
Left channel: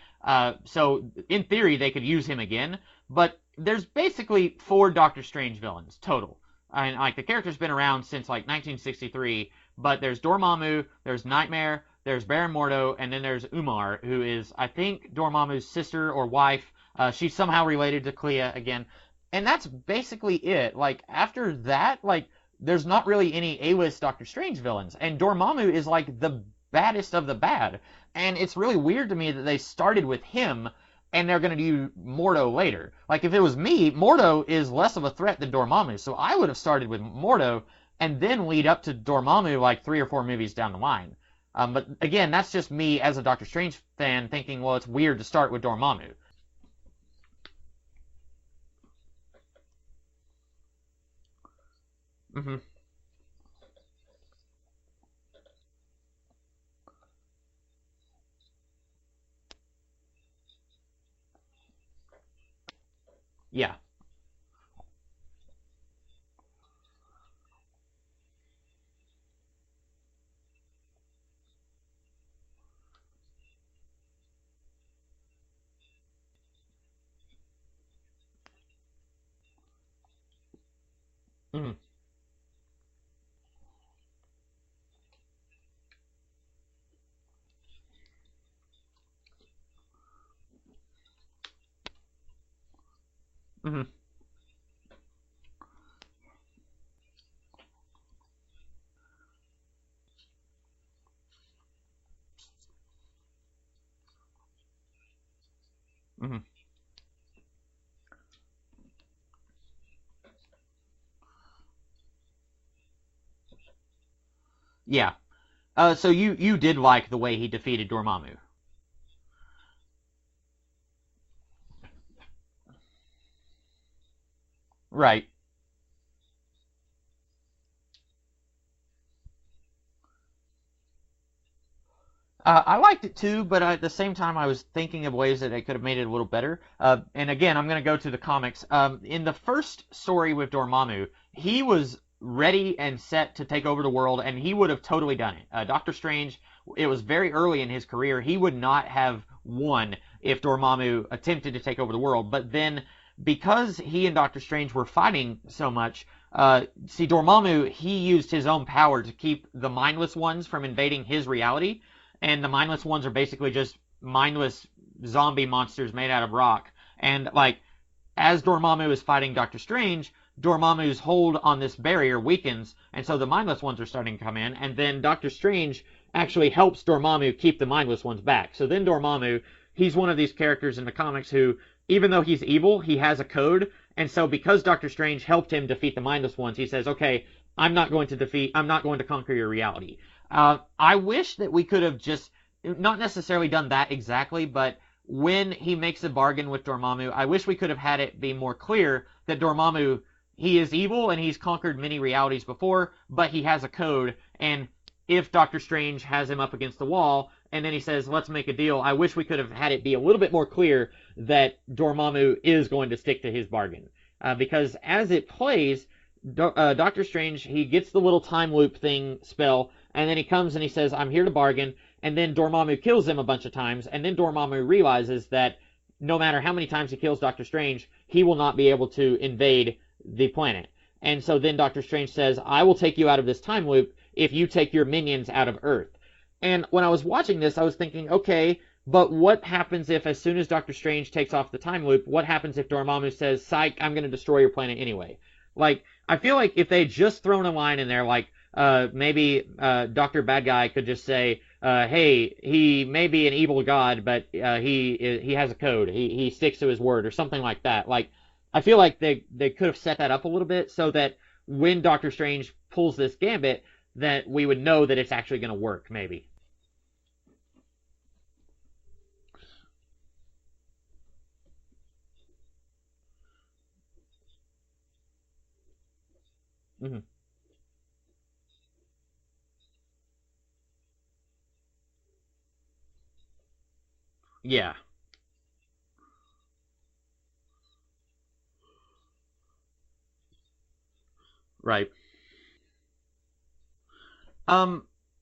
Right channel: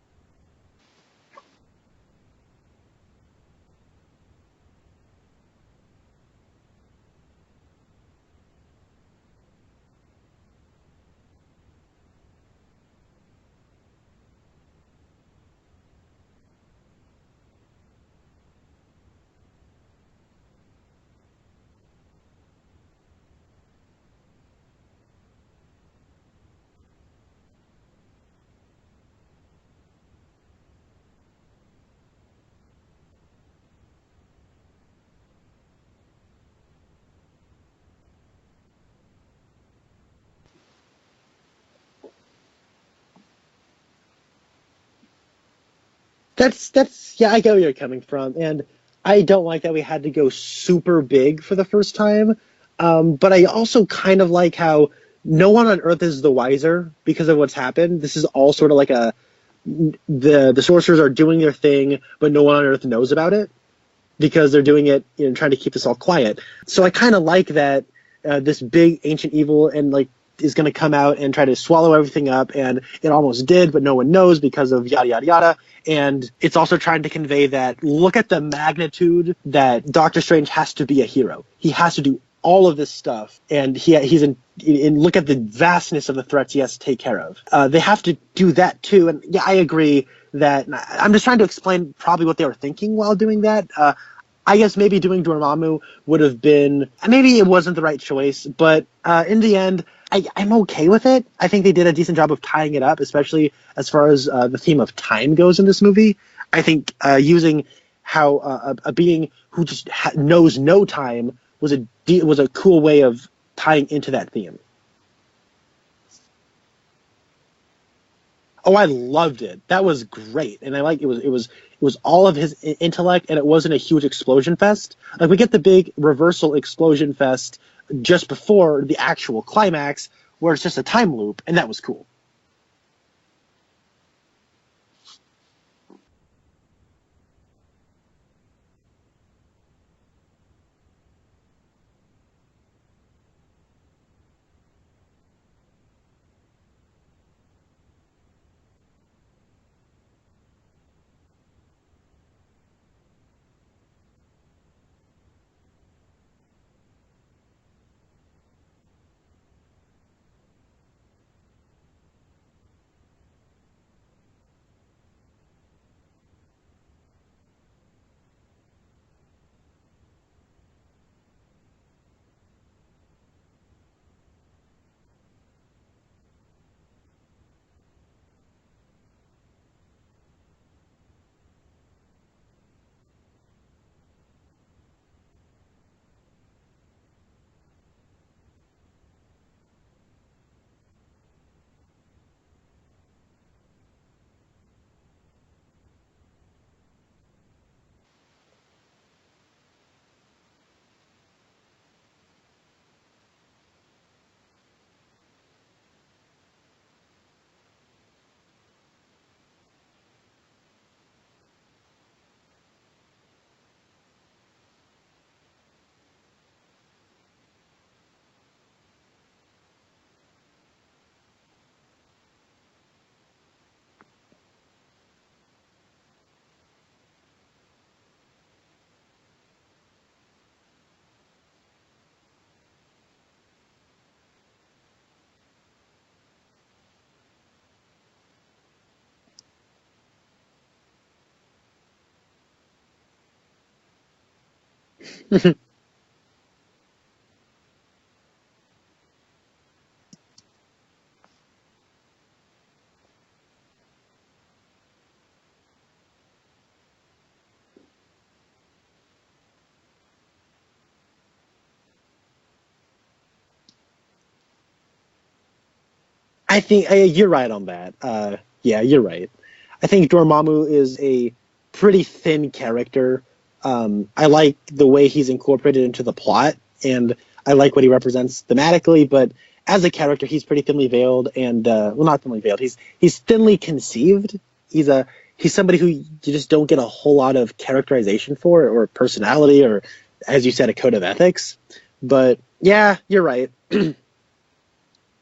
So, in theory, they could use him again. But there's basically 4 Doctor Strange villains, total. And, like, the character's been around since, like, 1963. But there's Dormammu, there's Nightmare, there's Baron Mordo, and then there's Umar, who is, I think, Dormammu's sister or wife. She's somehow related to Clea again. And that's basically it. Like, after that, like, there's not really any A-list Doctor Strange villains. And Dormammu is, like, the baddest of the bad. And it's really weird to me that they started with him, and they're going to do Mordo later. Like, if it was me, Mordo is less of a threat than Dormammu. So I would have started with Mordo, and then lead up to Dormammu, like, 3 or 4 movies down the line. But, again, that's just me as a Doctor Strange fan thinking, well, it's weird to start with Dormammu. Yeah, I get where you're coming from, and I don't like that we had to go super big for the first time. Hmm. But I also kind of like how no one on Earth is the wiser because of what's happened. This is all sort of like the sorcerers are doing their thing, but no one on Earth knows about it Yeah. because they're doing it, trying to keep this all quiet. So I kind of like that this big ancient evil and like is going to come out and try to swallow everything up, and it almost did, but no one knows because of yada yada yada. And it's also trying to convey that look at the magnitude that Doctor Strange has to be a hero. He has to do all of this stuff, and he's in look at the vastness of the threats he has to take care of. They have to do that too, and yeah, I agree that I'm just trying to explain probably what they were thinking while doing that. I guess maybe doing Dormammu would have been, maybe it wasn't the right choice, but in the end, I'm okay with it. I think they did a decent job of tying it up, especially as far as the theme of time goes in this movie. I think using how a being who just knows no time was a cool way of tying into that theme. Yeah. So you did like the way he defeated Dormammu. Oh, I loved it. That was great, and I like it was all of his intellect, and it wasn't a huge explosion fest. Right. Like we get the big reversal explosion fest just before the actual climax, where it's just a time loop, and that was cool. I liked it too, but at the same time, I was thinking of ways that they could have made it a little better. And again, I'm going to go to the comics. In the first story with Dormammu, he was ready and set to take over the world, and he would have totally done it. Doctor Strange, it was very early in his career. He would not have won if Dormammu attempted to take over the world. But then, because he and Doctor Strange were fighting so much, Dormammu, he used his own power to keep the mindless ones from invading his reality. And the mindless ones are basically just mindless zombie monsters made out of rock. And, like, as Dormammu is fighting Doctor Strange, Dormammu's hold on this barrier weakens, and so the mindless ones are starting to come in, and then Doctor Strange actually helps Dormammu keep the mindless ones back. So then Dormammu, he's one of these characters in the comics who, even though he's evil, he has a code, and so because Doctor Strange helped him defeat the mindless ones, he says, okay, I'm not going to conquer your reality. I wish that we could have just, not necessarily done that exactly, but when he makes a bargain with Dormammu, I wish we could have had it be more clear that Dormammu, he is evil and he's conquered many realities before, but he has a code, and if Doctor Strange has him up against the wall, and then he says, let's make a deal, I wish we could have had it be a little bit more clear that Dormammu is going to stick to his bargain. Because as it plays, Doctor Strange, he gets the little time loop thing spell, and then he comes and he says, I'm here to bargain, and then Dormammu kills him a bunch of times, and then Dormammu realizes that no matter how many times he kills Doctor Strange, he will not be able to invade the planet. And so then Doctor Strange says, I will take you out of this time loop if you take your minions out of Earth. And when I was watching this, I was thinking, okay, but what happens if as soon as Doctor Strange takes off the time loop, what happens if Dormammu says, psych, I'm going to destroy your planet anyway? Like, I feel like if they just thrown a line in there, like, maybe Dr. Bad Guy could just say, hey, he may be an evil god, but he has a code. He sticks to his word, or something like that. Like, I feel like they could have set that up a little bit so that when Doctor Strange pulls this gambit, that we would know that it's actually going to work, maybe. I think you're right on that. Yeah, you're right. I think Dormammu is a pretty thin character. I like the way he's incorporated into the plot, and I like what he represents thematically, but as a character, he's pretty thinly veiled, and well, not thinly veiled. He's thinly conceived. Yeah. He's somebody who you just don't get a whole lot of characterization for, or personality, or, as you said, a code of ethics. Right. But yeah, you're right.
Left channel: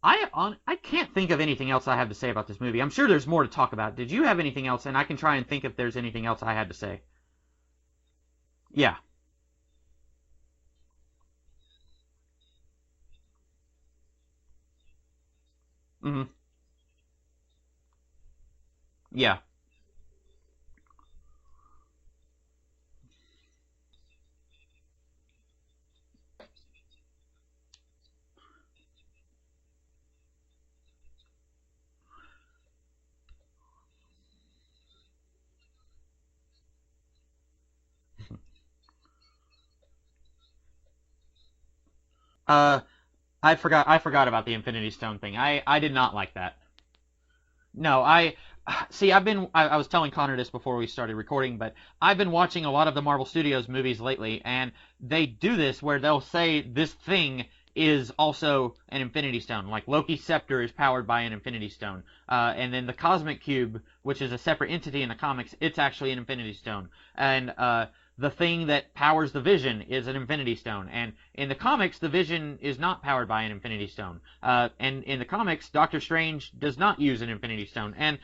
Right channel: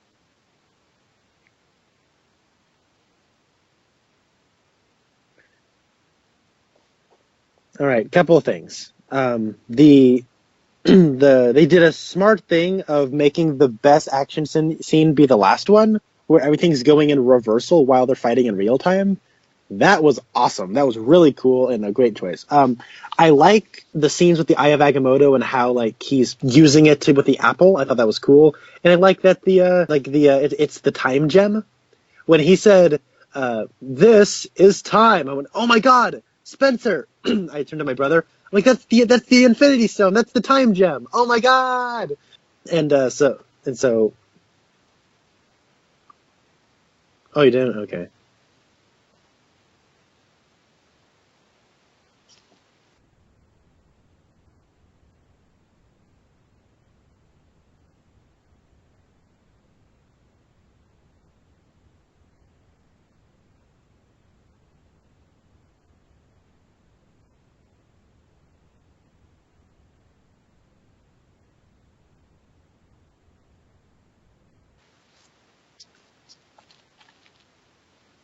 I can't think of anything else I have to say about this movie. I'm sure there's more to talk about. Did you have anything else? And I can try and think if there's anything else I had to say. All right, couple of things. Yeah. They did a smart thing of making the best action scene be the last one, where everything's going in reversal while they're fighting in real time. Yeah. That was awesome. That was really cool and a great choice. I like the scenes with the Eye of Agamotto and how like he's using it with the apple. I thought that was cool, and I like that it's the time gem. When he said, "This is time," I went, "Oh my God, Spencer!" I turned to my brother. I'm like, "That's the Infinity Stone. That's the time gem. Oh my God!" I forgot about the Infinity Stone thing. I did not like that. Oh, you didn't? Okay. No, See, I was telling Connor this before we started recording, but I've been watching a lot of the Marvel Studios movies lately, and they do this where they'll say this thing is also an Infinity Stone. Like Loki's scepter is powered by an Infinity Stone, and then the Cosmic Cube, which is a separate entity in the comics, it's actually an Infinity Stone, and the thing that powers the Vision is an Infinity Stone, and in the comics, the Vision is not powered by an Infinity Stone, and in the comics, Doctor Strange does not use an Infinity Stone, and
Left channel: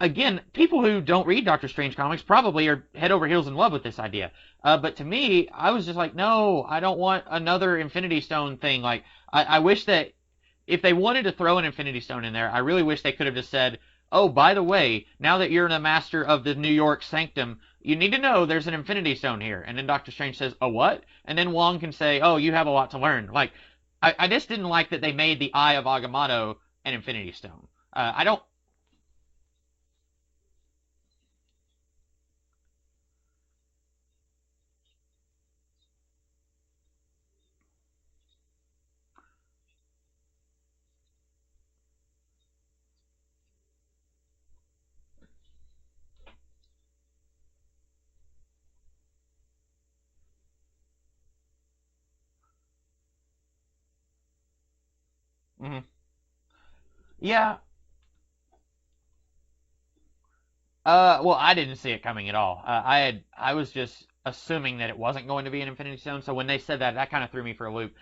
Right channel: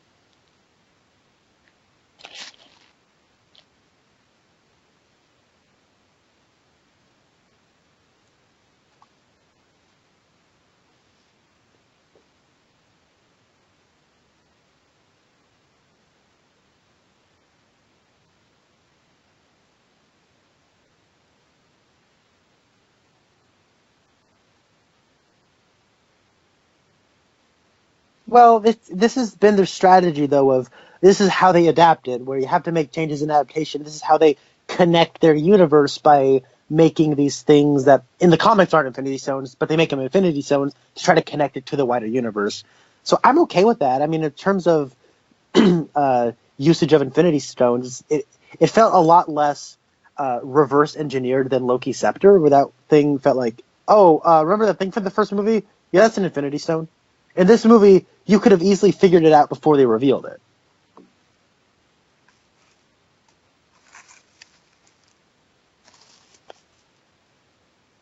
again, people who don't read Doctor Strange comics probably are head over heels in love with this idea. But to me, I was just like, no, I don't want another Infinity Stone thing. Like, I wish that if they wanted to throw an Infinity Stone in there, I really wish they could have just said, oh, by the way, now that you're the master of the New York Sanctum, you need to know there's an Infinity Stone here. And then Doctor Strange says, a what? And then Wong can say, oh, you have a lot to learn. Like, I just didn't like that they made the Eye of Agamotto an Infinity Stone. I don't. Well, this has been their strategy, though, of this is how they adapted, where you have to make changes in adaptation. This is how they connect their universe by making these things that in the comics aren't Infinity Stones, but they make them Infinity Stones to try to connect it to the wider universe. So I'm okay with that. I mean, in terms of usage of Infinity Stones, it felt a lot less reverse engineered than Loki's scepter, where that thing felt like, remember that thing from the first movie? Mm-hmm. Yeah, that's an Infinity Stone. Yeah. In this movie, you could have easily figured it out before they revealed it. Well, I didn't see it coming at all. I was just assuming that it wasn't going to be an Infinity Stone, so when they said that, that kind of threw me for a loop.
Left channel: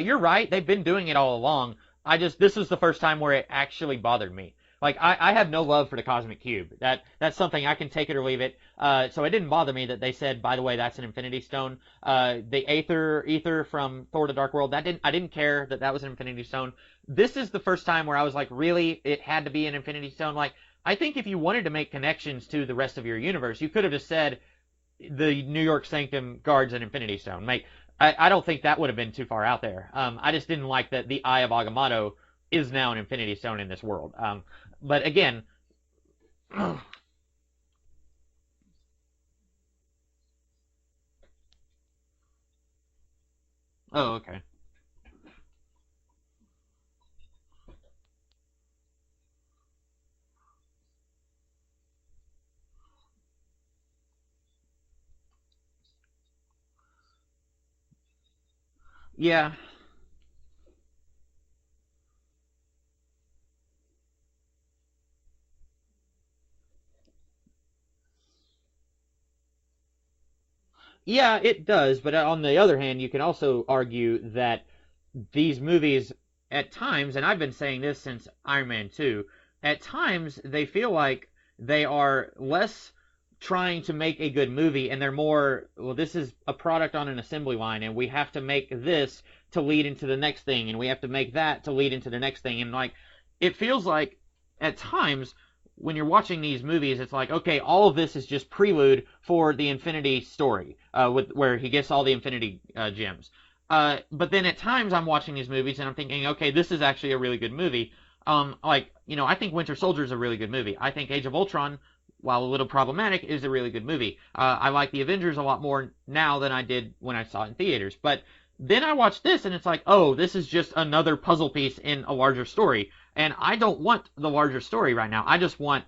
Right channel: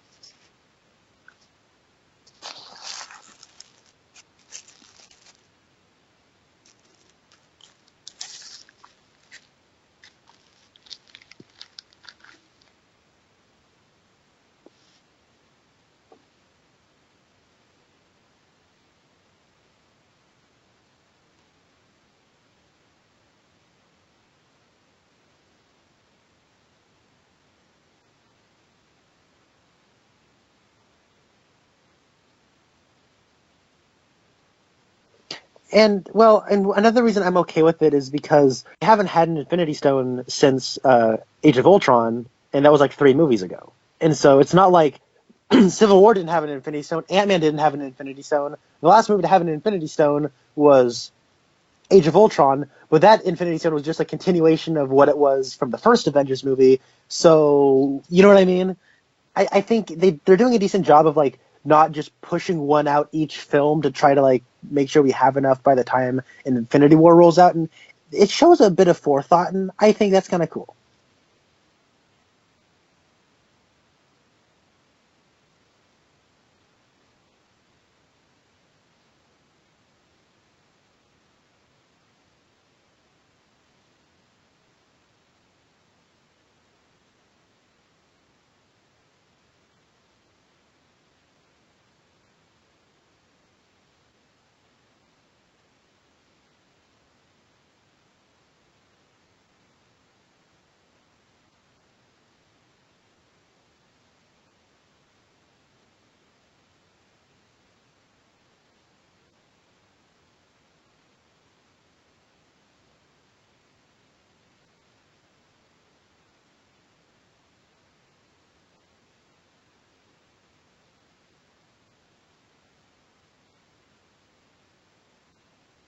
You're right, they've been doing it all along. This was the first time where it actually bothered me. Like, I have no love for the Cosmic Cube. That's something I can take it or leave it. So it didn't bother me that they said, by the way, that's an Infinity Stone. The Aether from Thor: The Dark World, I didn't care that was an Infinity Stone. This is the first time where I was like, really? It had to be an Infinity Stone? Like, I think if you wanted to make connections to the rest of your universe, you could have just said the New York Sanctum guards an Infinity Stone. I don't think that would have been too far out there. I just didn't like that the Eye of Agamotto is now an Infinity Stone in this world. But again... And another reason I'm okay with it is because we haven't had an Infinity Stone since Age of Ultron, and that was like 3 movies ago. So it's not like Civil War didn't have an Infinity Stone. Ant-Man didn't have an Infinity Stone. The last movie to have an Infinity Stone was Age of Ultron, but that Infinity Stone was just a continuation of what it was from the first Avengers movie. So, you know what I mean? Yeah. I think they're doing a decent job of, like, not just pushing one out each film to try to, like, make sure we have enough by the time an Infinity War rolls out. And it shows a bit of forethought, and I think that's kind of cool. Yeah, it does. But on the other hand, you can also argue that these movies, at times, and I've been saying this since Iron Man 2, at times they feel like they are less trying to make a good movie, and they're more, well, this is a product on an assembly line, and we have to make this to lead into the next thing, and we have to make that to lead into the next thing. And, like, it feels like, at times, when you're watching these movies, it's like, okay, all of this is just prelude for the Infinity story, where he gets all the Infinity gems. But then at times I'm watching these movies and I'm thinking, okay, this is actually a really good movie. I think Winter Soldier is a really good movie. I think Age of Ultron, while a little problematic, is a really good movie. I like the Avengers a lot more now than I did when I saw it in theaters. But then I watch this and it's like, oh, this is just another puzzle piece in a larger story. And I don't want the larger story right now. I just want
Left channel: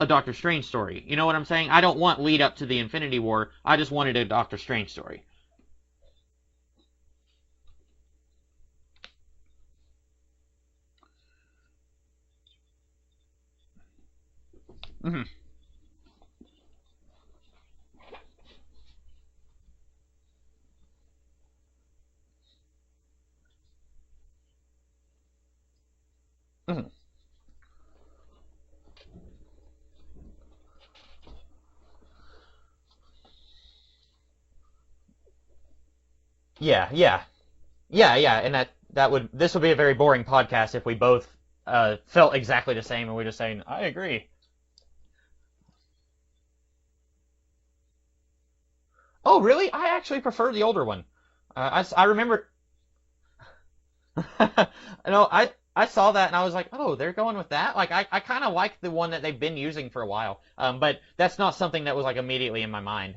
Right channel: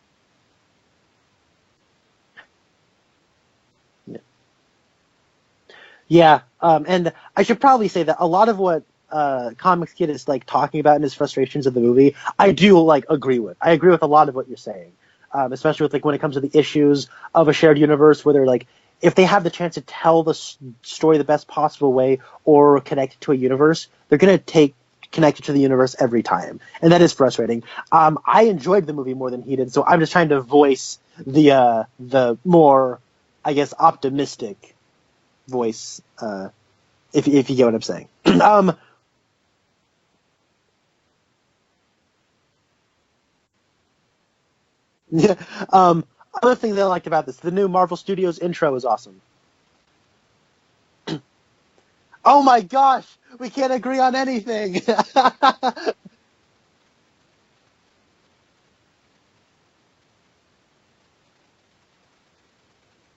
a Doctor Strange story. You know what I'm saying? I don't want lead up to the Infinity War. I just wanted a Doctor Strange story. Yeah, and I should probably say that a lot of what Comics Kid is like talking about in his frustrations of the movie, I do like agree with. I agree with a lot of what you're saying, especially with like when it comes to the issues of a shared universe, where they're like, if they have the chance to tell the story the best possible way or connect it to a universe, they're gonna connect it to the universe every time, and that is frustrating. I enjoyed the movie more than he did, so I'm just trying to voice the more, I guess, optimistic voice. Yeah. If you get what I'm saying. Yeah. This would be a very boring podcast if we both felt exactly the same and we're just saying, I agree. Yeah. Other thing that I liked about this, the new Marvel Studios intro is awesome. Oh, really? I actually prefer the older one. I remember. Oh my gosh, we can't agree on anything. No, I saw that and I was like, oh, they're going with that. Like I kind of like the one that they've been using for a while. But that's not something that was like immediately in my mind.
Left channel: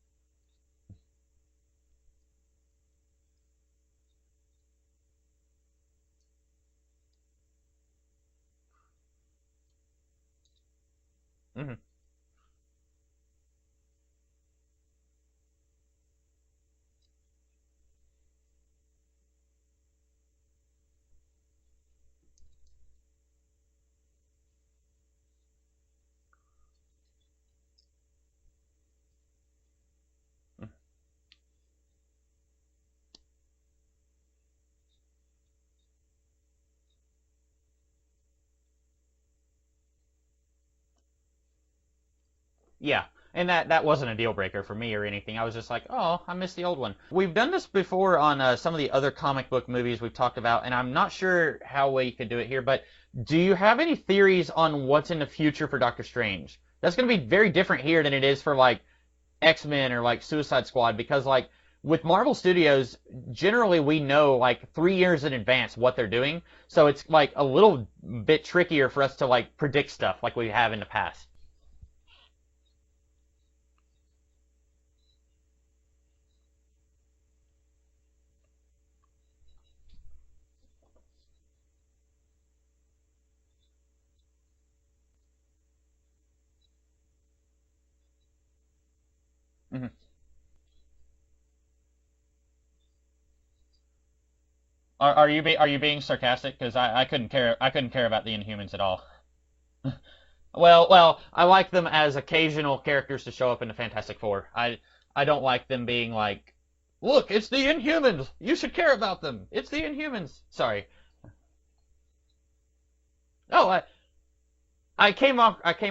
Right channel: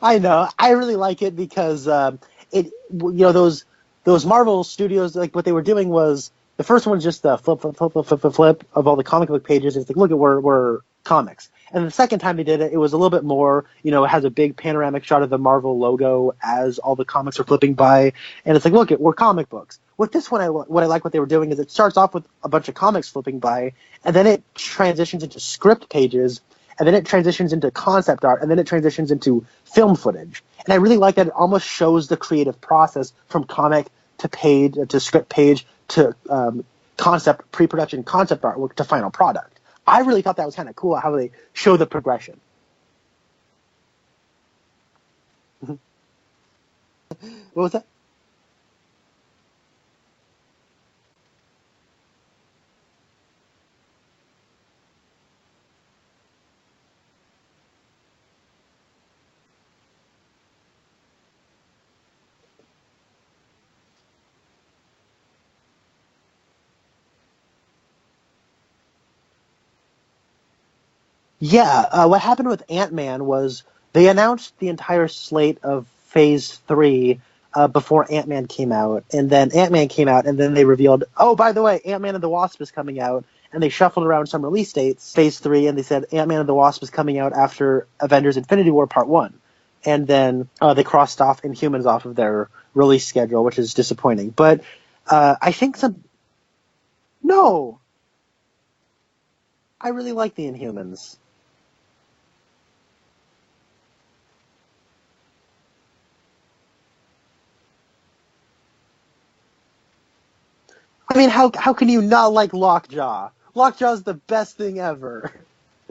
I know. I really like it because those Marvel Studios, like what they were doing was The first one's just the flip of all the comic book pages. It's like, look at we're comics. Mhm. And the second time they did it, it was a little bit more, it has a big panoramic shot of the Marvel logo as all the comics are flipping by. And it's like, look, we're comic books. With this one, what they were doing is it starts off with a bunch of comics flipping by, and then it transitions into script pages, and then it transitions into concept art, and then it transitions into film footage. And I really like that it almost shows the creative process from comic to page to script page to concept, pre-production concept artwork to final product. I really thought that was kind of cool how they show the progression. Yeah, and that wasn't a deal breaker for me or anything. I was just like, oh, I missed the old one. We've done this before on some of the other comic book movies we've talked about, and I'm not sure how well you could do it here, but do you have any theories on what's in the future for Doctor Strange? That's going to be very different here than it is for, like, X-Men or, like, Suicide Squad, because, like, with Marvel Studios, generally we know, like, 3 years in advance what they're doing. So it's like a little bit trickier for us to like predict stuff like we have in the past. Yeah, what happened with Ant-Man was they announced the entire slate of Phase 3 before Ant-Man came out, and then Ant-Man came out, and then they revealed, oh, by the way, Ant-Man and the Wasp is coming out, and they shuffled around some release dates, Phase 3, and they said Ant-Man and the Wasp is coming out after Avengers Infinity War Part 1. Mm-hmm. And then they crossed off Inhumans off of their release schedule, which is disappointing. But Are you being sarcastic? Because I couldn't care. I couldn't care about the Inhumans at all. I really like the Inhumans. Well, I like them as occasional characters to show up in the Fantastic Four. I don't like them being like, look, it's the Inhumans. You should care about them. It's the Inhumans. Sorry. I mean, how can you not like Lockjaw? Lockjaw's the best thing ever. I came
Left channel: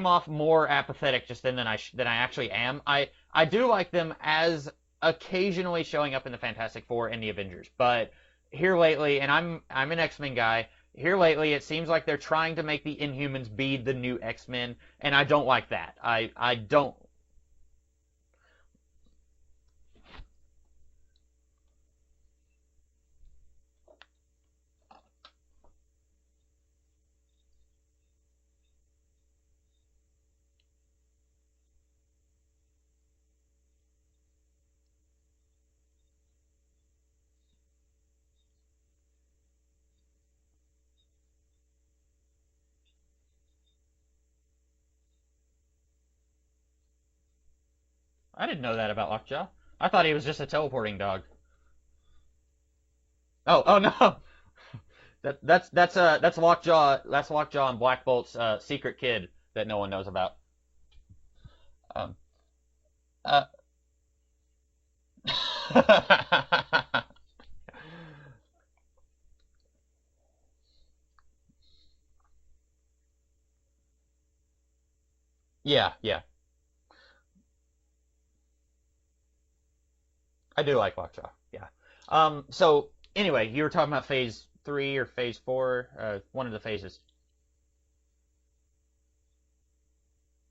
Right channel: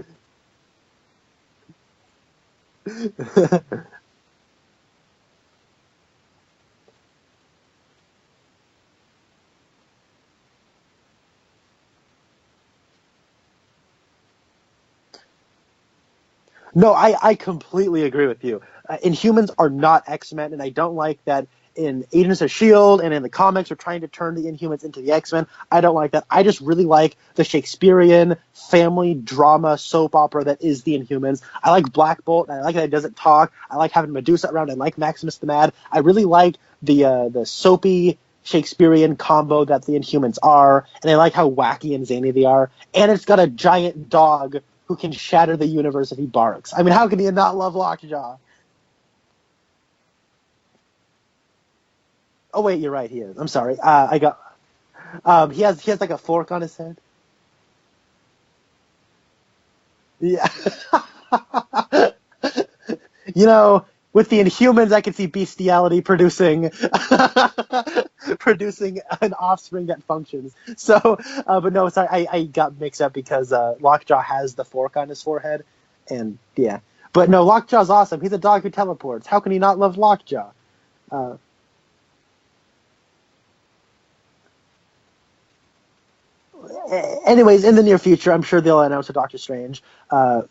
off more apathetic just then than I actually am. I do like them as occasionally showing up in the Fantastic Four and the Avengers, but here lately, and I'm an X-Men guy, here lately it seems like they're trying to make the Inhumans be the new X-Men, and I don't like that. I don't. No, I completely agree with you. Inhumans are not X-Men, and I don't like that in Agents of S.H.I.E.L.D. and in the comics are trying to turn the Inhumans into the X-Men. I don't like that. I just really like the Shakespearean family drama soap opera that is the Inhumans. I like Black Bolt, and I like that it doesn't talk. I like having Medusa around. I like Maximus the Mad. I really like the soapy Shakespearean combo that the Inhumans are, and I like how wacky and zany they are. And it's got a giant dog who can shatter the universe if he barks. I mean, how can you not love Lockjaw? I didn't know that about Lockjaw. I thought he was just a teleporting dog. Oh wait, you're right. He is. I'm sorry. Oh, no. I got. That's like a fork on his Lockjaw. That's Lockjaw and Black Bolt's secret kid that no one knows about. Yeah. With the Inhumans, I could see bestiality producing an offspring that functions. So, but no, sorry, I got mixed up because Lockjaw has the fork on his forehead. Yeah. And yeah, but no, Lockjaw's awesome. He's a dog who teleports. How can you not love Lockjaw? I do like Lockjaw. Yeah. So anyway, you were talking about Phase 3 or Phase 4, one of the phases. Anyways, in the near future, I'm sure they'll announce a Doctor Strange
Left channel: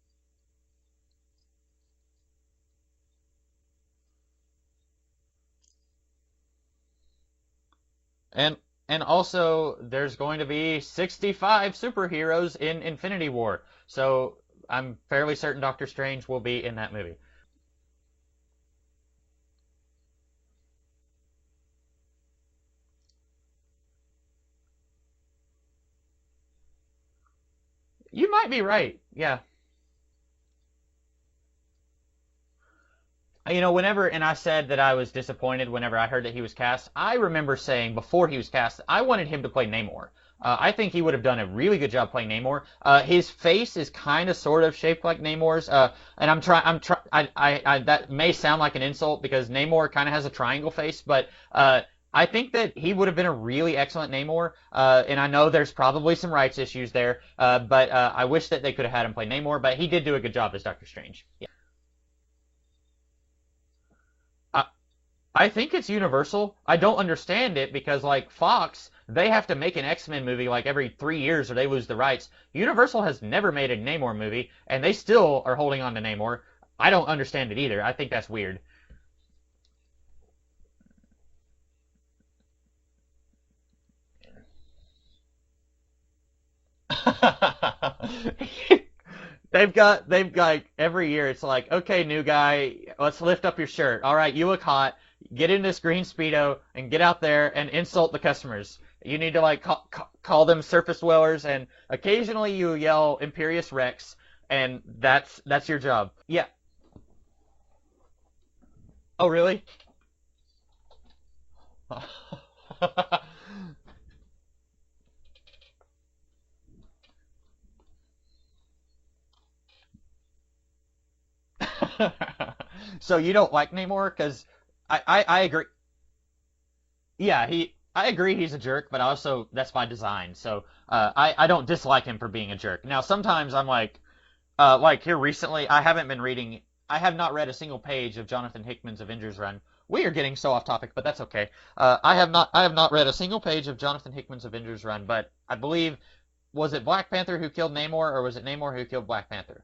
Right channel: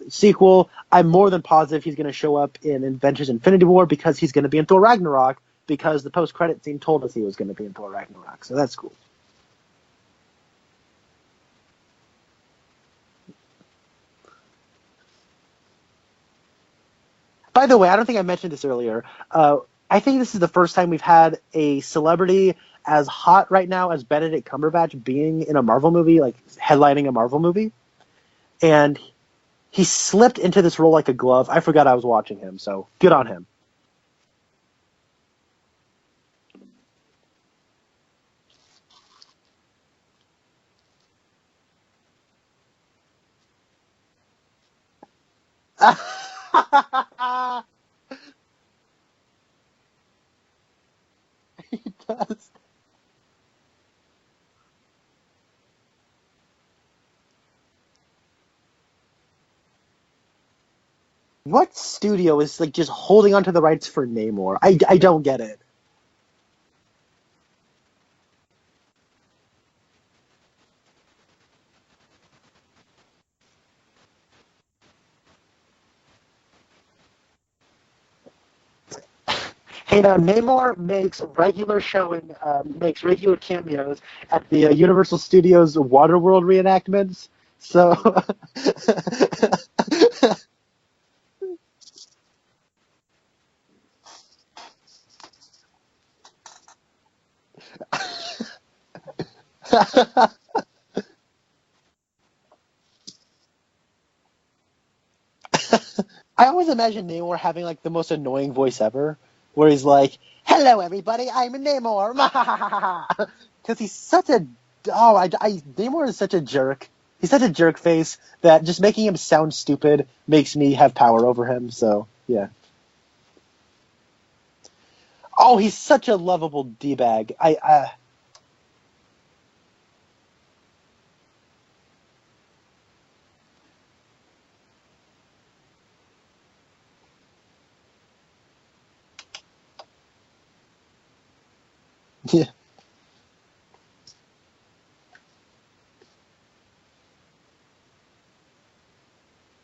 sequel. I'm more than positive he's going to show up in Avengers Infinity War because he's going to be in Thor Ragnarok because the post-credit scene told us he was going to be in Thor Ragnarok. So that's cool. And also, there's going to be 65 superheroes in Infinity War. So I'm fairly certain Doctor Strange will be in that movie. By the way, I don't think I mentioned this earlier. I think this is the first time we've had a celebrity as hot right now as Benedict Cumberbatch being in a Marvel movie, like headlining a Marvel movie. You might be right. And yeah. He slipped into this role like a glove. I forgot I was watching him, so good on him. And I said that I was disappointed whenever I heard that he was cast. I remember saying before he was cast, I wanted him to play Namor. I think he would have done a really good job playing Namor. His face is kind of sort of shaped like Namor's, and I'm trying. That may sound like an insult because Namor kind of has a triangle face, but I think that he would have been a really excellent Namor. And I know there's probably some rights issues there, but I wish that they could have had him play Namor. But he did do a good job as Doctor Strange. Yeah. What studio is like just holding onto the rights for Namor? I don't get it. I think it's Universal. I don't understand it because like Fox, they have to make an X-Men movie like every 3 years or they lose the rights. Universal has never made a Namor movie, and they still are holding on to Namor. I don't understand it either. I think that's weird. Hey, now Namor makes regular cameos at the Universal Studios Waterworld reenactment. So they've got every year. It's like, okay, new guy, let's lift up your shirt. All right, you look hot. get in this green Speedo and get out there and insult the customers. You need to like call them surface dwellers, and occasionally you yell Imperious Rex, and that's your job. I always imagine Namor having like the most annoying voice ever. Oh, really? Where he's like, "Hello, everybody, I'm Namor," because he's such a Namor is such a jerk. He's such a jerk face that just making him sound stupid makes me have power over him. So yeah. So you don't like Namor because I agree. He's such a lovable d-bag. Yeah, I agree he's a jerk, but also that's by design. So I don't dislike him for being a jerk. Now sometimes I'm like here recently, I have not read a single page of Jonathan Hickman's Avengers run. We are getting so off topic, but that's okay. I have not read a single page of Jonathan Hickman's Avengers run, but I believe, was it Black Panther who killed Namor, or was it Namor who killed Black Panther?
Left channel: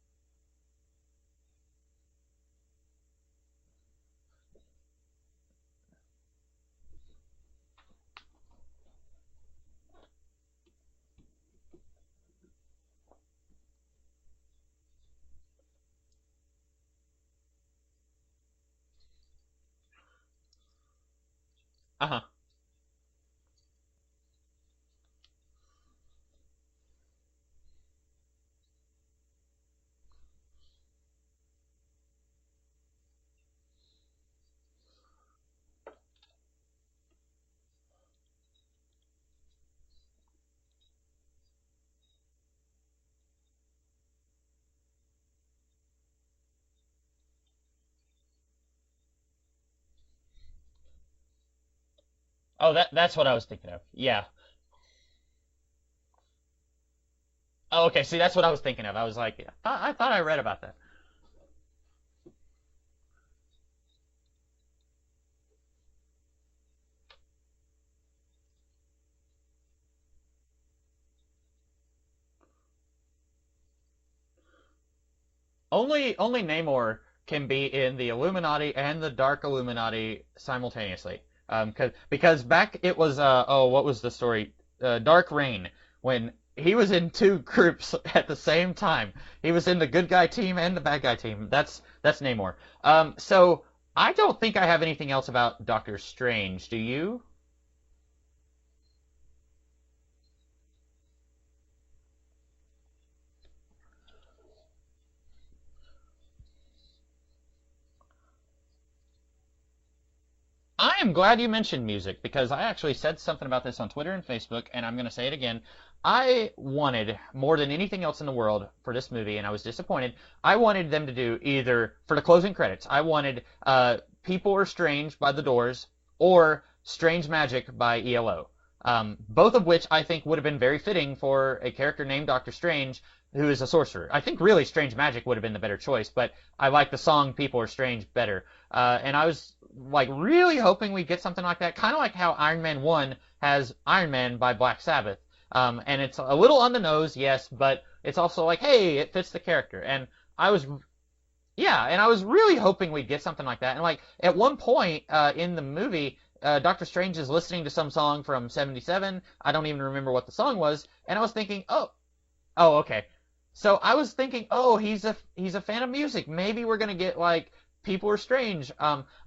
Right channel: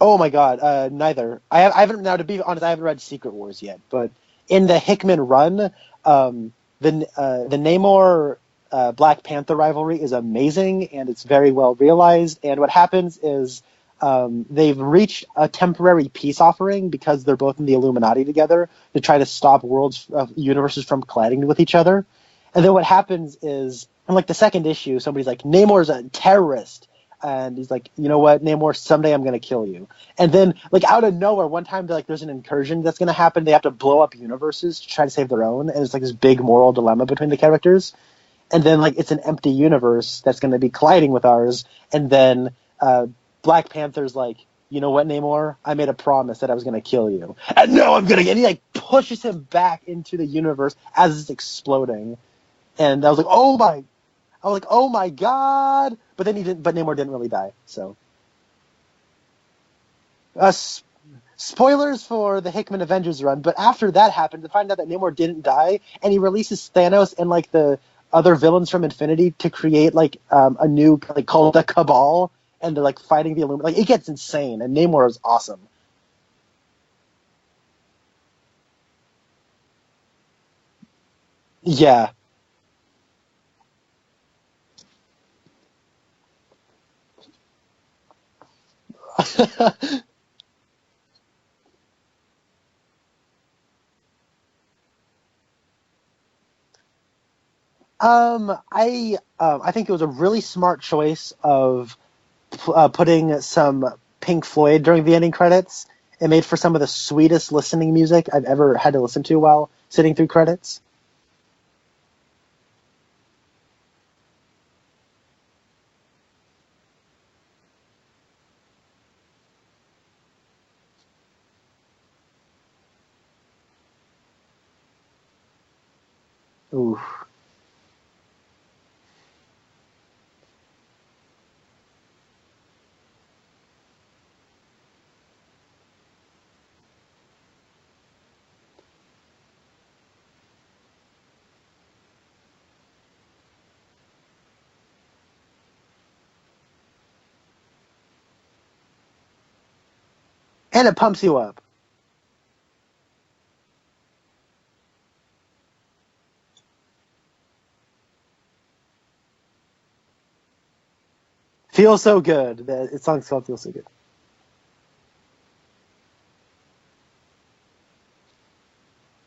Oh my God, neither. I haven't. Now, to be honest, I haven't read Secret Wars yet. But in the Hickman run, the Namor Black Panther rivalry is amazing, and it's very well realized. And what happens is they've reached a temporary peace offering because they're both in the Illuminati together to try to stop universes from colliding with each other. Uh-huh. And then what happens is, in like the second issue, somebody's like, Namor's a terrorist. And he's like, you know what, Namor, someday I'm going to kill you. And then, like, out of nowhere, one time, like, there's an incursion that's going to happen. They have to blow up universes to try to save their own. And it's like this big moral dilemma between the characters. And then, like, it's an empty universe that's going to be colliding with ours. And then Black Panther's like, you know what, Namor? I made a promise that I was going to kill you. And no, I'm going to. And he, like, pushes him back into the universe as it's exploding. Oh, and I was like, oh my. Yeah. I was like, oh my God. But then Namor didn't really die. So. Oh, okay. See, that's what I was thinking of. I was like, I thought I read about that. Spoilers for the Hickman Avengers run, but after that happened, to find out that Namor didn't die, and he releases Thanos and like the other villains from Infinity to create like a new like called the Cabal, and they're like fighting the Illuminati. Like it gets insane, and Namor is awesome. Only Namor can be in the Illuminati and the Dark Illuminati simultaneously. Yeah. Because back it was what was the story? Dark Reign, when he was in two groups at the same time. He was in the good guy team and the bad guy team. That's Namor. So I don't think I have anything else about Doctor Strange. Do you? I think it was a really smart choice of putting some Pink Floyd during the ending credits. It made for some of the sweetest listening music I've ever had to listen to while sitting through credits. I am glad you mentioned music, because I actually said something about this on Twitter and Facebook, and I'm going to say it again. I wanted, more than anything else in the world for this movie, and I was disappointed, I wanted them to do either, for the closing credits, I wanted People Are Strange by The Doors or Strange Magic by ELO. Both of which I think would have been very fitting for a character named Doctor Strange, who is a sorcerer. I think really Strange Magic would have been the better choice, but I like the song People Are Strange better. And I was like really hoping we'd get something like that, kind of like how Iron Man 1 has Iron Man by Black Sabbath. And it's a little on the nose, yes, but it's also like, hey, it fits the character. And it pumps you up. Yeah, and I was really hoping we'd get something like that. And like at one point in the movie, Doctor Strange is listening to some song from '77. I don't even remember what the song was, and I was thinking, "Feel So Good." Oh, okay. The song's called "Feel So Good." I was thinking, oh, he's a fan of music. Maybe we're gonna get like People Are Strange.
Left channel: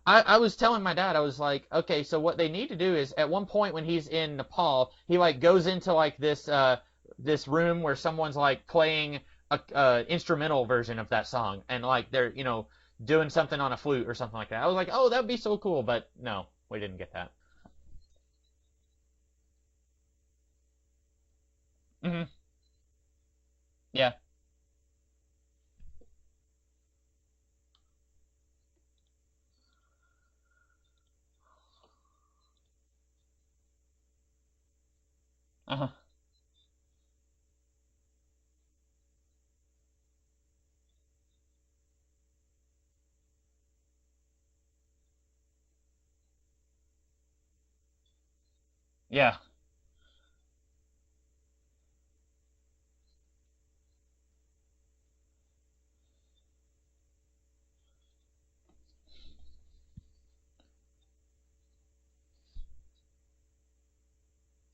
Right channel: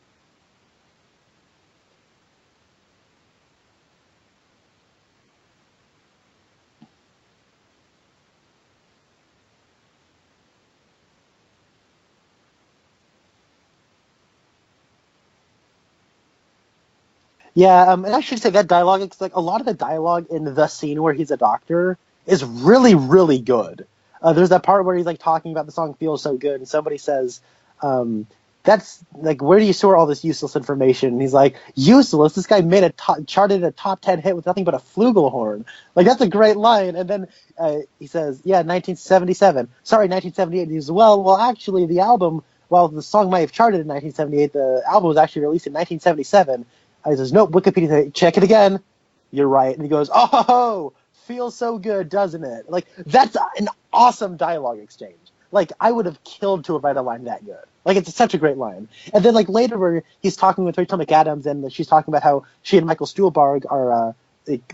I was telling my dad, I was like, okay, so what they need to do is at one point when he's in Nepal, he like goes into like this room where someone's like playing a instrumental version of that song, and like they're doing something on a flute or something like that. I was like, oh, that'd be so cool, but no. We didn't get that. Yeah, and I should say that dialogue, it's like a lot of the dialogue in the scene where he's a doctor is really, really good. Yeah. There's that part where he's like talking about the song "Feels So Good," and somebody says, "That's like, where do you store all this useless information?" And he's like, "Useless? This guy made charted a top 10 hit with nothing but a flugelhorn." Like that's a great line. And then he says, "Yeah, 1977. Sorry, 1978." He says, "Well, actually, the album." While the song might have charted in 1978, the album was actually released in 1977. He says, nope, Wikipedia, check it again. Yeah. You're right. And he goes, oh, feels so good, doesn't it? Like, that's an awesome dialogue exchange. Like, I would have killed to have read a line that good. Like, it's such a great line. And then, like, later where he's talking with Rachel McAdams, and she's talking about how she and Michael Stuhlbarg are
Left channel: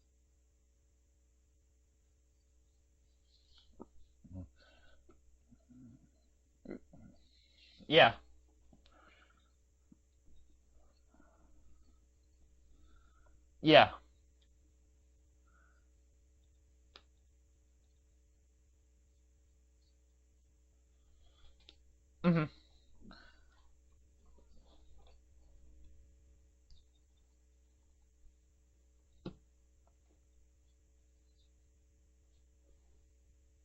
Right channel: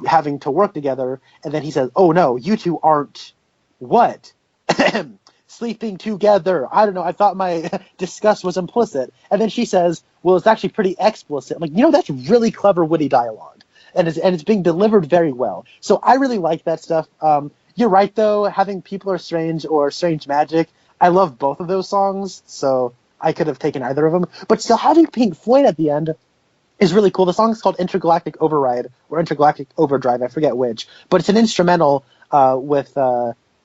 having to work together, and then he says, oh, no, you two aren't what? sleeping together. I don't know. I thought my Yeah. disgust was implicit. And then she says, well, it's actually pretty explicit. I'm like, that's really clever, witty dialogue. Yeah. And it's being delivered very well. So I really like that stuff. You're right, though. Having People Are Strange or Strange Magic, I love both of those songs. Mm-hmm. So I could have taken either of them. But still, having Pink Floyd at the end is really cool. The song is called Intergalactic Override or Intergalactic Overdrive. I forget which. But it's an instrumental with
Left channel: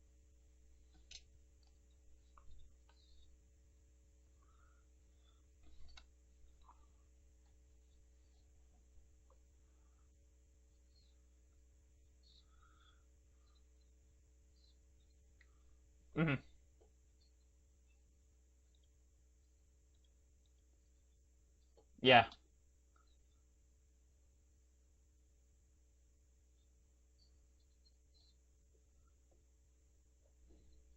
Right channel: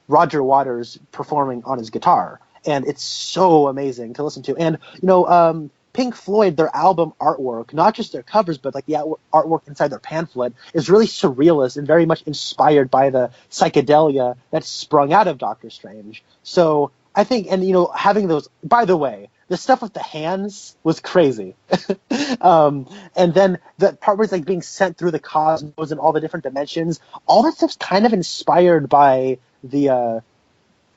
Roger Waters performing on his guitar. And it's so amazing to listen to. And, Pink Floyd, their album artwork, not just their covers, but like the artwork inside their pamphlet, is really surrealist and very much inspired by the psychedelia that sprung out of Doctor Strange. Mm-hmm. So I think, and having those, by the way, the stuff with the hands was crazy. Yeah. And then the part where it's like being sent through the cosmos and all the different dimensions, all that stuff's kind of inspired by the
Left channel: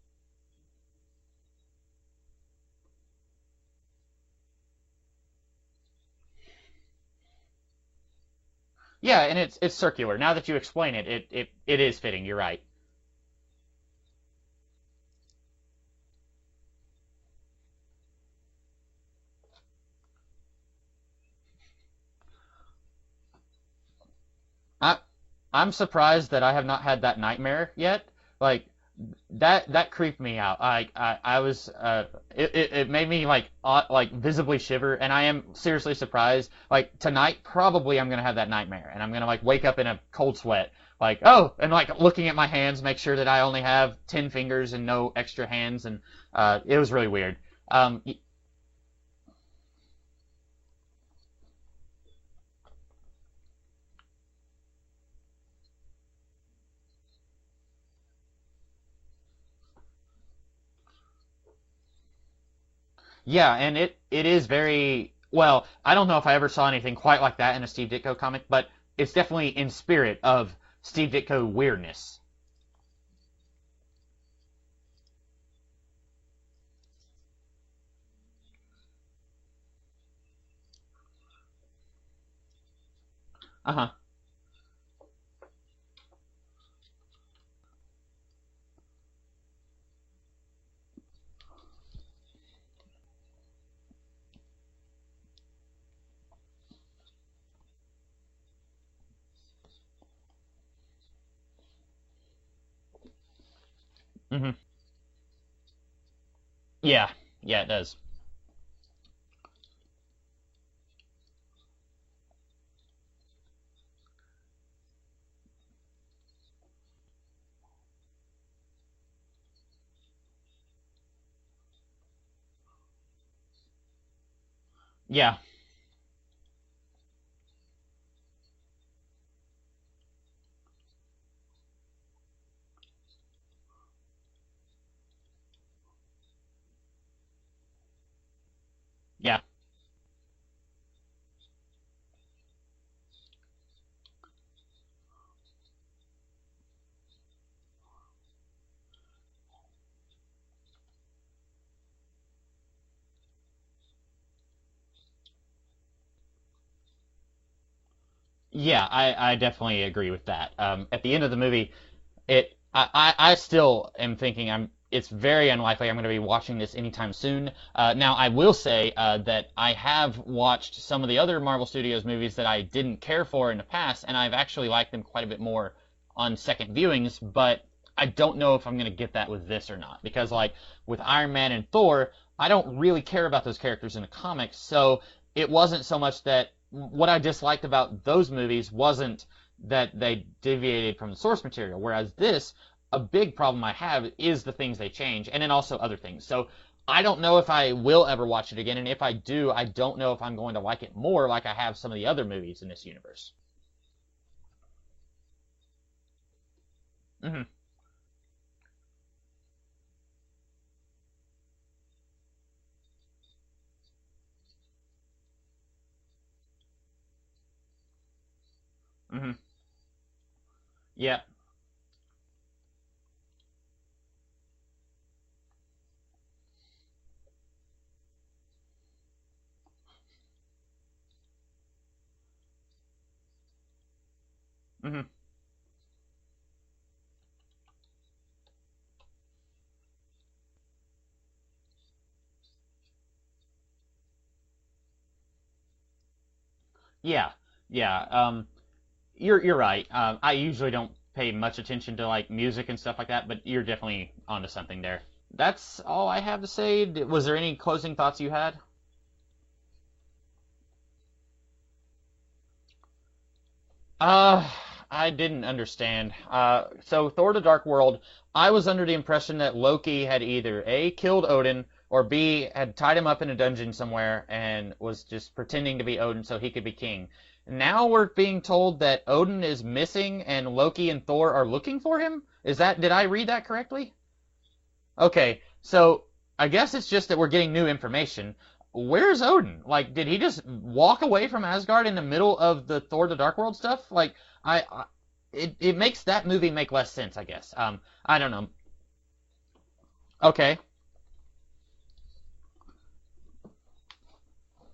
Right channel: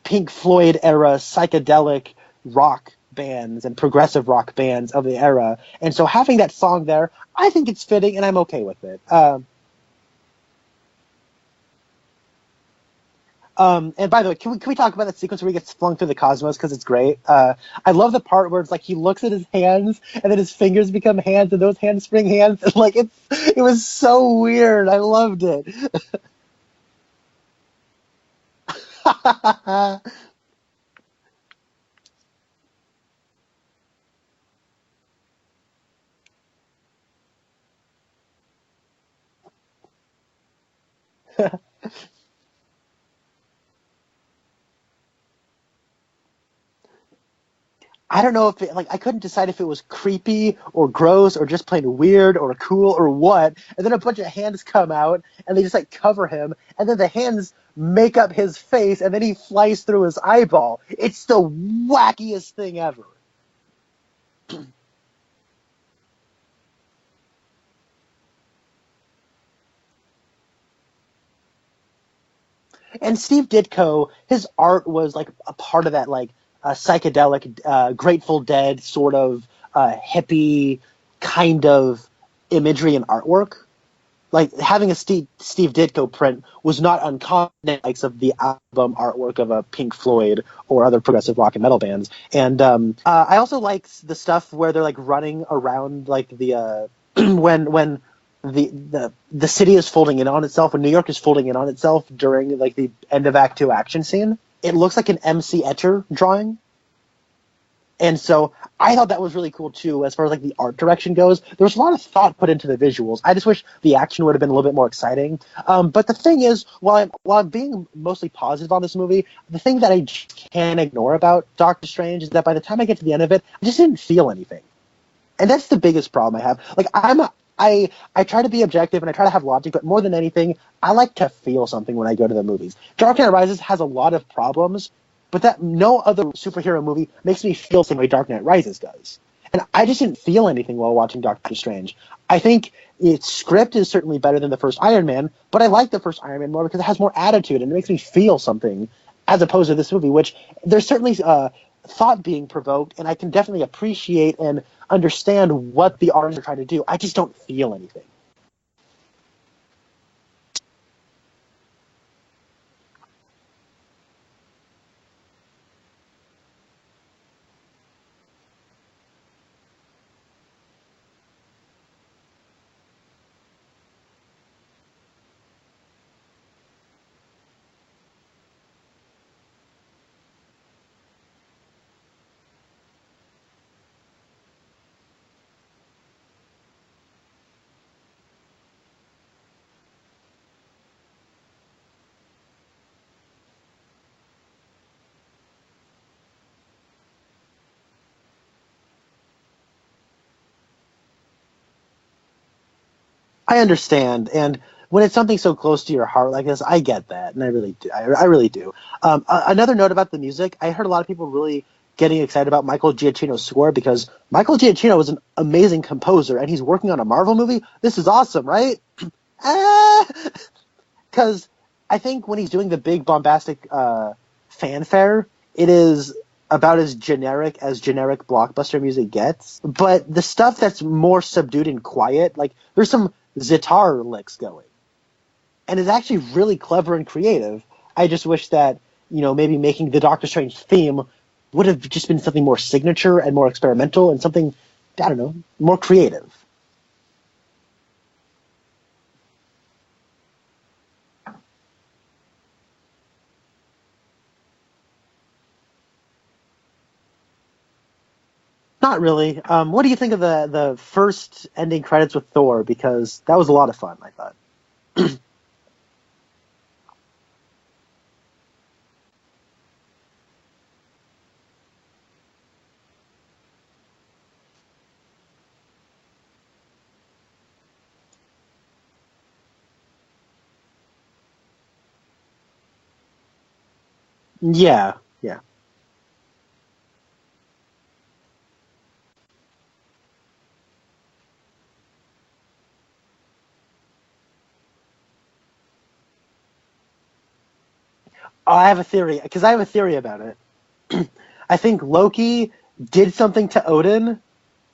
Pink Floyd era psychedelic rock bands and progressive rock bands of the era. And so having that song there, I think it's fitting and I'm okay with it. Yeah, and it's circular. Now that you explain it, it is fitting. You're right. And by the way, can we talk about that sequence where he gets flung through the cosmos, because it's great. I love the part where it's like he looks at his hands and then his fingers become hands and those hands spring hands. Like it was so weird. I loved it. I'm surprised that I have not had that nightmare yet. Like that creeped me out. I was it made me like visibly shiver, and I am seriously surprised. Like tonight, probably I'm gonna have that nightmare, and I'm gonna like wake up in a cold sweat. Like, oh, and like looking at my hands, make sure that I only have 10 fingers and no extra hands, and it was really weird. I don't know if I couldn't decide if it was creepy or gross or just plain weird or cool or what. And then a bunch of hands come out and they just like cover him, and then the hands make up his face, and then he flies through his eyeball. It's the wackiest thing ever. Yeah, and it is very well. I don't know if I ever saw anything quite like that in a Steve Ditko comic, but it's definitely in spirit of Steve Ditko weirdness. And Steve Ditko, his art was like a part of that like psychedelic, Grateful Dead sort of hippie kind of imagery and artwork. Uh-huh. Like having a Steve Ditko print was not uncommon, like of the album artwork of a Pink Floyd or other progressive rock and metal bands. And I also like the stuff where they're like running around, like the when the city is folding in on itself, when New York is folding in on itself during like the end of Act 2 action scene. Mm-hmm. It looks like an MC Escher drawing. Yeah, it does. And so I thought that was really cool too, as far as like the art direction goes. There was a lot of thought put into the visuals. I just wish the action would have been a little bit more exciting. But the thing is, while I'm being mostly positive on this movie, the thing that I can't ignore about Doctor Strange is that by the time I get to the end of it, I just didn't feel anything. Yeah. And that's the biggest problem I have. Like I try to be objective and I try to have logic, but more than anything, I like to feel something when I go to the movies. Dark Knight Rises has a lot of problems, but that no other superhero movie makes me feel the same way Dark Knight Rises does. Yeah. And I just didn't feel anything while watching Doctor Strange. I think its script is certainly better than the first Iron Man, but I like the first Iron Man more because it has more attitude and it makes me feel something, as opposed to this movie, which there's certainly thought being provoked, and I can definitely appreciate and understand what the artists are trying to do. I just don't feel anything. Yeah, I definitely agree with that. At the end of the movie, I still am thinking it's very unlikely I'm going to be watching this anytime soon. Now, I will say that I have watched some of the other Marvel Studios movies that I didn't care for in the past, and I've actually liked them quite a bit more on second viewings, but I don't know if I'm going to get that with this or not, because like with Iron Man and Thor, I don't really care about those characters in the comics, so it wasn't so much that what I disliked about those movies wasn't that they deviated from the source material, whereas this, a big problem I have is the things they change, and then also other things. So I don't know if I will ever watch it again, and if I do, I don't know if I'm going to like it more like I have some of the other movies in this universe. I understand, and when it's something so close to your heart like this, I get that, and I really do. I really do. Another note about the music, I heard a lot of people really getting excited about Michael Giacchino's score because Michael Giacchino is an amazing composer, and he's working on a Marvel movie. This is awesome, right? Mm-hmm. Yeah. Because I think when he's doing the big bombastic fanfare, it is about as generic blockbuster music gets. But the stuff that's more subdued and quiet, like there's some Zitar licks going. Mm-hmm. And it's actually really clever and creative. I just wish that maybe making the Doctor Strange theme would have just been something more signature and more experimental and something, I don't know, more creative. Yeah, yeah. You're right. I usually don't pay much attention to like music and stuff like that, but you're definitely onto something there. That's all I have to say. Was there any closing thoughts you had? Not really. What do you think of the first ending credits with Thor? Because that was a lot of fun. Uh, I didn't understand. So Thor: The Dark World, I was under the impression that Loki had either A, killed Odin, or B, had tied him up in a dungeon somewhere and was just pretending to be Odin so he could be king. Now we're being told that Odin is missing and Loki and Thor are looking for him? Did I read that correctly? Yeah. Okay, Yeah. so I guess it's just that we're getting new information. Where's Odin? Like, did he just walk away from Asgard in the middle of the Thor: The Dark World stuff? Like, it makes that movie make less sense, I guess. I don't know. Oh, I have a theory because I have a theory about it. Okay. I think Loki did something to Odin,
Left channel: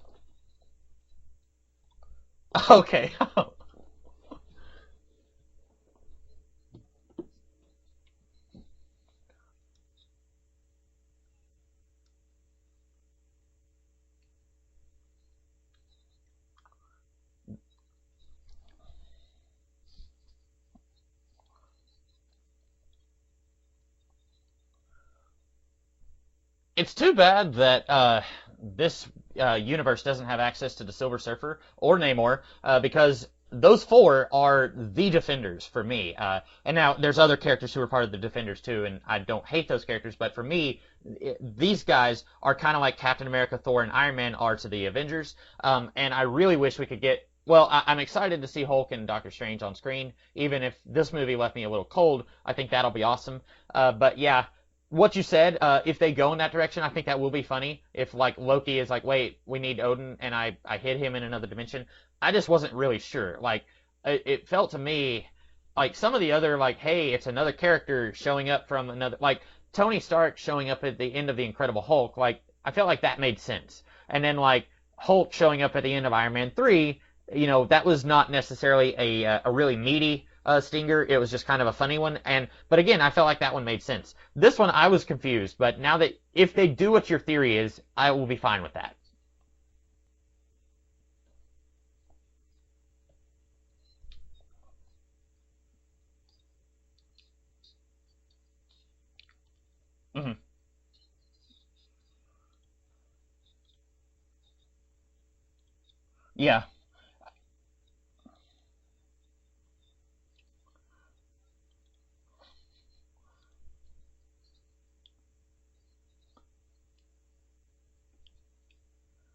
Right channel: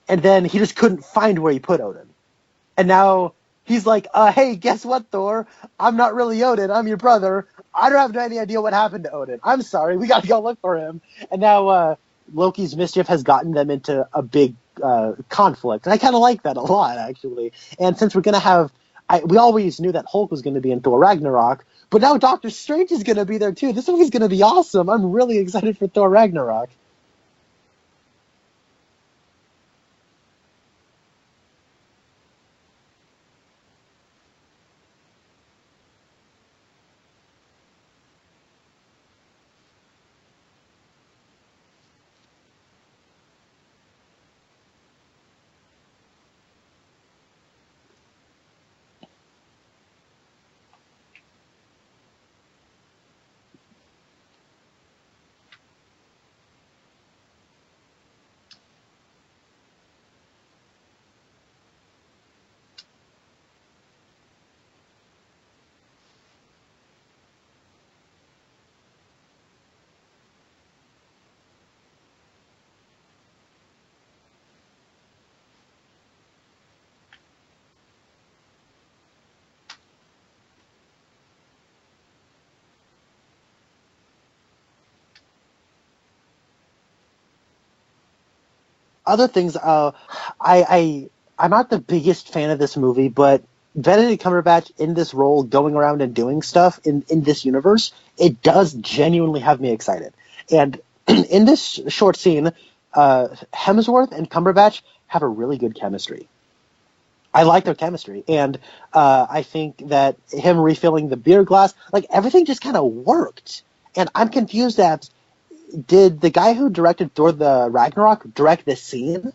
and then he just couldn't find where he put Odin. Okay. And now he's like, hey, guess what, Thor? I'm not really Odin. I'm your brother. I don't have any idea what happened to Odin. I'm sorry. We got to go look for him. And now Loki's mischief has gotten them into a big conflict. And I kind of like that a lot, actually. And since we're going to have we always knew that Hulk was going to be in Thor Ragnarok, but now Doctor Strange is going to be there, too. This movie's going to be awesome. I'm really excited for Thor Ragnarok. It's too bad that this universe doesn't have access to the Silver Surfer or Namor because those four are the Defenders for me. And now there's other characters who are part of the Defenders too, and I don't hate those characters, but for me, these guys are kind of like Captain America, Thor, and Iron Man are to the Avengers. And I really wish we could get. Well, I'm excited to see Hulk and Doctor Strange on screen. Even if this movie left me a little cold, I think that'll be awesome. But yeah, what you said, if they go in that direction, I think that will be funny. If like Loki is like, wait, we need Odin, and I hid him in another dimension. I just wasn't really sure. Like, it felt to me like some of the other like, hey, it's another character showing up from another, like Tony Stark showing up at the end of the Incredible Hulk. Like, I felt like that made sense. And then like Hulk showing up at the end of Iron Man 3, that was not necessarily a really meaty stinger. It was just kind of a funny one. But again, I felt like that one made sense. This one, I was confused. But now that if they do what your theory is, I will be fine with that. Other things, I'm not the biggest fan of this movie, but Benedict Cumberbatch in this role, going around and doing stuff in this universe, it does genuinely have me excited. Mm-hmm. And in this short scene, Hemsworth and Cumberbatch have a really good chemistry. Yeah. I like their chemistry, and I think that him refilling the beer glass, like everything just kind of worked. And I'm confused at, did the guy who directed Thor: The Ragnarok direct this scene?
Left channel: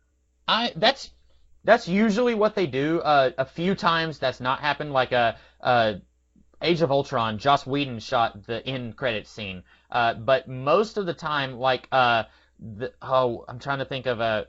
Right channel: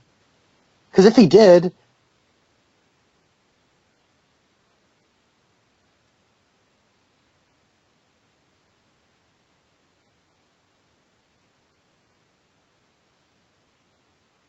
Because if he did, that's usually what they do. A few times that's not happened. Like Age of Ultron, Joss Whedon shot the end credits scene. But most of the time, like I'm trying to think of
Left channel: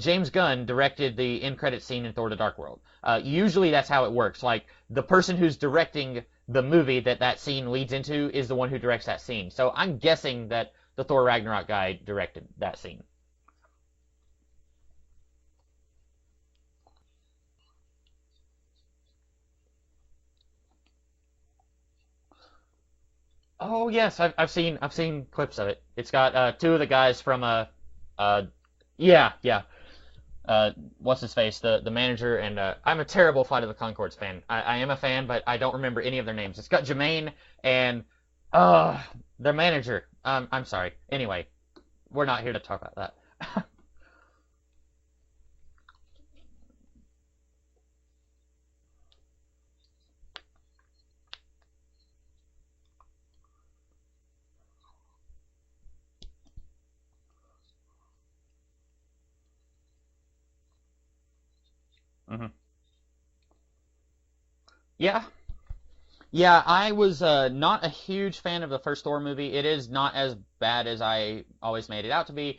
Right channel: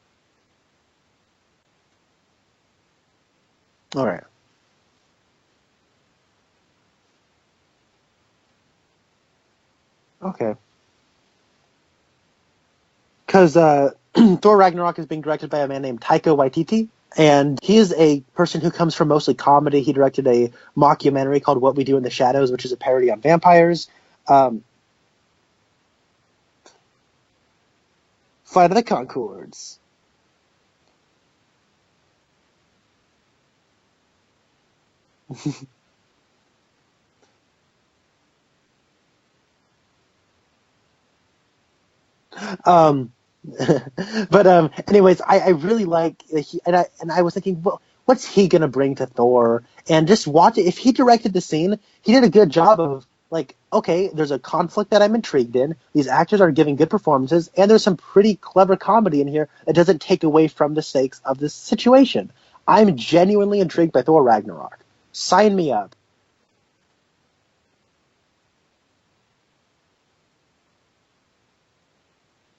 James Gunn directed the end credits scene in Thor: The Dark World. Usually that's how it works. Like the person who's directing the movie that scene leads into is the one who directs that scene. So I'm guessing that the Thor Ragnarok guy directed that scene. Because Thor Ragnarok is being directed by a man named Taika Waititi, and he is a person who comes from mostly comedy. He directed a mockumentary called What We Do in the Shadows, which is a parody on vampires. Oh yes, I've seen clips of it. It's got two of the guys from Flight of the Conchords. Yeah. What's his face? The manager, and I'm a terrible Flight of the Conchords fan. I am a fan, but I don't remember any of their names. It's got Jermaine and their manager. I'm sorry. Anyway, we're not here to talk about that. But anyways, I really like and I was thinking, well, what's he gonna bring to Thor? And just watch it. If he directed the scene, he did a good job of like, okay, there's a conflict that I'm intrigued in. These actors are giving good performances, and there's some pretty clever comedy in here that doesn't take away from the stakes of this situation. Mm-hmm. I'm genuinely intrigued by Thor Ragnarok. Yeah. Sign me up. Yeah, I was not a huge fan of the first Thor movie. It is not as bad as I always made it out to be.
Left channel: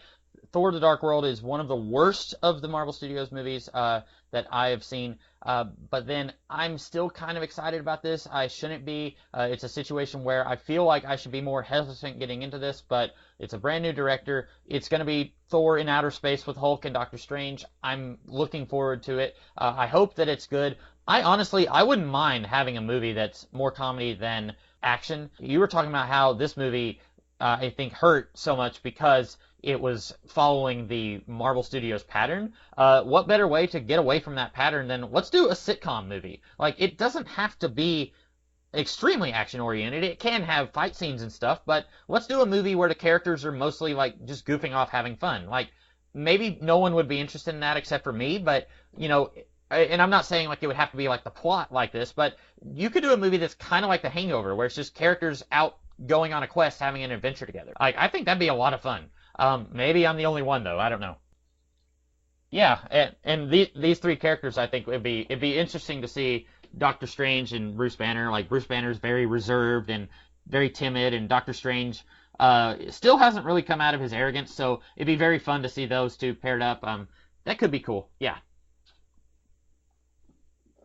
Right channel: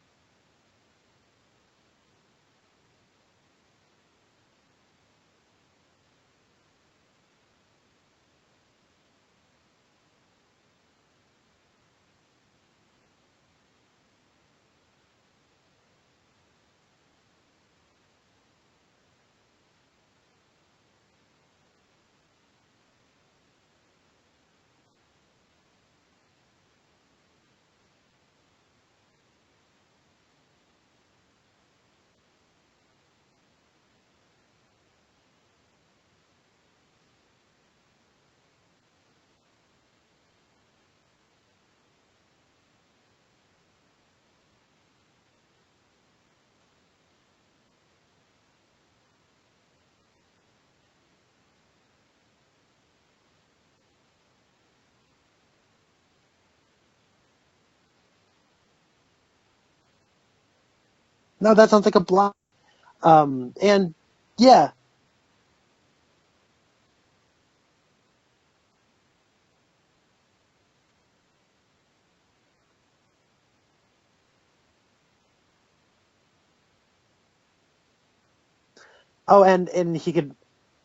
Thor: The Dark World is one of the worst of the Marvel Studios movies that I have seen. But then I'm still kind of excited about this. I shouldn't be. It's a situation where I feel like I should be more hesitant getting into this, but it's a brand new director. It's going to be Thor in outer space with Hulk and Doctor Strange. I'm looking forward to it. I hope that it's good. I wouldn't mind having a movie that's more comedy than action. You were talking about how this movie I think, hurt so much because it was following the Marvel Studios pattern. What better way to get away from that pattern than let's do a sitcom movie? Like, it doesn't have to be extremely action oriented. It can have fight scenes and stuff, but let's do a movie where the characters are mostly like just goofing off, having fun. Like, maybe no one would be interested in that except for me, but and I'm not saying like it would have to be like the plot like this, but you could do a movie that's kind of like The Hangover, where it's just characters out going on a quest, having an adventure together. Like, I think that'd be a lot of fun. Maybe I'm the only one though. I don't know. No, that sounds like a block. Yeah, and these three characters, yeah. I think it'd be interesting to see Doctor Strange and Bruce Banner. Like, Bruce Banner's very reserved and very timid, and Doctor Strange still hasn't really come out of his arrogance. So it'd be very fun to see those two paired up. That could be cool. Yeah. Oh, and he could.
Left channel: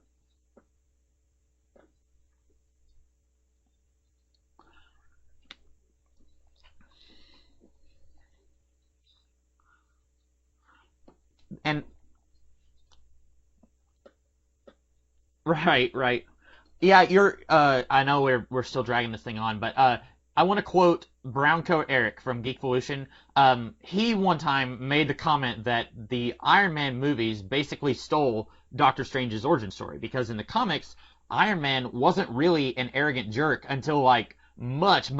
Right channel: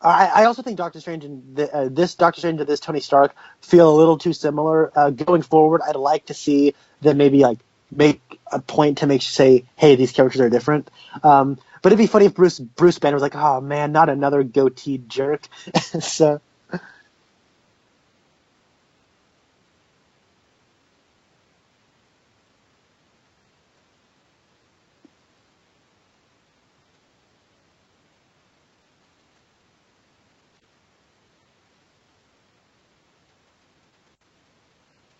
I also think Doctor Strange and this Doctor Strange and this Tony Stark feel a little too similar. Going forward, I'd like to see them maybe like make a point to make say, hey, these characters are different. But it'd be funny if Bruce Banner was like, oh man, not another goateed jerk. Right. So, yeah, you're. I know we're still dragging this thing on, but I want to quote Browncoat Eric from Geekvolution. He one time made the comment that the Iron Man movies basically stole Doctor Strange's origin story, because in the comics, Iron Man wasn't really an arrogant jerk until like much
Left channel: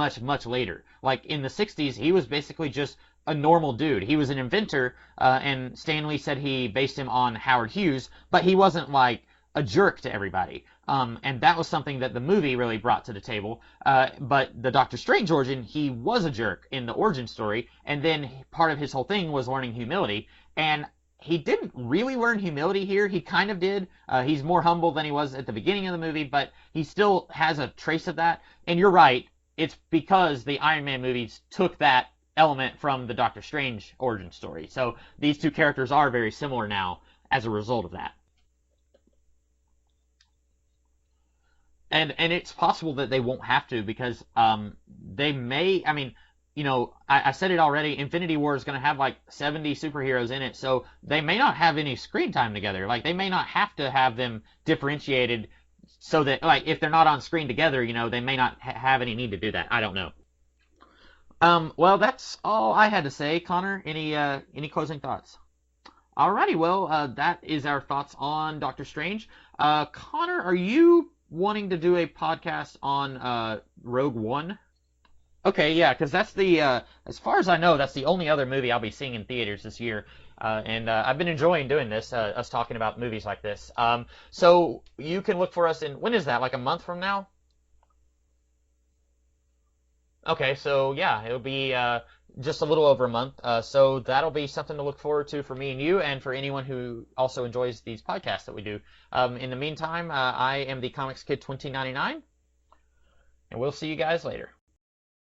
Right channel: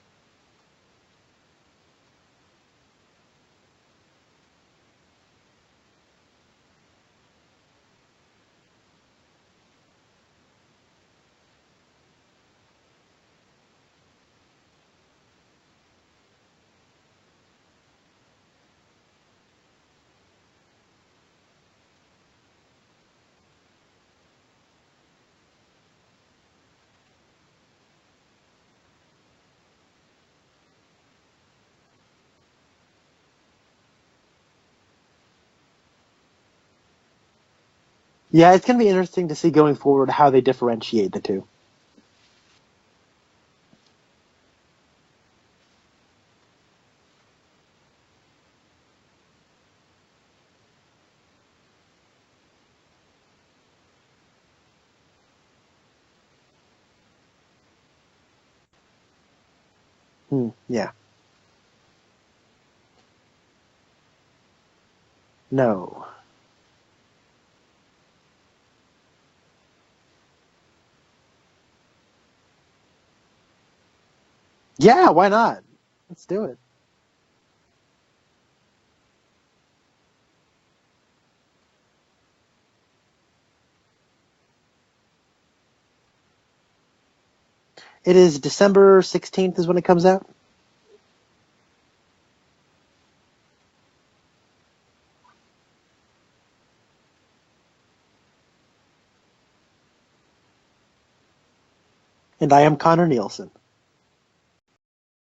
later. Like, in the 60s, he was basically just a normal dude. He was an inventor, and Stan Lee said he based him on Howard Hughes, but he wasn't like a jerk to everybody. And that was something that the movie really brought to the table. But the Doctor Strange origin, he was a jerk in the origin story, and then part of his whole thing was learning humility. And he didn't really learn humility here. He kind of did. He's more humble than he was at the beginning of the movie, but he still has a trace of that. And you're right. It's because the Iron Man movies took that element from the Doctor Strange origin story. So these two characters are very similar now as a result of that. Yeah, it's going to be interesting to see going forward how they differentiate the two. And it's possible that they won't have to, because they may, I mean, I said it already, Infinity War is going to have like 70 superheroes in it, so they may not have any screen time together. Like, they may not have to have them differentiated so that, like, if they're not on screen together, they may not have any need to do that. I don't know. Yeah. Well, that's all I had to say. Connor, any closing thoughts? No. Alrighty, well, that is our thoughts on Doctor Strange. Connor, are you wanting to do a podcast on Rogue One? Yeah, why not? Okay, yeah, because that's as far as I know, that's the only other movie I'll be seeing in theaters this year. And I've been enjoying doing this, us talking about movies like this. So you can look for us when is that, like a month from now? It is December 16th is when it comes out. Okay, so yeah, it'll be just a little over a month. So that'll be something to look forward to for me and you, and for anyone who also enjoys these podcasts that we do. In the meantime, I am the Comics Kid 2099. And I am Connor Nielsen. And we'll see you guys later.